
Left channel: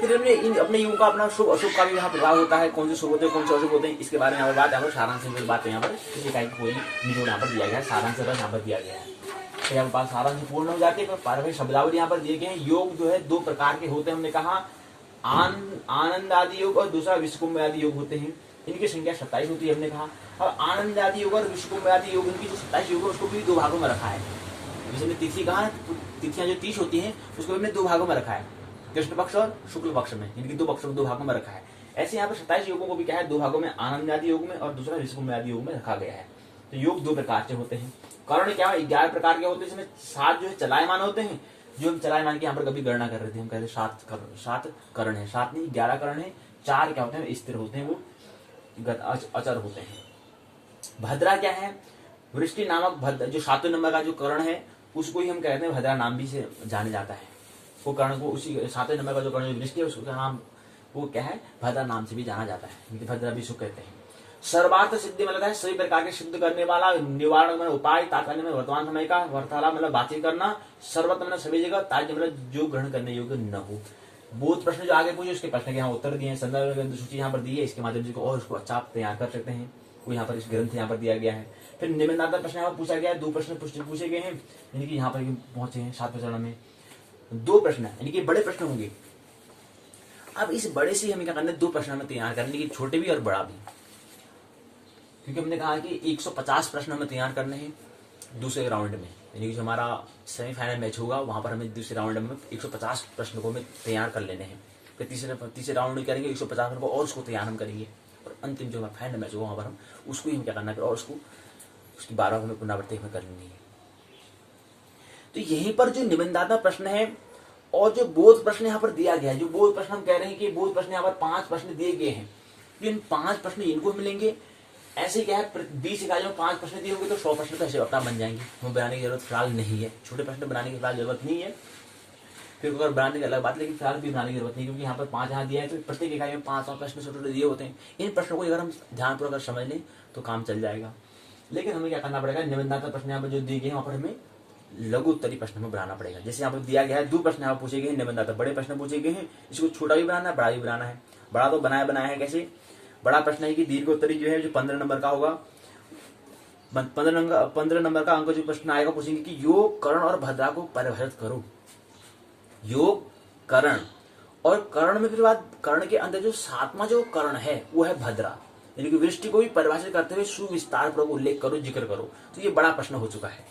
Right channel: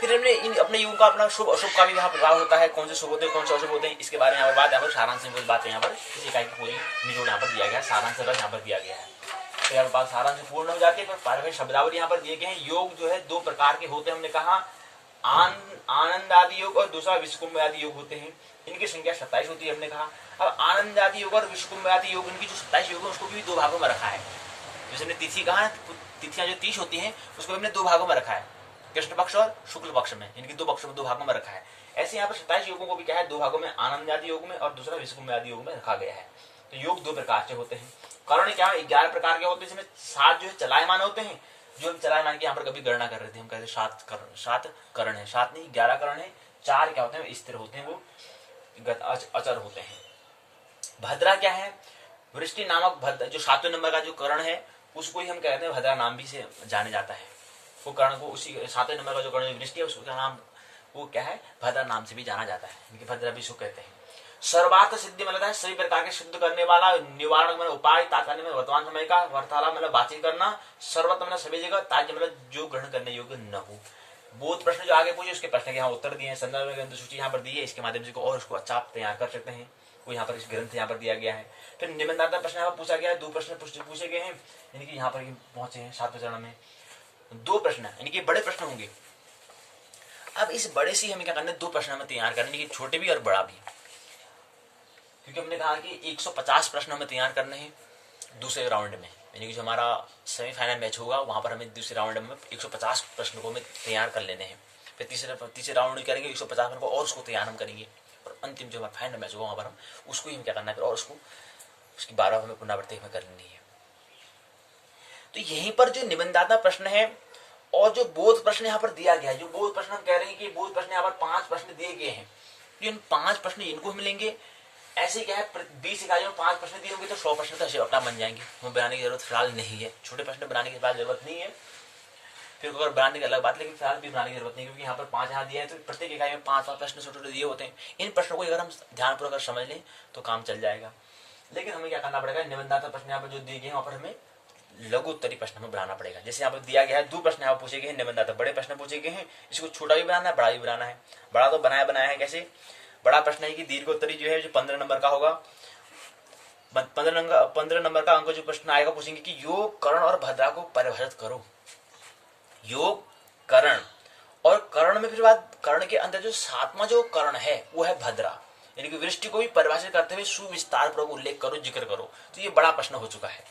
फिर हमने इन अपने योग का अपना शुभ अशुभ का भी यहाँ प्रभाव होता है, कौन से शुभ होते हैं कौन से अशुभ होते हैं, इसके बारे में यहाँ पर बात, यहाँ पर सारांश में बात है, यहाँ पर किसी इकाई की पूरी निचोड़ यहाँ पर दिया गया है, सारांश यहाँ पर दिया गया है। तो यहाँ पर सारांश पूर्ण हो जाती है, पर पारंपरिक शब्दावली यहाँ पर दिए गए हैं। योग जो है 2 प्रकार के होते हैं, हमने कहा आनंद आदि योग और दूसरा विश्वकुंभ आदि योग होते हैं। इनकी संख्या 27 होती है हमने कहा। अब आनंद आदि योग और विश्वकुंभ आदि योग, इनकी जो 27 योग है उसको भी 2 भागों में रखा है। जैसे हमने तिथि कहा, तिथियां जो 30 होती हैं उसको हमने 2 भागों में रखा है, कृष्ण पक्ष और शुक्ल पक्ष में, इनकी 2 पक्षों में 2 भागों में रखा है। ऐसे यहाँ पर 27 योगों को भी क्या है, 2 भागों में, आनंद आदि योग में और दूसरा विश्वकुंभ आदि योग में रखा गया है। तो योग 2 प्रकार के होते हैं। कारण क्या है, 11 प्रकार के होते हैं, जिसमें 7 जो है चलायमान होते हैं। जो हम चलायमान की यहाँ पर कभी गणना कर रहे थे, हम कहते 7 करण है, 7 नहीं 11 करण है। 4 क्या होते हैं, स्थिर होते हैं, वो अचर होते हैं। भद्रा क्या है, वृष्टि नामक भद्र जो 7वें नंबर का जो करण है उसको ही हम कहते हैं भद्रा नाम भी से जाने जाता है। वो कर्ण को उसी 7वें नंबर का जो कर्ण वृष्टि है उसका नाम वो क्या है, भद्रा नाम से भी जाना जाता है, इनकी भद्रा भी उसको कहते हैं। सर्वार्थ सिद्धि मतलब है सभी प्रकार के सिद्ध करने वाला, निवारण मतलब उपाय, तात्कालिक मतलब वर्तमान समय का, वार्तालाप मतलब बातचीत करना, सर्वत्र मतलब सभी जगह, ताज्य मतलब जो ग्रहण करने योग्य न हो। बहुत प्रश्न जो आगे पूछे उसके प्रश्न के यहाँ उत्तर दिए हैं, संदर्भ सूची यहाँ पर दी है, इसके माध्यम से और उसको अच्छा आप तैयार कर सकते हैं। वो यहाँ पर इस ग्रंथ यहाँ पर दिया गया है। फिर निबंधात्मक प्रश्न यहाँ पर पूछा गया है, 2 प्रश्न पूछे गए हैं, यानी कि यहाँ पर पहुंचे हैं 7वें चरण में 2 प्रश्न, यानी कि बड़े प्रश्न होंगे। अब इस बड़े से हमें क्या करना है, 2 प्रश्न हमें तैयार करने की, छोटे भी और बड़ा भी, क्योंकि हमने कहा कि 150 प्रश्न हमें तैयार करने हैं दूसरे राउंड में, यानी कि जो हमारा सेमीफाइनल मैच होगा वहां पर हमें दूसरे राउंड में 150 प्रश्न को हमें तैयार कर लेने हैं। फिर तीसरे राउंड में करेंगे 150 प्रश्न को और उसको तैयार हम करेंगे, और अंतिम जो हमारा फाइनल मैच होगा वहां पर हम उसको ही हम क्या करना है, फिर और उसकी 12 हमें पुनरावृत्ति हमें करनी है। तो यहीं पर जो निबंधात्मक प्रश्न है और जो बोध प्रश्न यहाँ पर दिया गया है, जो बोध प्रश्न हम कह रहे हैं कि बोध प्रश्न यहाँ पर 5 प्रश्न दिए गए हैं, जो इन 5 प्रश्न इनको हम मिलेंगे। ऐसे क्या है, 20 इकाइयों में 5 प्रश्न दिए होंगे तो 100 प्रश्न तो ऐसे अपना बन जाएंगे, हमें बनाने की जरूरत फिलहाल नहीं है, छोटे प्रश्न बनाने की फिलहाल जरूरत नहीं है। फिर अगर बनाने की अलग बात, लेकिन फिलहाल भी बनाने की जरूरत नहीं, क्योंकि यहाँ पर 5 यहाँ दिया है तो प्रत्येक इकाई में 5 प्रश्न छोटे दिए होते हैं। इन प्रश्नों को अगर हम ध्यानपूर्वक समझ लें तो काम चल जाएगा। लेकिन हमें क्या करना पड़ेगा, निबंधात्मक प्रश्न यहाँ पर जो दिए गए हैं वहाँ पर हमें लघु उत्तरीय प्रश्न में बनाना पड़ेगा। जैसे यहाँ पर दिया गया है 2 प्रश्न यहाँ पूछे गए हैं, निबंधात्मक बड़े प्रश्न पूछे गए हैं, इसको छोटा भी बनाना है बड़ा भी बनाना है। बड़ा तो बनाया है, कैसे बड़ा प्रश्न है कि दीर्घ उत्तरीय जो है जो 15 नंबर का होगा, 15 नंबर का अंक जो प्रश्न आएगा पूछेंगे कि योग करण और भद्रा को परिभाषित करो। योग करण और कर्ण में फिर बात, कर्ण के अंदर जो सातवां जो कर्ण है वो है भद्रा, यानी कि वृष्टि को भी परिभाषित करते हुए सुविस्तार पूर्वक उल्लेख करो, जिक्र करो। तो ये बड़ा प्रश्न हो चुका है।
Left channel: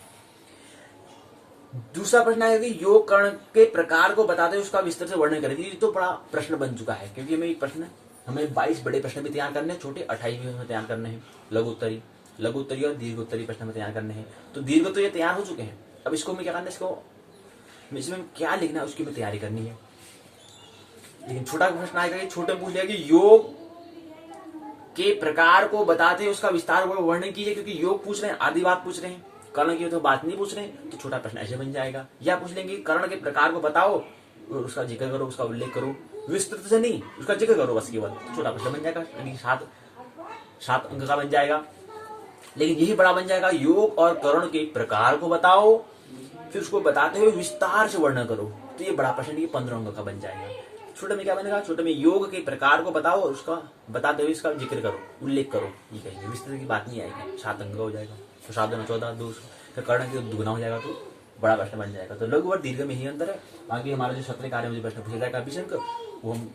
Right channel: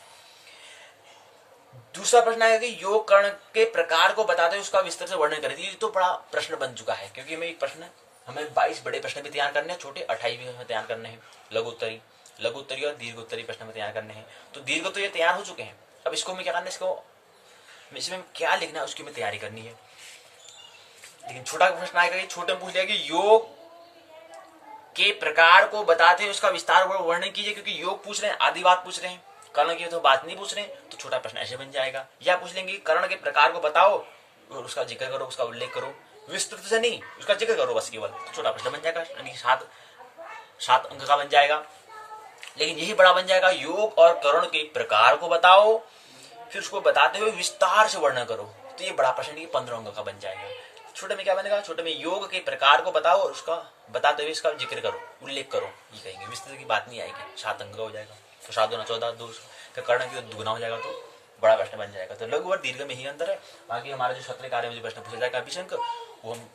दूसरा प्रश्न आएगा कि योग कर्ण के प्रकार को बताते हुए उसका विस्तार से वर्णन करें। ये तो बड़ा प्रश्न बन चुका है, क्योंकि हमें एक प्रश्न, हमें 22 बड़े प्रश्न भी तैयार करने हैं, छोटे 28 भी हमें तैयार करने हैं, लघुत्तरी और दीर्घोत्तरी प्रश्न में तैयार करने हैं। तो दीर्घ तो ये तैयार हो चुके हैं, अब इसको हमें क्या करना है, इसमें क्या लिखना है उसकी हमें तैयारी करनी है। लेकिन छोटा प्रश्न आएगा कि छोटे में पूछ लिया कि योग के प्रकार को बताते हुए उसका विस्तार वर्णन कीजिए, क्योंकि योग पूछ रहे हैं, आदि बात पूछ रहे हैं, कर्ण की तो बात नहीं पूछ रहे हैं, तो छोटा प्रश्न ऐसे बन जाएगा। या पूछ लेंगे कर्ण के प्रकार को बताओ और उसका जिक्र करो, उसका उल्लेख करो, विस्तृत से नहीं, उसका जिक्र करो बस केवल, तो छोटा प्रश्न बन जाएगा, यानी 7 अंक का बन जाएगा। लेकिन यही बड़ा बन जाएगा, योग और कर्ण के प्रकार को बताओ, फिर उसको बताते हुए विस्तार से वर्णन करो, तो ये बड़ा प्रश्न 15 अंक का बन जाएगा। छोटे में क्या बनेगा, छोटे में योग के प्रकार को बताओ और उसका बताते हुए इसका जिक्र करो, उल्लेख करो, ये कहेंगे। विस्तृत की बात नहीं आएगी, 7 अंक का हो जाएगा। तो 7 दूना 14, 2 कर्ण की दुगना हो जाएगा, तो बड़ा प्रश्न बन जाएगा। तो लघु और दीर्घ में ही अंतर है। बाकी हमारा जो सत्र कार्य में जो प्रश्न पूछा जाएगा 20 अंक, वो हम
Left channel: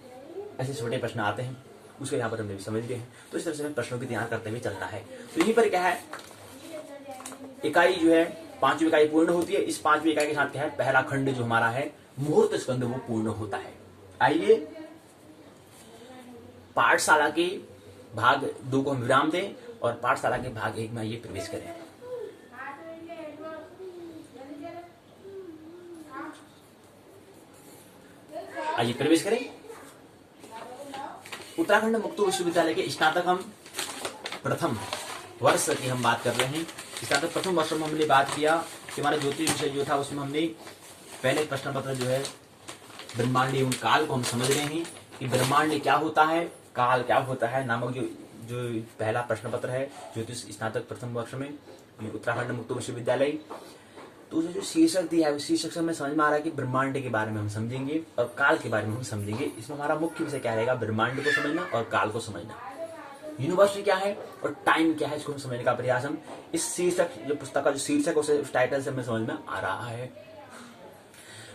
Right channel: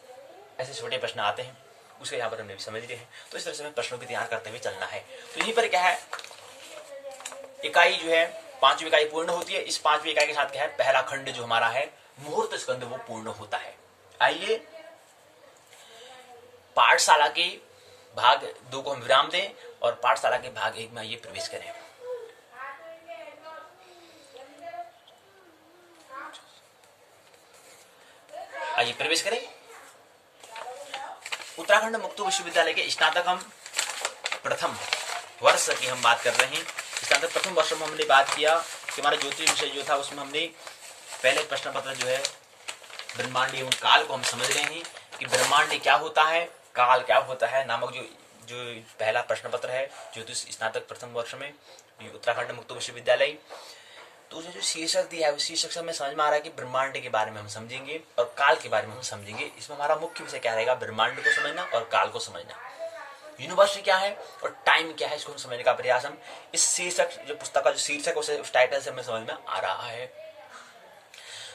ऐसे छोटे प्रश्न आते हैं, उसके यहाँ पर हमने भी समझ लिए हैं। तो इस तरह से हमें प्रश्नों की तैयार करते हुए चलना है। तो यहीं पर क्या है, इकाई जो है 5वीं इकाई पूर्ण होती है। इस 5वीं इकाई के साथ क्या है, पहला खंड जो हमारा है मुहूर्त स्कंद, वो पूर्ण होता है। आइए पाठशाला के भाग 2 को हम विराम दें और पाठशाला के भाग 1 में आइए प्रवेश करें। आइए प्रवेश करें। उत्तराखंड मुक्त विश्वविद्यालय के स्नातक हम प्रथम वर्ष की हम बात कर रहे हैं। स्नातक प्रथम वर्ष में हमने बात किया कि हमारा ज्योतिष विषय जो था उसमें हमने पहले प्रश्न पत्र जो है ब्रह्मांड एवं काल को हम समझ रहे हैं कि ब्रह्मांड क्या होता है, काल क्या होता है नामक जो पहला प्रश्न पत्र है ज्योतिष स्नातक प्रथम वर्ष में उत्तराखंड मुक्त विश्वविद्यालय। तो उसे जो शीर्षक दिया है उस शीर्षक से हमें समझ में आ रहा है कि ब्रह्मांड के बारे में हम समझेंगे और काल के बारे में हम समझेंगे। इसमें हमारा मुख्य विषय क्या रहेगा, ब्रह्मांड को समझना और काल को समझना, यूनिवर्स क्या है और टाइम क्या है, इसको हम समझने का प्रयास हम इस शीर्षक जो पुस्तक का जो शीर्षक उस टाइटल से हमें समझ में आ रहा है।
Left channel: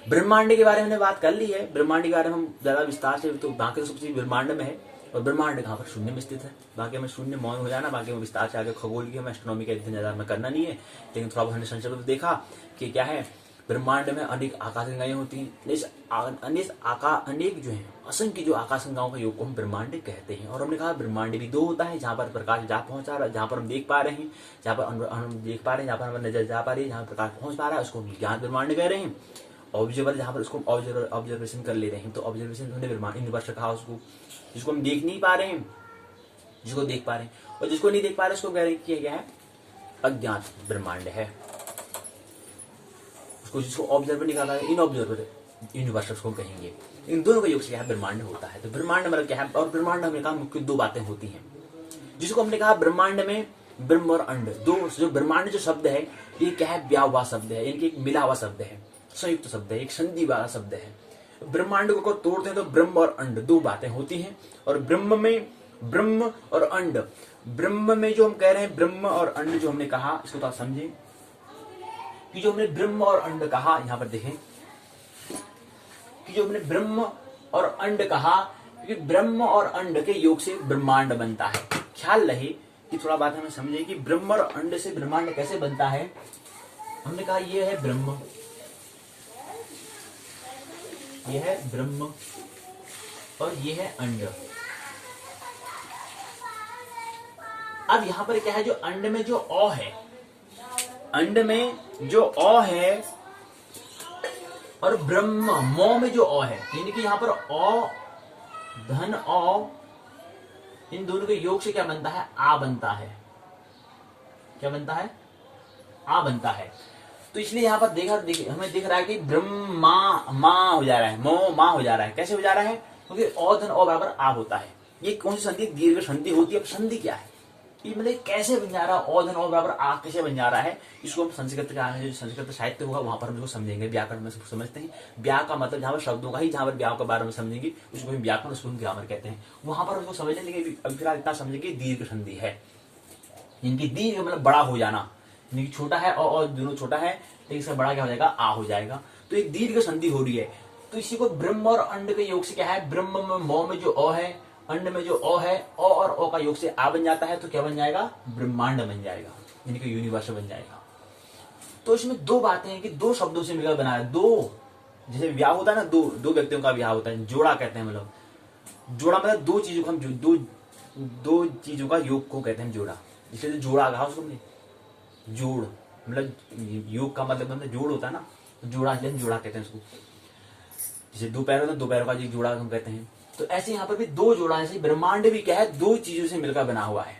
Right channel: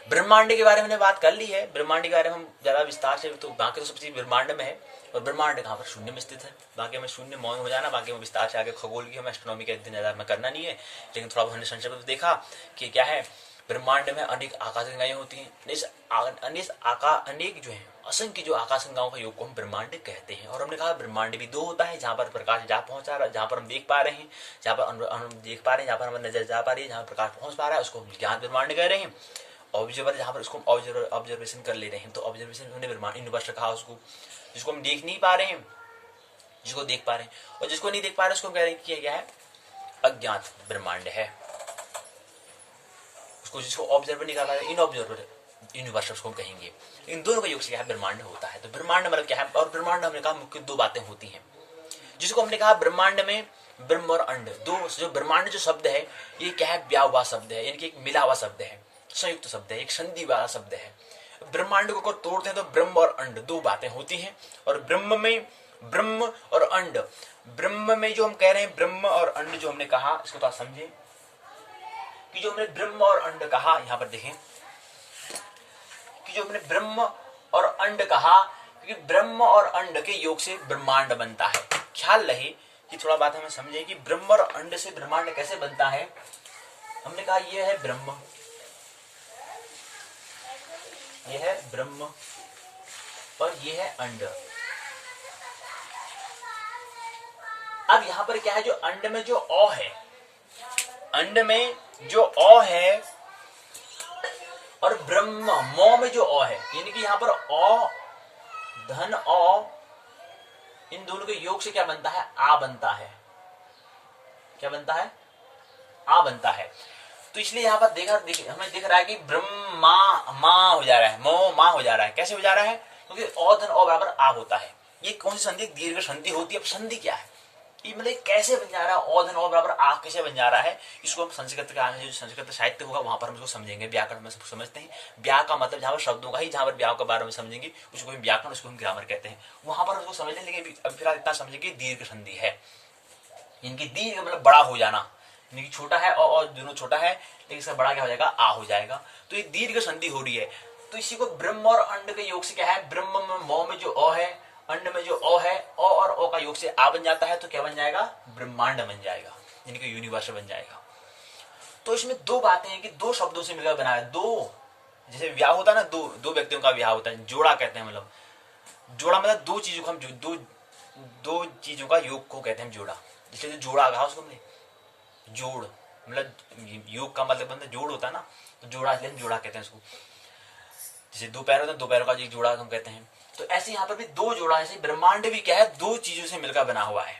ब्रह्मांड के बारे में हमने बात कर ली है। ब्रह्मांड के बारे में हम ज्यादा विस्तार से, तो बाकी तो सब चीज ब्रह्मांड में है और ब्रह्मांड कहाँ पर, शून्य में स्थित है। बाकी हमें शून्य मौन हो जाना, बाकी में विस्तार से आगे खगोल की हमें एस्ट्रोनॉमी के इतने ज्यादा में करना नहीं है। लेकिन थोड़ा बहुत हमने संक्षेप में देखा कि क्या है, ब्रह्मांड में अनेक आकाशगंगाएं होती हैं, अनेक जो है असंख्य जो आकाशगंगाओं का योग को हम ब्रह्मांड कहते हैं। और हमने कहा ब्रह्मांड भी 2 होता है, जहाँ पर प्रकाश जा पहुंचा रहा है, जहाँ पर हम देख पा रहे हैं, जहाँ पर हम देख पा रहे हैं, जहाँ पर हमारी नजर जा पा रही है, जहाँ प्रकाश पहुंच पा रहा है उसको हम ज्ञात ब्रह्मांड कह रहे हैं। ऑब्जर्वर जहाँ पर उसको ऑब्जर्वेशन कर ले रहे हैं, तो ऑब्जर्वेशन हमने ब्रह्मांड यूनिवर्स कहा उसको, जिसको हम देख नहीं पा रहे हैं, जिसको देख पा रहे हैं, और जिसको नहीं देख पा रहे उसको कह रहे हैं कि क्या है, अज्ञात ब्रह्मांड है। उसको जिसको ऑब्जर्वर नहीं कर रहा है, इन ऑब्जर्वर यूनिवर्स उसको कहेंगे। इन दोनों का योग से क्या है, ब्रह्मांड होता है। तो ब्रह्मांड मतलब क्या है, और ब्रह्मांड हमने कहा मुख्य 2 बातें होती हैं, जिसको हमने कहा ब्रह्मांड में ब्रह्म और अंड, 2 जो ब्रह्मांड जो शब्द है ये क्या है, ब्याह हुआ शब्द है, यानी कि एक मिला हुआ शब्द है, संयुक्त शब्द है, एक संधि वाला शब्द है। ब्रह्मांड को तोड़ते हैं तो ब्रह्म और अंड 2 बातें होती हैं। और ब्रह्म में ब्रह्म और अंड, ब्रह्म में जो हम कह रहे हैं ब्रह्म और अंड जो हमने कहा, इसको थोड़ा समझें कि जो हमने ब्रह्म और अंड कहा, यहां पर देखें कि जो हमने ब्रह्म और अंड कहा, क्योंकि ब्रह्म और अंड के योग से ब्रह्मांड बनता है। ख्याल रहे कि थोड़ा बात हमें समझे कि ब्रह्म और अंड से ब्रह्मांड कैसे बनता है। हमने कहा ये है ब्रह्म, ये है ब्रह्म और ये है अंड। अब यहां पर क्या है, जो अंड में जो अ है, अंड में जो अ है और ब्रह्म मौ में जो अ है, यानी कि यहां पर अ धन अ, इन दोनों के योग से क्या बनता है, आ बनता है। क्या बनता है, आ बनता है। तो इसलिए यहाँ पर हमें दिख रहा है कि ब्रह्मा मां हो जा रहा है, मो मां हो जा रहा है। कैसे हो जा रहा है, क्योंकि औ धन औ बराबर आ होता है। ये कौन सी संधि, दीर्घ संधि होती है। अब संधि क्या है, ये मतलब कैसे बन जा रहा है, औ धन औ बराबर आ कैसे बन जा रहा है, इसको हम संस्कृत का जो संस्कृत साहित्य होगा वहां पर हम इसको समझेंगे। व्याकरण में सब समझते हैं, व्या का मतलब जहां पर शब्दों का ही, जहां पर व्याव के बारे में समझेंगे उसको हम व्याकरण, उसको हम ग्रामर कहते हैं, वहां पर उसको समझ लेंगे। अभी फिलहाल इतना समझेंगे दीर्घ संधि है, इनकी दीर्घ मतलब बड़ा हो जाना, यानी कि छोटा है और दोनों छोटा है, लेकिन इसका बड़ा क्या हो जाएगा, आ हो जाएगा। तो एक दीर्घ संधि हो रही है। तो इसी को ब्रह्म और अंड के योग से क्या है, ब्रह्म में मौ में जो अ है, अंड में जो अ है, अ और ओ का योग से आ बन जाता है, तो क्या बन जाएगा, ब्रह्मांड बन जाएगा, यानी कि यूनिवर्स बन जाएगा। तो इसमें दो बातें हैं कि दो शब्दों से मिलकर बना है, दो, जैसे ब्याह होता है ना, दो व्यक्तियों का ब्याह होता है, जोड़ा कहते हैं, मतलब जोड़ा मतलब दो चीजों का हम दो चीजों का योग को कहते हैं जोड़ा। इसलिए जो जोड़ा कहा उसको हमने जोड़, मतलब योग का मतलब जोड़ होता है ना, तो जोड़ा इसलिए हम जोड़ा कहते हैं उसको। जैसे दो पैर होते हैं, दो पैरों का जोड़ा हम कहते हैं। तो ऐसे यहाँ पर भी दो जोड़ा, ऐसे ब्रह्मांड भी क्या है, दो चीजों से मिलकर बना हुआ है।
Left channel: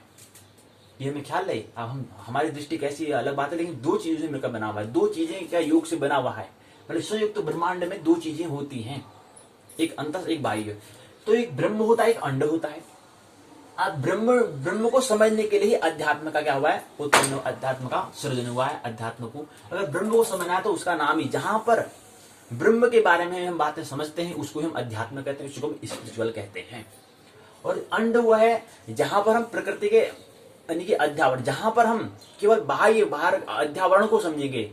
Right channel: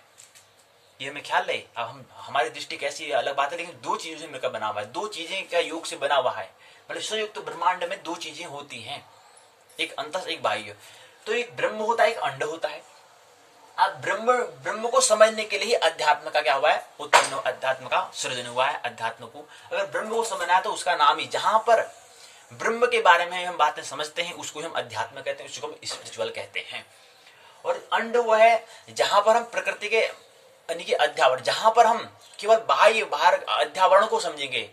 ये हमें ख्याल रहे। अब हमारी दृष्टि कैसी है अलग बात है, लेकिन दो चीजों से मिलकर बना हुआ है। दो चीजें क्या योग से बना हुआ है, मतलब संयुक्त ब्रह्मांड में दो चीजें होती हैं, एक अंतस एक बाह्य। तो एक ब्रह्म होता है, एक अंड होता है। अब ब्रह्म को समझने के लिए ही अध्यात्म का क्या हुआ है, उत्पन्न, अध्यात्म का सृजन हुआ है। अध्यात्म को अगर ब्रह्म को समझना है तो उसका नाम ही, जहां पर ब्रह्म के बारे में हम बातें समझते हैं उसको हम अध्यात्म कहते हैं, उसको हम स्पिरिचुअल कहते हैं। और अंड वो है जहां पर हम प्रकृति के यानी कि अध्यावरण, जहां पर हम केवल बाहर अध्यावरण को समझेंगे,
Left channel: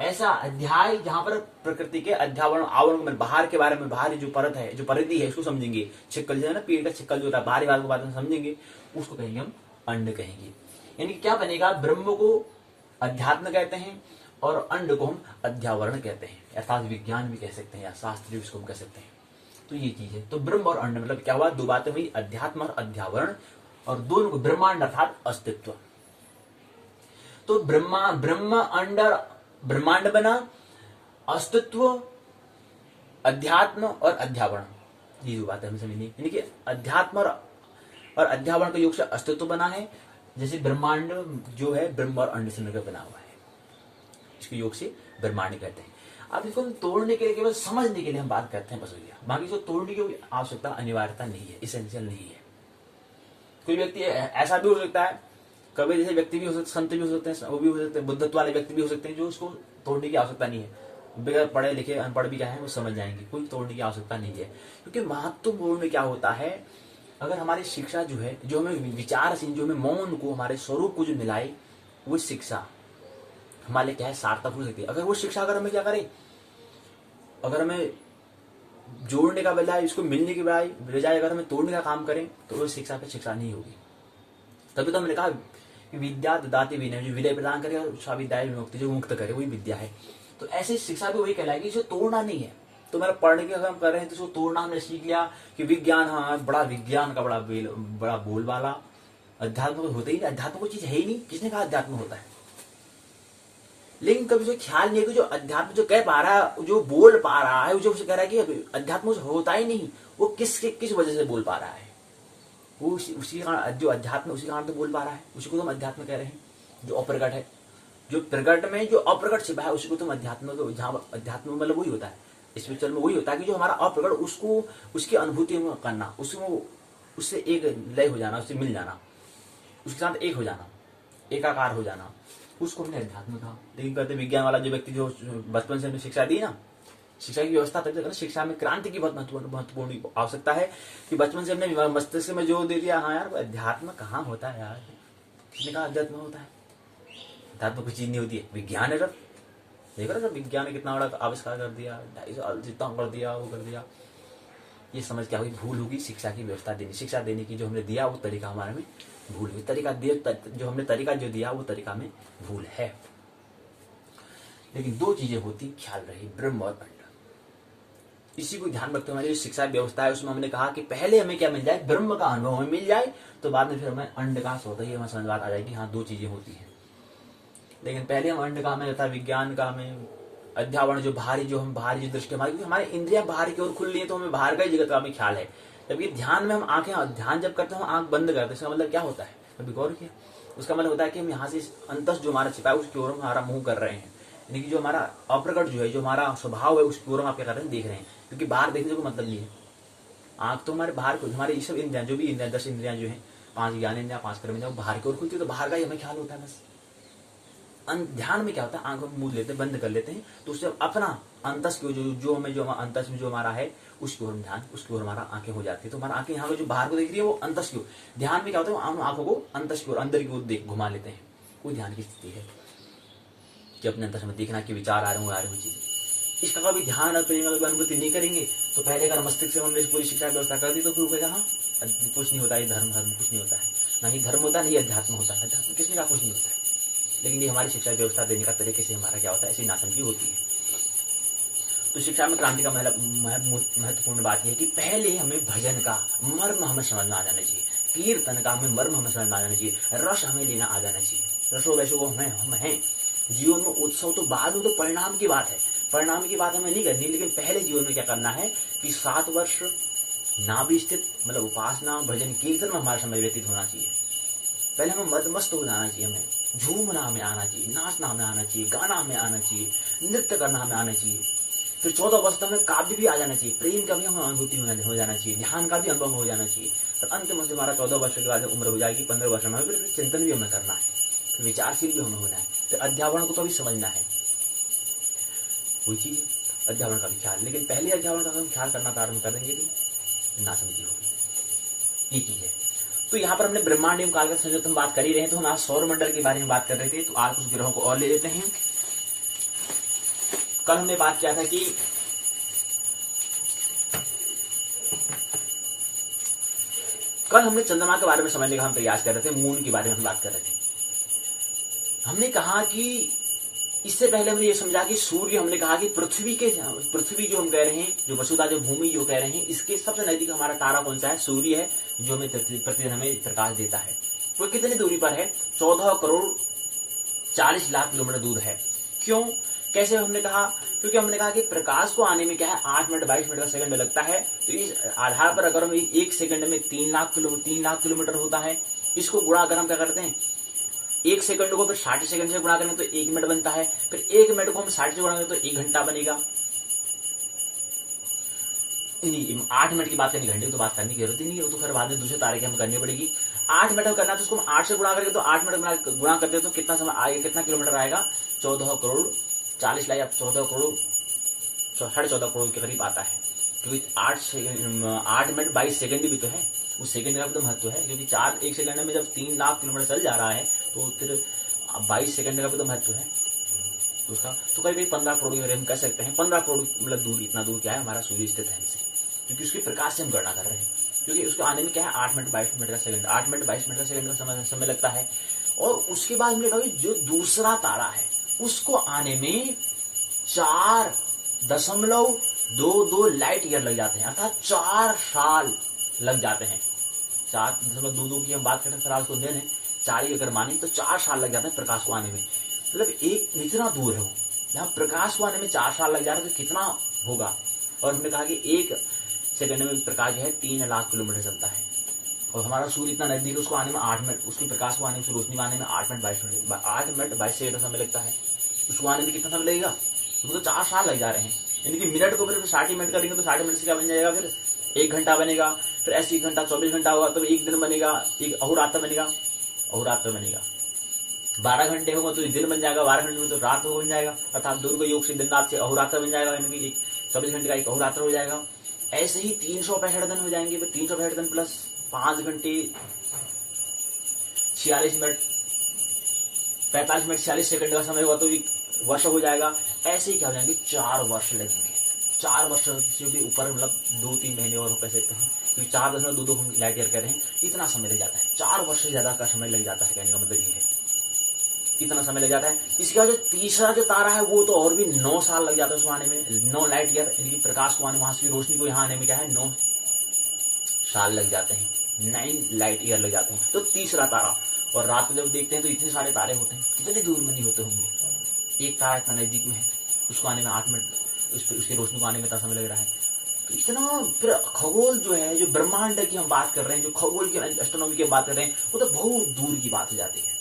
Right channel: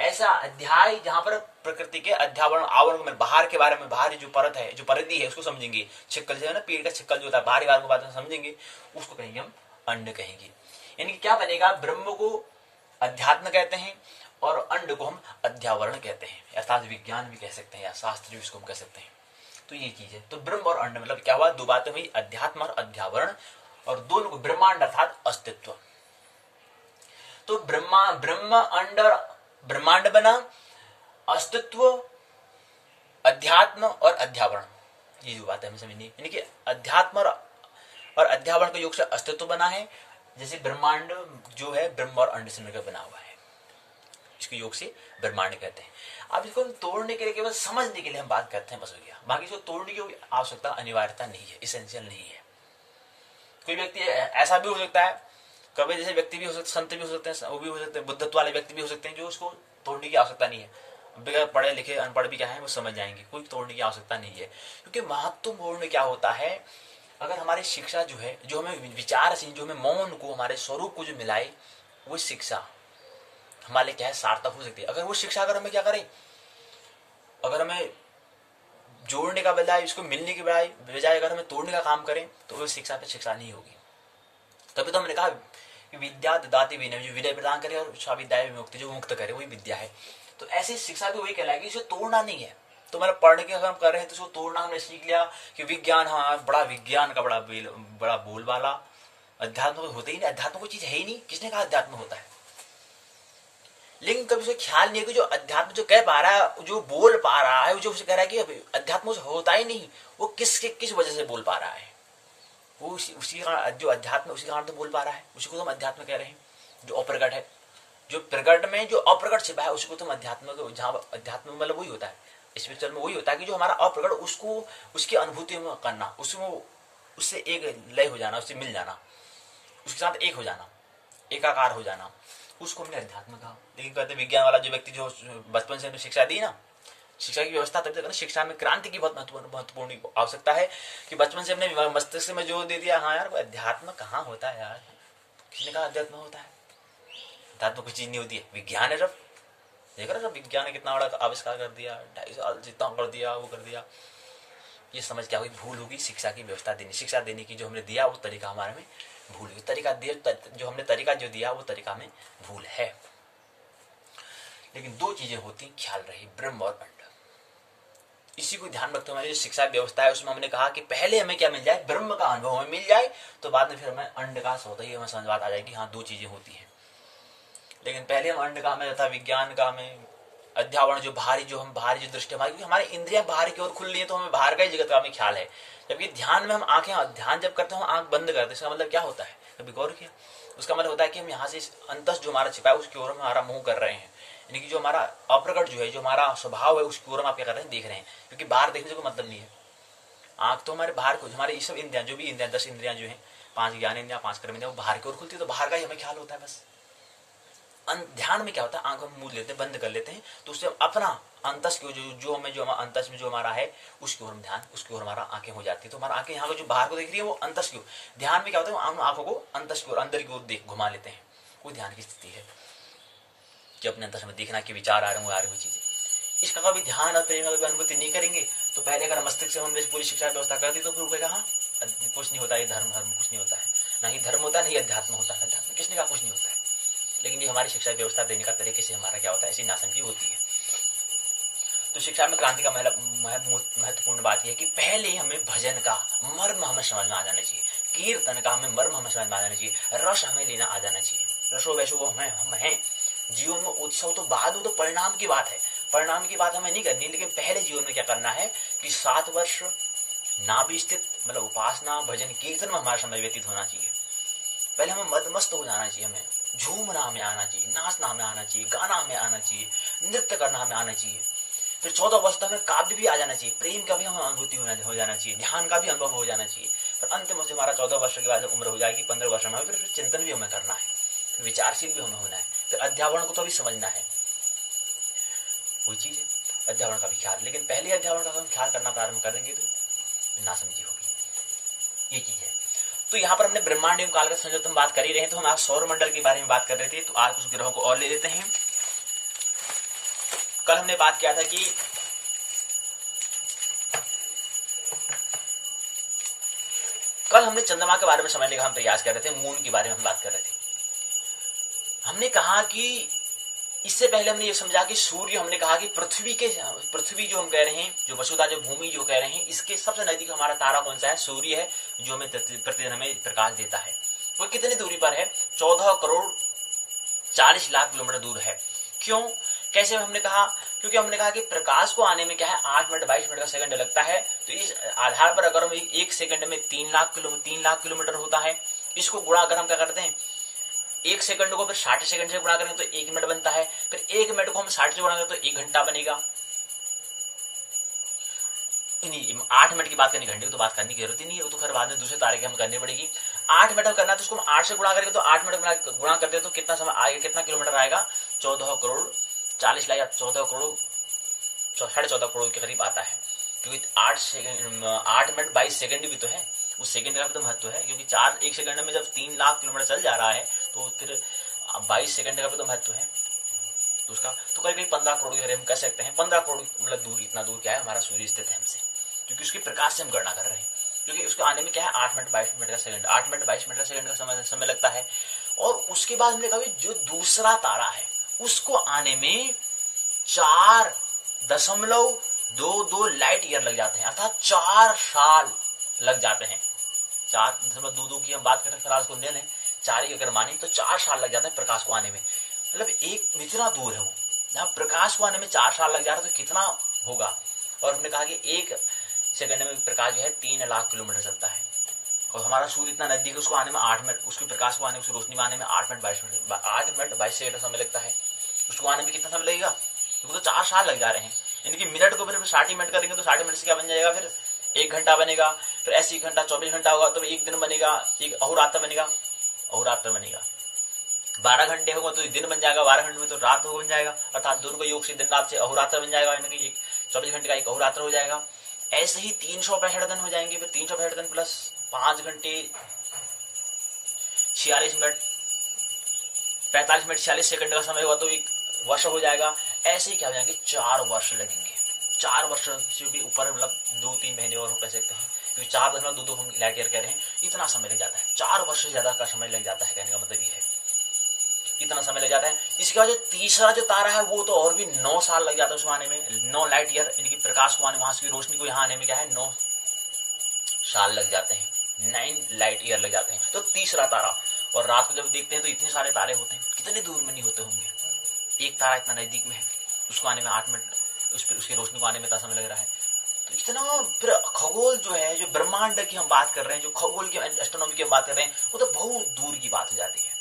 ऐसा अध्याय जहां पर प्रकृति के अध्यावरण आवरण में बाहर के बारे में, बाहर जो परत है, जो परिधि है उसको समझेंगे। छिक्कल जो है ना, पेड़ का छिक्कल जो होता है, बाहरी बात को बात समझेंगे, उसको कहेंगे हम अंड कहेंगे। यानी कि क्या बनेगा, ब्रह्म को अध्यात्म कहते हैं और अंड को हम अध्यावरण कहते हैं, अर्थात विज्ञान भी कह सकते हैं या शास्त्र जिसको हम कह सकते हैं। तो ये चीज है। तो ब्रह्म और अंड मतलब क्या हुआ, दो बातें हुई, अध्यात्म और अध्यावरण, और दोनों को ब्रह्मांड अर्थात अस्तित्व। तो ब्रह्म अंड ब्रह्मांड बना, अस्तित्व, अध्यात्म और अध्यावरण, ये जो बात है हमें समझनी, यानी कि अध्यात्म और अध्यावरण के योग से अस्तित्व बना है। जैसे ब्रह्मांड जो है ब्रह्म और अंड से मिलकर बना हुआ है, इसके योग से ब्रह्मांड कहते हैं। अब इसको हम तोड़ने के लिए, केवल समझने के लिए हम बात करते हैं, बस हो गया। बाकी इसको तोड़ने की कोई आवश्यकता, अनिवार्यता नहीं है, इसेंशियल नहीं है। कोई व्यक्ति ऐसा भी हो सकता है, कभी जैसे व्यक्ति भी हो सकते, संत भी हो सकते हैं, वो भी हो सकते हैं, बुद्धत्व वाले व्यक्ति भी हो सकते हैं, जो उसको तोड़ने की आवश्यकता नहीं है। बगैर पढ़े लिखे अनपढ़ भी क्या है वो समझ जाएंगे, कोई तोड़ने की आवश्यकता नहीं है। क्योंकि महत्वपूर्ण क्या होता है, अगर हमारी शिक्षा जो है, जो हमें विचारशील, जो हमें मौन को, हमारे स्वरूप को जो मिलाए, वो शिक्षा हमारे लिए क्या है, सार्थक हो सकती है। अगर वो शिक्षा अगर हमें क्या करे, अगर हमें जोड़ने का बजाय, उसको मिलने की बजाय अगर हमें तोड़ने का काम करें, तो वो शिक्षा पे शिक्षा नहीं होगी। तभी तो हमने कहा कि विद्या ददाति विनय, जो विनय प्रदान करे और विद्या विमुक्ति, जो मुक्त करे वही विद्या है। तो ऐसी शिक्षा भी वही कहलाएगी, इसे तोड़ना नहीं है। तो मतलब पढ़ने के अगर हम कर रहे हैं तो इसको तोड़ना हमने सीख लिया कि विज्ञान, हाँ बड़ा विज्ञान का बड़ा बोलबाला, अध्यात्म होता ही नहीं, अध्यात्म कोई चीज है ही नहीं, किसने कहा अध्यात्म होता है। लेकिन कभी उसे ख्याल नहीं है कि जो अध्यात्म जो कह पा रहा है, जो बोल पा रहा है, जो उसे कह रहा है कि अध्यात्म होता ही नहीं, वो किस वजह से बोल पा रहा है, वो उसी कारण, जो अध्यात्म उसी कारण तो बोल पा रहा है, उसी को तो हम अध्यात्म कह रहे हैं। जो अप्रकट है, जो प्रकट में जो अप्रकट छिपा है, उसी को तो हम अध्यात्म, जहाँ अध्यात्म मतलब वही होता है, स्पिरिचुअल में वही होता है कि जो हमारा अप्रकट, उसको उसकी अनुभूति में करना, उससे एक लय हो जाना, उससे मिल जाना, उसके साथ एक हो जाना, एकाकार हो जाना, उसको हमने अध्यात्म कहा। लेकिन कहते विज्ञान वाला जो व्यक्ति, जो बचपन से हमने शिक्षा दी ना, शिक्षा की व्यवस्था तभी तक ना, शिक्षा में क्रांति की बहुत महत्वपूर्ण आवश्यकता है कि बचपन से हमने मस्तिष्क में जोर दे दिया, हाँ यार अध्यात्म कहाँ होता है यार, किसने कहा अध्यात्म होता है, अध्यात्म कुछ चीज नहीं होती है, विज्ञान है। जब देख रहे हो, विज्ञान ने कितना बड़ा आविष्कार कर दिया, 250 साल जितना कर दिया, वो कर दिया। ये समझ क्या हुई, भूल होगी शिक्षा की व्यवस्था देनी, शिक्षा देने की जो हमने दिया वो तरीका हमारे में भूल हुई, तरीका जो हमने तरीका जो दिया वो तरीका में भूल है। लेकिन दो चीजें होती, ख्याल रही, ब्रह्म और अंड। इसी को ध्यान रखते हुए हमारी जो शिक्षा व्यवस्था है उसमें हमने कहा कि पहले हमें क्या मिल जाए, ब्रह्म का अनुभव हमें मिल जाए, तो बाद में फिर हमें अंड का स्वतः ही हमें समझ बात आ जाएगी, हाँ दो चीजें होती हैं। लेकिन पहले हम अंड का हमें तथा विज्ञान का हमें अध्यावरण, जो बाहरी जो दृष्टि हमारी, क्योंकि हमारी इंद्रियां बाहर की ओर खुल रही है, तो हमें बाहर का ही जगत का हमें ख्याल है। जबकि ध्यान में हम आंखें, ध्यान जब करते हैं हम आंख बंद करते हैं, इसका मतलब क्या होता है, कभी गौर किया? उसका मतलब होता है कि हम यहाँ से अंतस जो हमारा छिपा है उसकी ओर हमारा मुंह कर रहे हैं, यानी कि जो हमारा अप्रकट जो है, जो हमारा स्वभाव है, उसकी ओर हम आप क्या कर रहे हैं, देख रहे हैं। क्योंकि बाहर देखने से कोई मतलब नहीं है, आंख तो हमारे बाहर को, हमारी ये सब इंद्रियां, जो भी इंद्रियां, 10 इंद्रियां जो है, 5 ज्ञान इंद्रियां, 5 कर्म इंद्रियां, वो बाहर की ओर खुलती है, तो बाहर का ही हमें ख्याल होता है बस। ध्यान में क्या होता है, आंख हम मूंद लेते हैं, बंद कर लेते हैं, तो उससे अपना अंतस की जो अंतस में जो हमारा है उसकी ओर ध्यान, उसकी ओर हमारा आंखें हो जाती है। तो हमारा आंखें यहाँ को जो बाहर को देख रही है वो अंतस की ओर, ध्यान में क्या होता है, हम आंखों को अंतस की ओर, अंदर की ओर घुमा लेते हैं। कोई ध्यान की स्थिति है कि अपने अंतस में देखना कि विचार आ रहे हैं, वो चीजें, इसका कभी ध्यान और प्रेम कभी अनुभूति नहीं करेंगे तो पहले अगर मस्तिष्क से हमने पूरी शिक्षा व्यवस्था कर दी तो फिर कहेगा हाँ कुछ नहीं होता, ये धर्म कुछ नहीं होता है, ना ही धर्म होता है, नहीं अध्यात्म होता है। अध्यात्म किसने कहा कुछ नहीं होता है? लेकिन ये हमारी शिक्षा व्यवस्था देने का तरीके से हमारा क्या होता है, ऐसी नासमझी होती है। तो शिक्षा में क्रांति का महत्वपूर्ण बात यह है कि पहले हमें भजन का मर्म हमें समझ में आ जाना चाहिए, कीर्तन का हमें मर्म हमें समझ में आ जाना चाहिए, रस हमें लेना आ जाना चाहिए। रसो वैसो वो हम हैं। जीवन में उत्सव तो बाद में, तो परिणाम की बात है, परिणाम की बात हमें नहीं करनी, लेकिन पहले जीवन में क्या करना है कि 7 वर्ष नाभि स्थित मतलब उपासना भजन कीर्तन में हमारा समय व्यतीत होना चाहिए। पहले हमें मदमस्त हो जाना चाहिए, हमें झूमना हमें आना चाहिए, नाचना हमें आना चाहिए, गाना हमें आना चाहिए, नृत्य करना हमें आना चाहिए। फिर 14 वर्ष तक हमें काव्य भी आ जाना चाहिए, प्रेम का भी हमें अनुभूति हो जाना चाहिए, ध्यान का भी अनुभव हो जाना चाहिए। फिर अंत में हमारा 14 वर्ष के बाद उम्र हो जाएगी, 15 वर्ष में फिर चिंतन भी हमें करना है, फिर विचारशील भी हमें होना है, फिर अध्यावरण को तो भी समझना है। कोई चीज है अध्यावरण का भी ख्याल, लेकिन पहले अध्यावरण का हम ख्याल करना प्रारंभ करेंगे तो नासमझी होगी, ये चीज है। तो यहाँ पर हमने ब्रह्मांड एवं काल का संयोजन हम बात कर ही रहे हैं, तो हम आज सौर मंडल के बारे में बात कर रहे थे। तो आज कुछ ग्रहों को और ले लेते हैं। कल हमने बात किया था कि कल हमने चंद्रमा के बारे में समझने का हम प्रयास कर रहे थे, मून के बारे में हम बात कर रहे थे। हमने कहा कि इससे पहले हमने ये समझा कि सूर्य, हमने कहा कि पृथ्वी जो हम कह रहे हैं, जो वसुधा जो भूमि जो कह रहे हैं, इसके सबसे नजदीक हमारा तारा कौन सा है? सूर्य है, जो हमें प्रतिदिन हमें प्रकाश देता है। वो कितनी दूरी पर है? 14 करोड़ 40 लाख किलोमीटर दूर है। क्यों, कैसे? हमने कहा क्योंकि हमने कहा कि प्रकाश को आने में क्या है 8 मिनट 22 मिनट का सेकंड लगता है। तो इस आधार पर अगर हम एक सेकंड में 3 लाख किलोमीटर होता है, इसको गुणा अगर हम क्या करते हैं 1 सेकंड को फिर 60 सेकंड से गुणा करेंगे तो 1 मिनट बनता है। फिर 1 मिनट को हम 60 से गुणा करेंगे तो 1 घंटा बनेगा। 8 मिनट की बात करनी, घंटे की तो बात करने की जरूरत ही नहीं है, वो तो खैर बाद में दूसरे तारे की हमें करनी पड़ेगी। 8 मिनट करना है तो उसको हम 8 से गुणा करेंगे तो 8 मिनट गुणा करते हैं तो कितना समय आएगा, कितना किलोमीटर आएगा? 14 करोड़ 40 लाख या 14 करोड़ 14.5 करोड़ के करीब आता है। क्योंकि 8 मिनट 22 सेकंड भी तो है, उस सेकंड का भी तो महत्व है। क्योंकि 1 सेकंड में जब 3 लाख किलोमीटर चल जा रहा है तो फिर 22 सेकंड का भी तो महत्व है। तो उसका तो करीब 15 करोड़ के हम कह सकते हैं। 15 करोड़ मतलब दूर, इतना दूर क्या है हमारा सूर्य स्थित है हमसे, क्योंकि उसके प्रकाश से हम गणना कर रहे हैं। क्योंकि उसके आने में क्या है 8 मिनट 22 मिनट का सेकंड, 8 मिनट 22 मिनट का सेकंड का समय लगता है। और उसके बाद हमने कहा जो दूसरा तारा है उसको आने में 4.22 लाइट ईयर लग जाते हैं, अर्थात 4 साल लग जाते हैं। 4.22 की हम बात करें, फिलहाल उसको ले लें 4 ही अगर माने तो 4 साल लग जाते हैं प्रकाश को आने में। मतलब एक इतना दूर है वो, जहां प्रकाश को आने में 4 साल लग जा रहा है तो कितना होगा। और हमने कहा कि 1 सेकंड में प्रकाश जो है 3 लाख किलोमीटर चलता है, और हमारा सूर्य इतना नजदीक है, उसको आने में 8 मिनट, उसके प्रकाश को आने में, उसकी रोशनी में आने में 8 मिनट 22 सेकंड समय लगता है। उसको आने में कितना समय लगेगा? तो 4 साल लग जा रहे हैं। यानी कि मिनट को फिर 60 मिनट करेंगे तो 60 मिनट से क्या बन जाएगा? फिर 1 घंटा बनेगा। फिर ऐसे 1 घंटा 24 घंटा होगा तो 1 दिन बनेगा, एक अहोरात्र बनेगा। 12 घंटे होगा तो दिन बन जाएगा, 12 घंटे में तो रात बन जाएगा, अर्थात दुर्ग योग से दिन रात से अहोरात्र बन जाएगा। यानी कि 24 घंटे का एक अहोरात्र हो जाएगा। ऐसे ही 365 दिन हो जाएंगे। फिर 365 दिन प्लस 5 घंटे 46 मिनट 45 मिनट 46 सेकंड का समय होगा तो एक वर्ष हो जाएगा। ऐसे ही क्या हो जाएंगे 4 वर्ष लगेंगे। 4 वर्ष से भी ऊपर, मतलब 2-3 महीने और कह सकते हैं, क्योंकि 4.22 हम लाइट ईयर कह रहे हैं, इतना समय लग जाता है। 4 वर्ष से ज्यादा का समय लग जाता है, कहने का मतलब ये है इतना समय लग जाता है। इसके बाद जो तीसरा जो तारा है वो तो और भी 9 साल लग जाता है उसको आने में, 9 लाइट ईयर, यानी कि प्रकाश को आने, वहां से रोशनी को यहाँ आने में क्या है 9 साल लग जाते हैं, 9 लाइट ईयर लग जाते हैं। तो तीसरा तारा, और रात को जब देखते हैं तो इतने सारे तारे होते हैं, कितने दूर में नहीं होते होंगे। एक तारा इतना नजदीक में है, उसको आने में 8 मिनट, उसकी रोशनी को आने में इतना समय लग रहा है। तो इतना फिर खगोल जो है, जो ब्रह्मांड की हम बात कर रहे हैं, जो खगोल की एस्ट्रोनॉमी की हम बात कर रहे हैं, वो तो बहुत दूर की बात हो जाती है।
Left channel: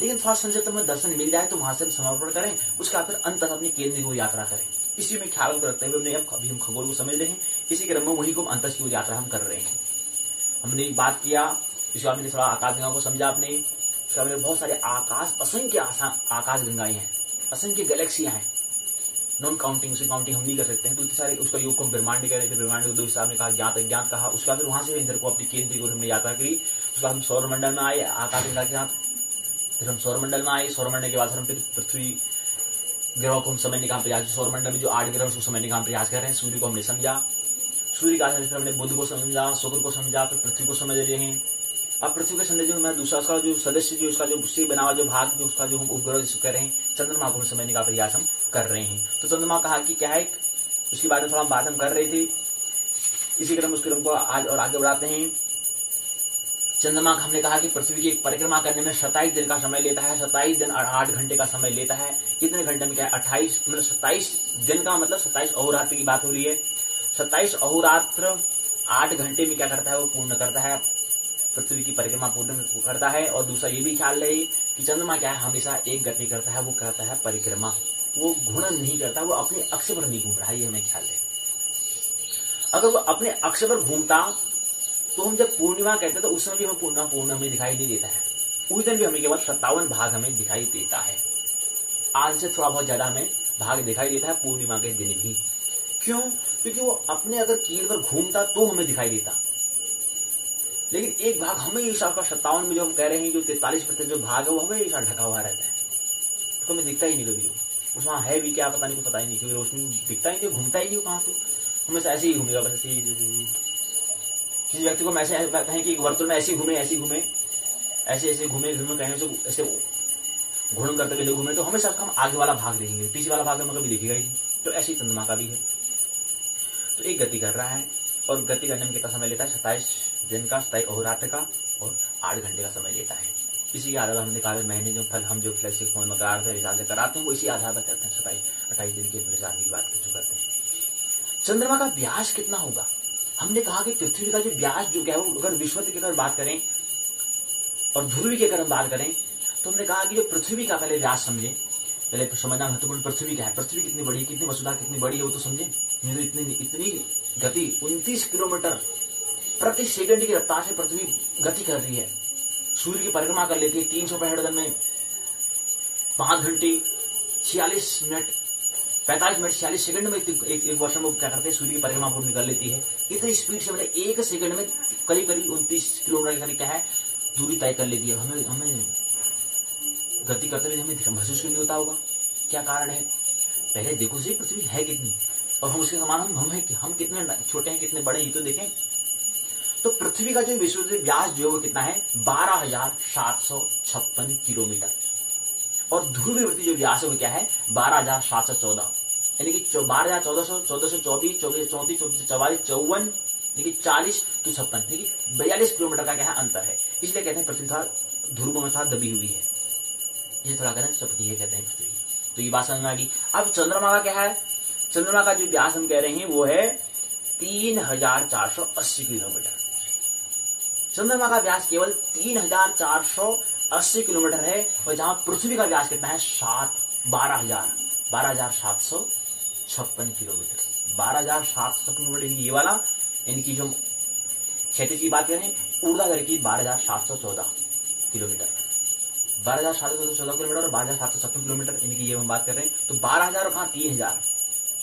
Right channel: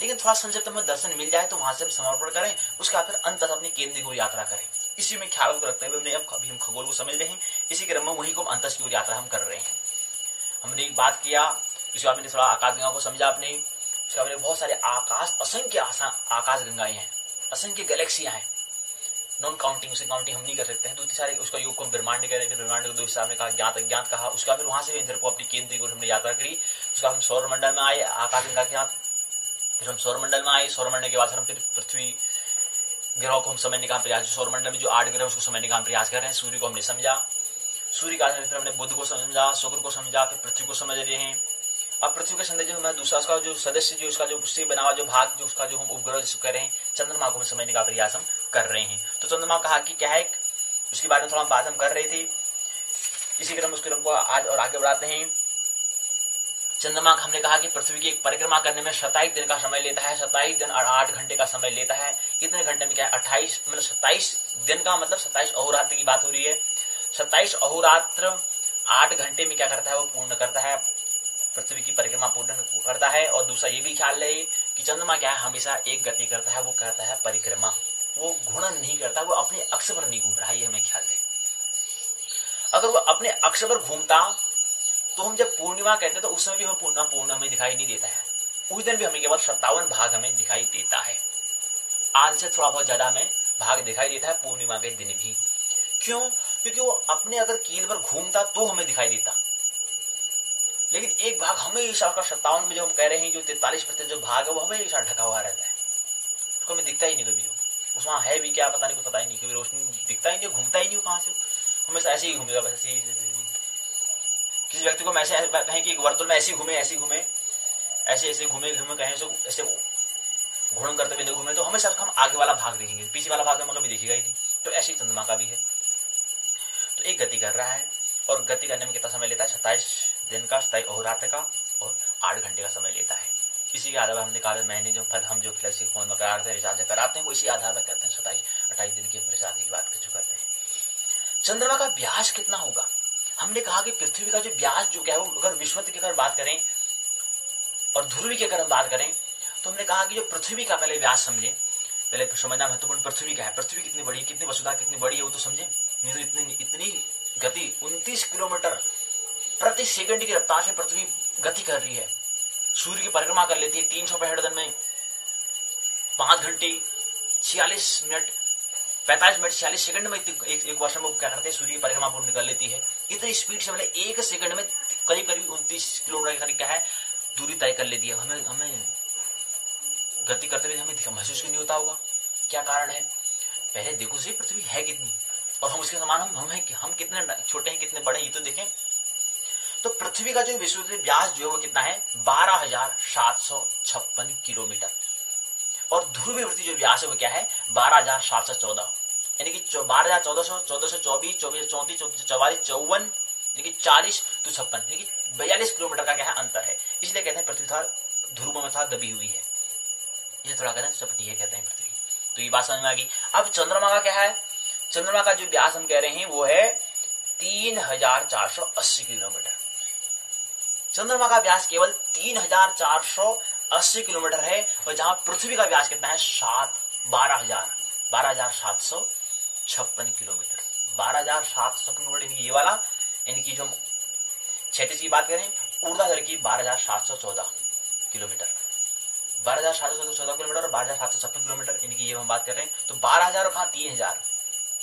लेकिन थोड़ा संक्षिप्त में दर्शन मिल जाए तो वहां से हम समर्पण करें, उसका फिर अंत अपने केंद्र की ओर यात्रा करें। इसी में ख्याल को रखते हुए अभी हम खगोल को समझ रहे हैं, इसी क्रम में वही को अंत की ओर यात्रा हम कर रहे हैं। हमने एक बात किया, इसके बाद मैंने थोड़ा आकाश गंगा को समझा आपने। उसके बाद बहुत सारे आकाश, असंख्य आकाश गंगाएं हैं, असंख्य गैलेक्सियां हैं, नॉन काउंटिंग, उसे काउंटिंग हम नहीं कर सकते हैं। तो इतने सारे, उसका योग को हम ब्रह्मांड कह रहे हैं। ब्रह्मांड को 2 हिस्सा में कहा, ज्ञात अज्ञात कहा। उसका फिर वहां से इंद्र को अपनी केंद्र की ओर हमने यात्रा करी। उसका हम सौर मंडल में आए आकाश गंगा के साथ, फिर हम सौर मंडल में आए। सौर मंडल के बाद हम फिर पृथ्वी ग्रहों को हम समझने का प्रयास, सौरमंडल में जो 8 ग्रह उसको समझने का प्रयास कर रहे हैं। सूर्य को हमने समझा, सूर्य का फिर हमने बुध को समझा, शुक्र को समझा, फिर पृथ्वी को समझ रहे हैं। अब पृथ्वी के संदेश जो हमारा दूसरा उसका जो सदस्य जो उसका जो उससे बना हुआ जो भाग जो उसका जो हम उपग्रह जिसको कह रहे हैं चंद्रमा को हम समझने का प्रयास हम कर रहे हैं। तो चंद्रमा कहा कि क्या है, उसके बारे में थोड़ा बात हम कर रहे थे। इसी क्रम उस क्रम को आज और आगे बढ़ाते हैं। चंद्रमा का हमने कहा कि पृथ्वी की एक परिक्रमा करने में 27 दिन का समय लेता है, 27 दिन और 8 घंटे का समय लेता है। इतने घंटे में क्या है 28 मतलब 27 दिन का मतलब 27 अहोरात्र की बात हो रही है। 27 अहोरात्र 8 घंटे में क्या करता है, वो पूर्ण करता है, पृथ्वी की परिक्रमा पूर्ण करता है। और दूसरा ये भी ख्याल रहे कि चंद्रमा क्या है, हमेशा एक गति करता है, वो करता है परिक्रमा, वो घूर्णन नहीं करता, वो अपने अक्ष पर नहीं घूम रहा है, ये हमें ख्याल रहे। अगर वो अपने अक्ष पर घूमता तो हम जब पूर्णिमा कहते हैं तो उस समय भी हमें पूर्ण हमें दिखाई नहीं देता है। उस दिन भी हमें केवल 57 भाग हमें दिखाई देता है। आज से थोड़ा बहुत ज्यादा हमें भाग दिखाई देता है पूर्णिमा के दिन भी। क्यों? क्योंकि वो अपने अगर कील पर घूमता तो हमें दिखाई देता, लेकिन एक भाग हमेशा उसका 57 में जो हम कह रहे हैं जो 43% जो भाग है वो हमेशा ढका हुआ रहता है, तो हमें दिखता ही नहीं कभी। उसमें है भी क्या पता नहीं, कुछ पता ही नहीं, कभी रोशनी दिखता ही नहीं, घूमता ही नहीं, कहाँ से हमेशा ऐसे ही घूमेगा बस। किसी व्यक्ति को ऐसे कहें कि वर्तुल में ऐसे घूमे ऐसे घूमे कहें ऐसे घूर्णन करते हुए घूमे, तो हमेशा हम आगे वाला भाग देखेंगे, पीछे वाला भाग हमें कभी देखेगा ही नहीं। तो ऐसे ही चंद्रमा का भी है, तो एक गति कर रहा है और गति करने में कितना समय लेता है, 27 दिन का, 27 अहोरात्र का और 8 घंटे का समय लेता है। इसी के आधार पर हमने कहा महीने जो फल हम जो फ्लेक्सी फोन में कराते हैं, रिचार्ज कराते हैं, वो इसी आधार पर करते हैं। 27-28 दिन की रिचार्ज की बात जो करते हैं। चंद्रमा का व्यास कितना होगा? हमने कहा कि पृथ्वी का जो व्यास जो क्या है वो अगर विषुवत की अगर बात करें और ध्रुवी की अगर हम बात करें तो हमने कहा कि जो पृथ्वी का पहले व्यास समझे, पहले समझना महत्वपूर्ण पृथ्वी का है, पृथ्वी कितनी बड़ी है, कितनी वसुधा कितनी बड़ी है वो तो समझे। नहीं तो इतनी गति 29 किलोमीटर प्रति सेकंड की रफ्तार से पृथ्वी गति कर रही है, सूर्य की परिक्रमा कर लेती है 365 दिन में 5 घंटे 46 मिनट 45 मिनट 46 सेकंड में एक वर्ष में क्या करते हैं, सूर्य की परिक्रमा पूर्ण कर लेती है। इतनी स्पीड से मतलब एक सेकंड में करीब 29 किलोमीटर के करीब क्या है दूरी तय कर लेती है। हमें गति करते हुए हमें महसूस क्यों नहीं होता होगा? क्या कारण है? पहले देखो सही पृथ्वी है कितनी और हम उसके समान हम कितने छोटे हैं कितने बड़े, ये तो देखें। तो पृथ्वी का जो विश्व व्यास जो है वो कितना है, 12,756 किलोमीटर और ध्रुवीय वृत्ति जो व्यास है वो क्या है, 12,714, यानी कि 12,1400, 1424, 2434, 44, 54, यानी कि 40 तो 56, यानी कि 42 किलोमीटर का क्या है अंतर है। इसलिए कहते हैं पृथ्वी था ध्रुवों में था दबी हुई है, ये थोड़ा कहते हैं चपटी है कहते हैं पृथ्वी। तो ये बात समझ में आ गई। अब चंद्रमा का क्या है, चंद्रमा का जो व्यास हम कह रहे हैं वो है 3,480 किलोमीटर। चंद्रमा का व्यास केवल 3,480 किलोमीटर है और जहां पृथ्वी का व्यास कितना है 12,756 किलोमीटर। 12,700 किलोमीटर ये वाला, यानी कि जो क्षैतिज की बात करें ऊर्ध्वाधर की 12,714 किलोमीटर, 12,714 किलोमीटर और 12,756 किलोमीटर, यानी कि ये हम बात कर रहे हैं। तो 12,000 और 3,000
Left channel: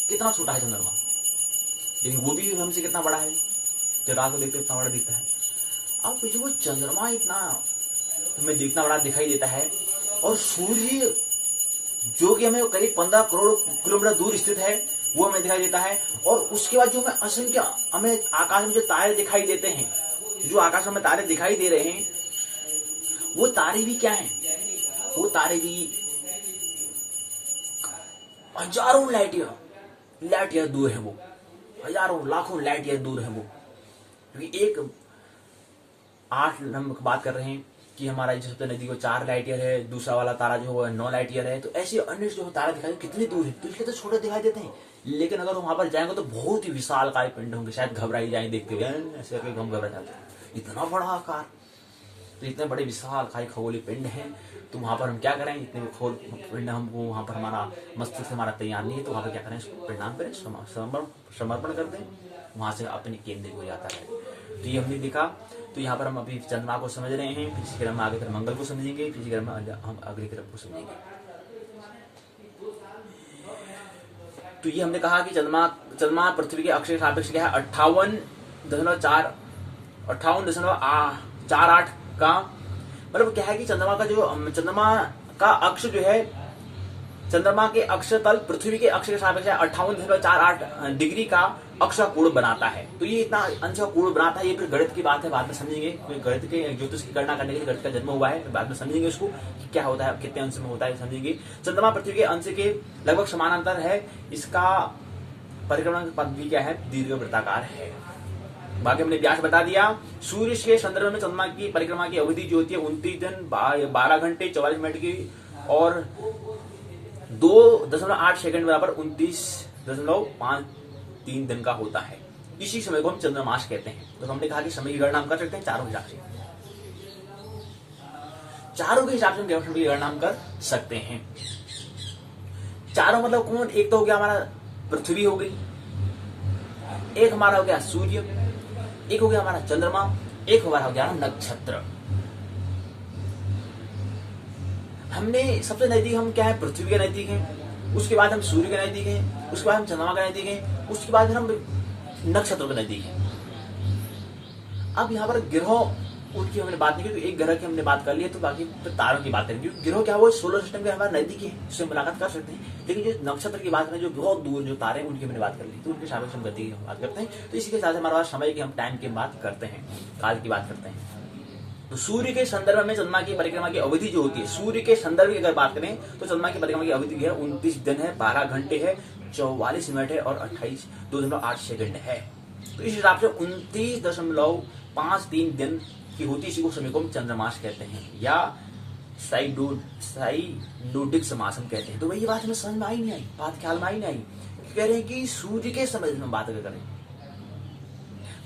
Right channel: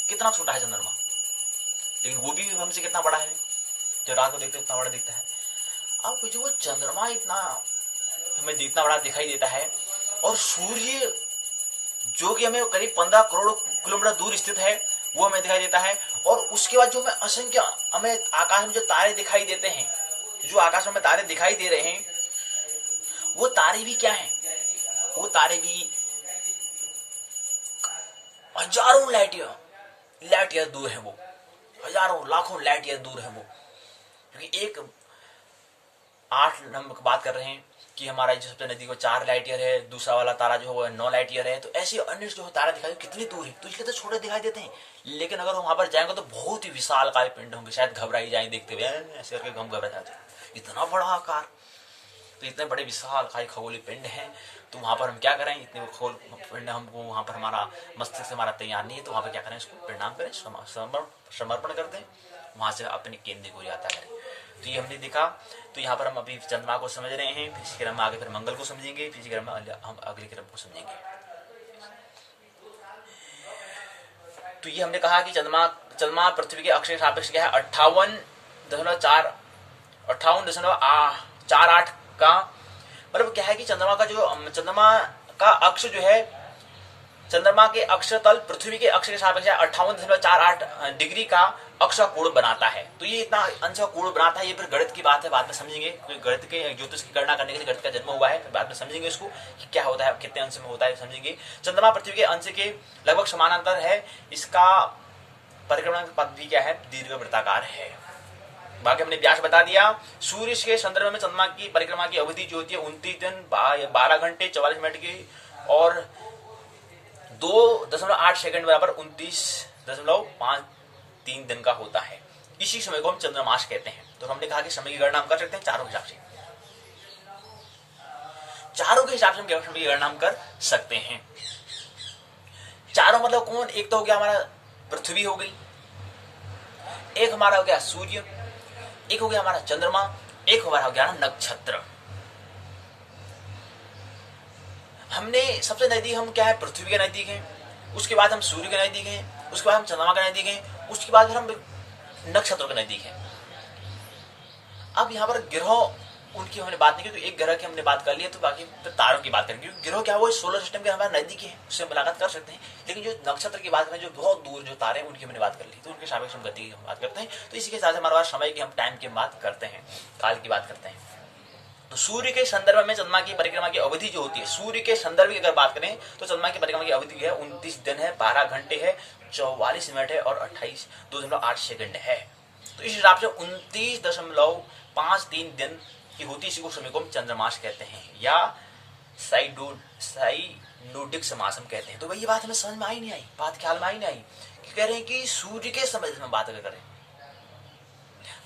कितना छोटा है चंद्रमा, लेकिन वो भी हमसे कितना बड़ा है, जब रात को देखते इतना बड़ा दिखता है। अब जो वो चंद्रमा इतना हमें इतना बड़ा दिखाई देता है और सूर्य जो कि हमें करीब 15 करोड़ किलोमीटर दूर स्थित है वो हमें दिखाई देता है। और उसके बाद जो हमें असंख्य हमें आकाश में जो तारे दिखाई देते हैं, जो आकाश में तारे दिखाई दे रहे हैं वो तारे भी क्या हैं, वो तारे भी हजारों लाइट ईयर दूर है, वो हजारों लाखों लाइट ईयर दूर है वो। क्योंकि एक 8 हम बात कर रहे हैं कि हमारा जो सबसे नजदीक वो 4 लाइट ईयर है, दूसरा वाला तारा जो है 9 लाइट ईयर है। तो ऐसे अन्य जो तारा दिखाई कितनी दूर है, तो इसलिए तो छोटे दिखाई देते हैं। लेकिन अगर वहां पर जाएंगे तो बहुत ही विशाल काय पिंड होंगे, शायद घबरा ही जाए देखते हुए, ऐसे करके हम घबरा जाते हैं, इतना बड़ा आकार। तो इतने बड़े विशाल काय खगोलीय पिंड हैं, तो वहां पर हम क्या करें, इतने खगोल पिंड हमको वहां पर हमारा मस्तिष्क हमारा तैयार नहीं है, तो वहां पर क्या करें, इसको प्रणाम करें, समर्पण कर दें, वहां से अपने केंद्र को यात्रा करें। तो ये हमने देखा। तो यहाँ पर हम अभी चंद्रमा को समझ रहे हैं, फिर इसी क्रम में आगे फिर मंगल को समझेंगे, फिर इसी क्रम में हम अगले क्रम को समझेंगे। तो ये हमने कहा कि चंद्रमा पृथ्वी के अक्ष के सापेक्ष क्या है 58.48 का मतलब क्या है कि चंद्रमा का अक्ष जो है चंद्रमा के अक्ष तल पृथ्वी के अक्ष के सापेक्ष 58.48 डिग्री का अक्ष का कोण बनाता है। तो ये इतना अंश का कोण बनाता है, ये फिर गणित की बात है, बाद में समझेंगे। गणित के ज्योतिष की गणना करने के लिए गणित का जन्म हुआ है, फिर बाद में समझेंगे इसको कि क्या होता है, कितने अंश में होता है समझेंगे। चंद्रमा पृथ्वी के अंश के लगभग समानांतर है, इसका परिक्रमा की पद्धति क्या है, दीर्घ वृत्ताकार है। बाकी हमने व्यास बता दिया। सूर्य के संदर्भ में चंद्रमा की परिक्रमा की अवधि जो होती है 29 दिन 12 घंटे 44 मिनट की और 2.8 सेकंड बराबर 29.53 दिन का होता है। इसी समय को हम चंद्रमास कहते हैं। तो हमने कहा कि समय की गणना हम कर सकते हैं चारों के हिसाब से, चारों के हिसाब से हम समय की गणना हम कर सकते हैं। चारों मतलब कौन, एक तो हो गया हमारा पृथ्वी हो गई, एक हमारा हो गया सूर्य, एक हो गया हमारा चंद्रमा, एक हमारा हो गया नक्षत्र। हमने सबसे नजदीक हम क्या है, पृथ्वी के नजदीक हैं, उसके बाद हम सूर्य के नजदीक हैं, उसके बाद हम चंद्रमा के नजदीक हैं, उसके बाद फिर हम नक्षत्रों के नजदीक हैं। अब यहाँ पर ग्रह उनकी हमने बात नहीं की, तो एक ग्रह की हमने बात कर ली है, तो बाकी फिर तारों की बात करेंगे। ग्रह क्या वो सोलर सिस्टम के हमारे नजदीक है, उससे मुलाकात कर सकते हैं। लेकिन जो नक्षत्र की बात करें, जो बहुत दूर जो तारे हैं, उनकी हमने बात कर ली, तो उनके सापेक्ष हम गति की बात करते हैं। तो इसी के साथ हमारे पास समय की हम टाइम की बात करते हैं, काल की बात करते हैं। तो सूर्य के संदर्भ में चंद्रमा की परिक्रमा की अवधि जो होती है, सूर्य के संदर्भ की अगर बात करें तो चंद्रमा की परिक्रमा की अवधि है 29 दिन है, 12 घंटे है, 44 मिनट है और 2.8 सेकंड है। तो इस हिसाब से 29.53 दिन की होती, इसी को समय को हम चंद्रमास कहते हैं या साइनोडिक समास हम कहते हैं। तो भाई ये बात हमें समझ में आई नहीं आई, बात ख्याल में आई नहीं आई, कह रहे हैं कि सूर्य के समय में बात अगर करें,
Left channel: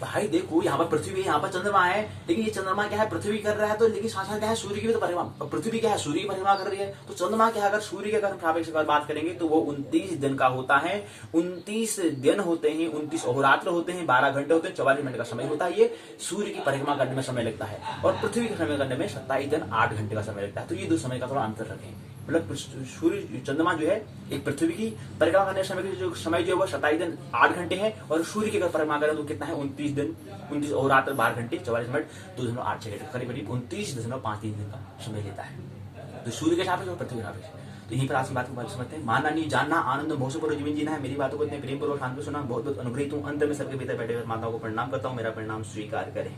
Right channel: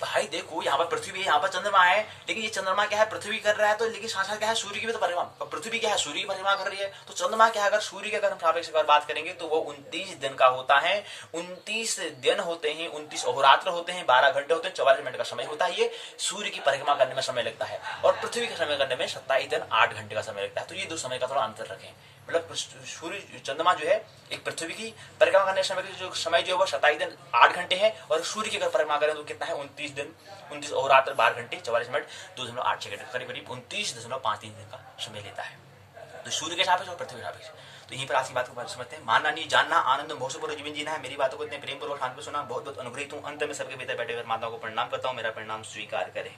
भाई देखो यहाँ पर पृथ्वी है, यहाँ पर चंद्रमा है, लेकिन ये चंद्रमा क्या है, पृथ्वी कर रहा है, तो लेकिन साथ साथ क्या है, सूर्य की भी तो परिक्रमा, पृथ्वी क्या है, सूर्य की परिक्रमा कर रही है। तो चंद्रमा क्या है, अगर सूर्य के अगर हम सापेक्ष अगर बात करेंगे तो वो 29 दिन का होता है। 29 दिन होते हैं, 29 अहोरात्र होते हैं, 12 घंटे होते हैं, 44 मिनट का समय होता है। ये सूर्य की परिक्रमा करने में समय लगता है और पृथ्वी का समय करने में 27 दिन 8 घंटे का समय लगता है। तो ये दो समय का थोड़ा अंतर रखें, मतलब सूर्य चंद्रमा जो है एक पृथ्वी की परिक्रमा करने समय की जो समय जो है वो 27 दिन 8 घंटे है, और सूर्य की अगर परिक्रमा करें तो कितना है, 29 दिन 29 और रात 12 घंटे 44 मिनट 2.8 सेकंड, करीब करीब 29.53 दिन का समय लेता है। तो सूर्य के सापेक्ष और पृथ्वी के सापेक्ष। तो यहीं पर आज की बात को समझते हैं। मानना नहीं जानना, आनंद भोजपुर जीवन जीना है। मेरी बातों को इतने प्रेम पूर्वक शांति सुना, बहुत बहुत अनुग्रहित हूँ। अंत में सबके भीतर बैठे हुए माताओं को प्रणाम करता हूँ, मेरा प्रणाम स्वीकार करें।